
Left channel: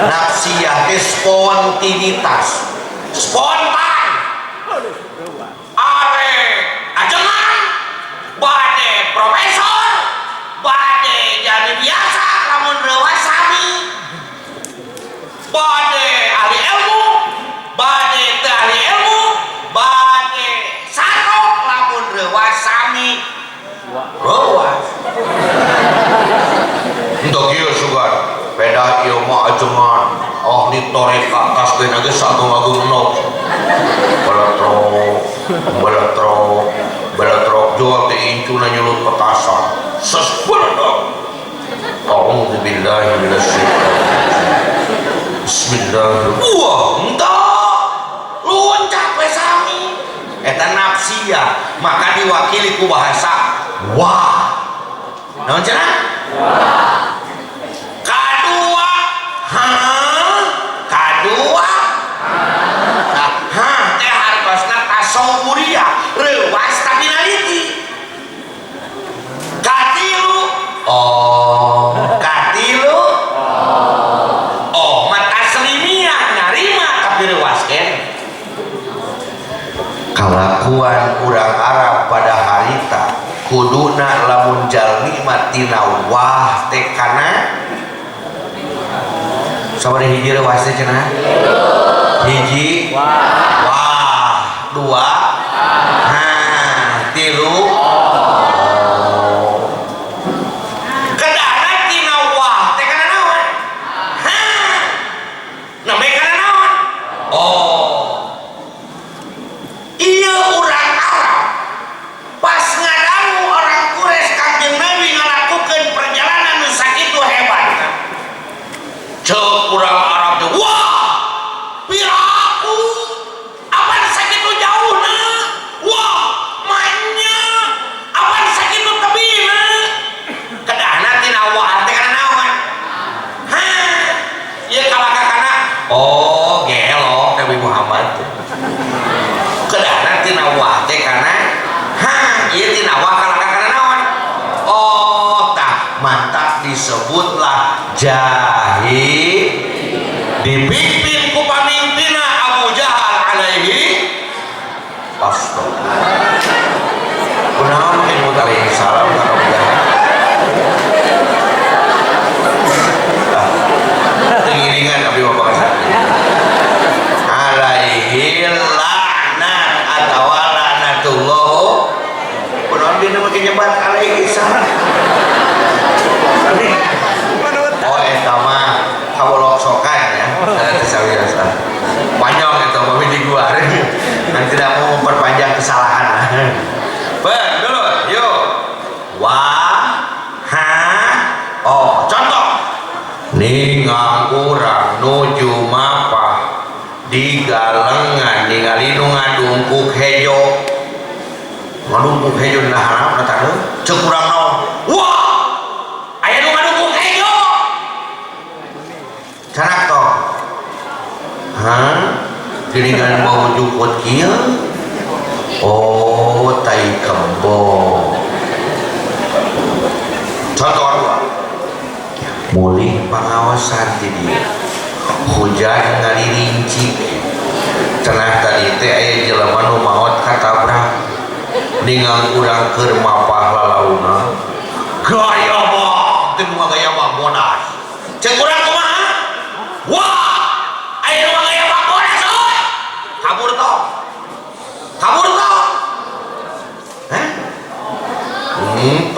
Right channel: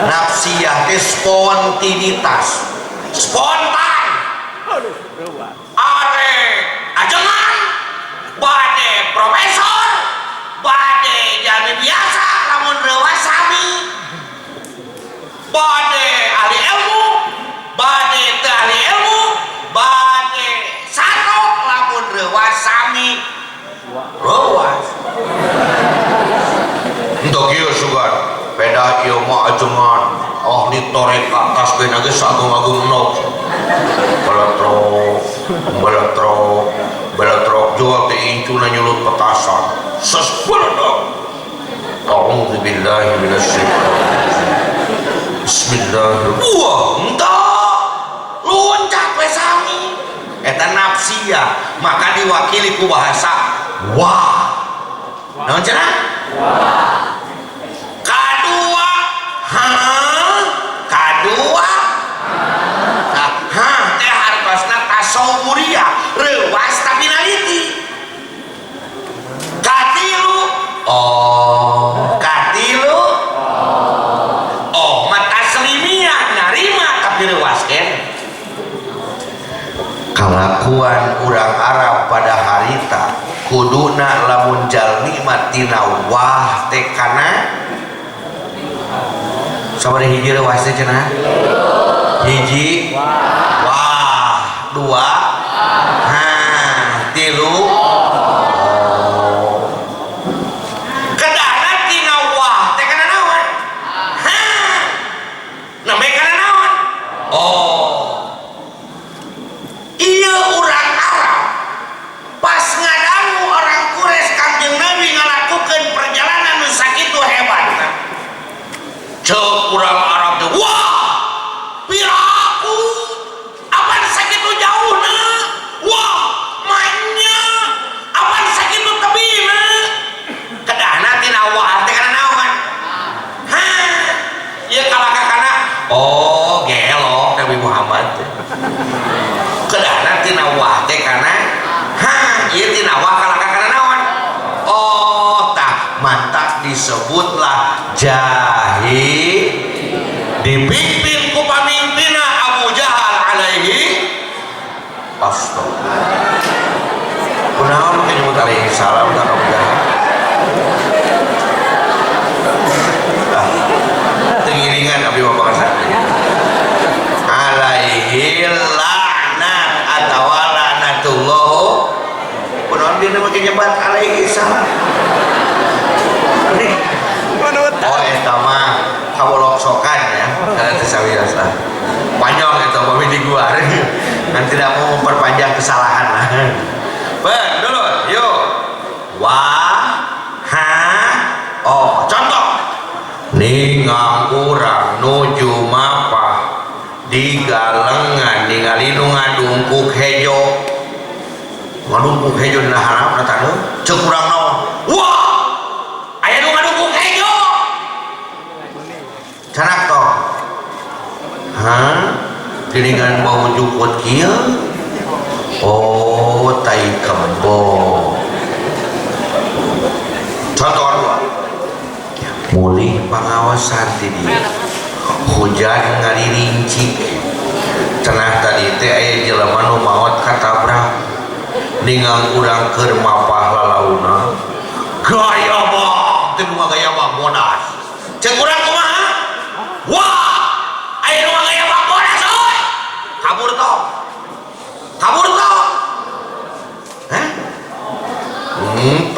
nafsiyah spontanitas spontan are ajengan bade profesor bade jadi biasa lamun rewas sami bade ahli ilmu bade teu ahli ilmu bade satu lamun rewas sami rewas untuk kieu sugar beda ieu mah ajengan ahli tarekat tasbih ge sagung-agung nok beletrok jual teh incuna nyulut petasan sesbeledok a'udzubillahi minasyaitonir bismillahirrahmanirrahim wah entah loncat we sami eta nafsiyah maka diwakili ku bahasa wah naon cenah wah kadua kadua teh hartosna tasawwuriyah reuwas tapi naliti katilu mata taslimiyah narima tapi reuwas kan kalakuan urang Arab pada harita kuduna lamun jalmi mah tina wah teh kana sabari hiji wah teh cenah hiji wah dua tilu kedana tina wah teh kana naon namanya kana naon iya urang Arab pas ngadangu orang Quraisy Kangjeng Nabi ngalakukeun perjalanan nu sakitu hebatna ceuk urang Arab teh wah piraku apaan sakitu jauhna wah mainnya apaan sakitu tebina kedahna tina wah teh kana naon ieu kalakakana gelok Nabi Muhammad kedahna tina wah teh kana ieu tina wah kalakakana naon tah mantap disebutlah jahil dipimpin ku pamimpina Abu Jahal alaihi astagfirullah kunaon make nyebut alaihi salam ka Abu Jahal tengiringan abdi bapak kasar alaihi laknat atawa laknatullah kunaon dina make nyebat alaihi salam eta mah kaboloksokan ya tersawiasa panjang itu mami di gua dan tidak mau memperpanjang kesalahan lah dulu yuk contoh ningang urang nuju mapa di galengan ningali nu ngadungkuk hejo nah harap natanu cek urang naon wah aya nu ngadungkuk hejo canak toh geningan bau jukut kieu tai kembong contoh dua mulih pengawasan di dia hujan ngalirincik cenah tadi teh aya jelema nu maot katabrak ningang urang keur mapah lalauna gaya bang teu gaya bang monas cek urang kumaha wah aya nu gaya bang monas euy kabur toh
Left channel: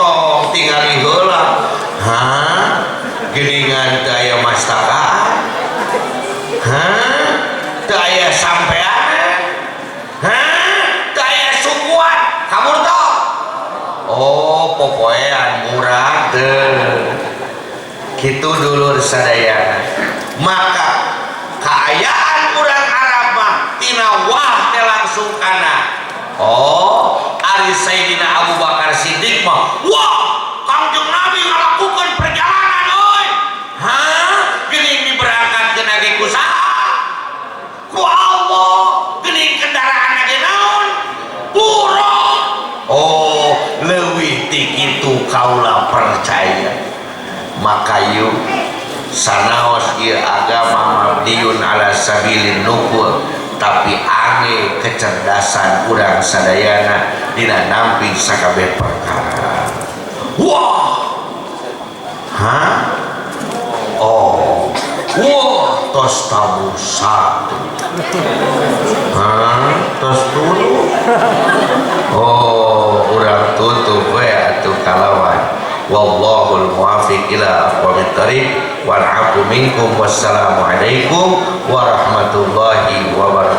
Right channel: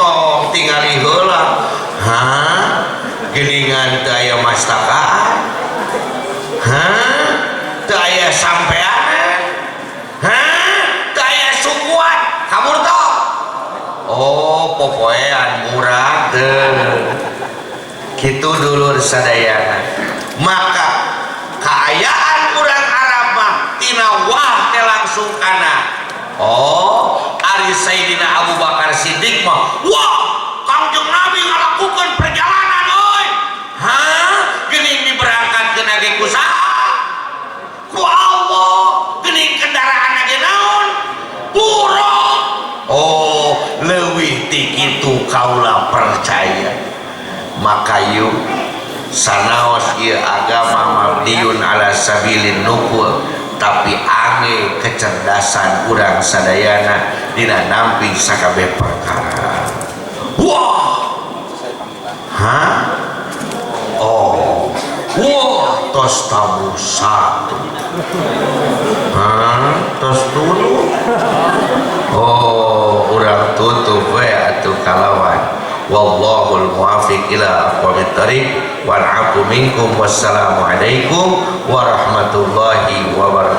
tong tingali heula geningan teu aya mastakaan teu aya sampean teu aya sukuan kabur toh popoean murah kitu dulur sadayana maka kaayaan urang Arab mah tina wah teh langsung kana ari Sayyidina Abu Bakar Siddiq mah wah Kangjeng Nabi ngalakukeun perjalanan euy geuning diberangkatkeun ge ku saha ku Allah geuning kendaraan ge naon buruk leuwih ti kitu kaula percaya maka yuk sanaos ieu agama mabniun ala sabilin nukul tapi ange kecerdasan urang sadayana dina nampi sakabeh perkara wah tos tabu satu tos dulu urang tutup we atuh kalawan wallahul muwaffiq ila aqwamit thariq wal 'afu minkum wassalamu alaikum warahmatullahi wabarakatuh.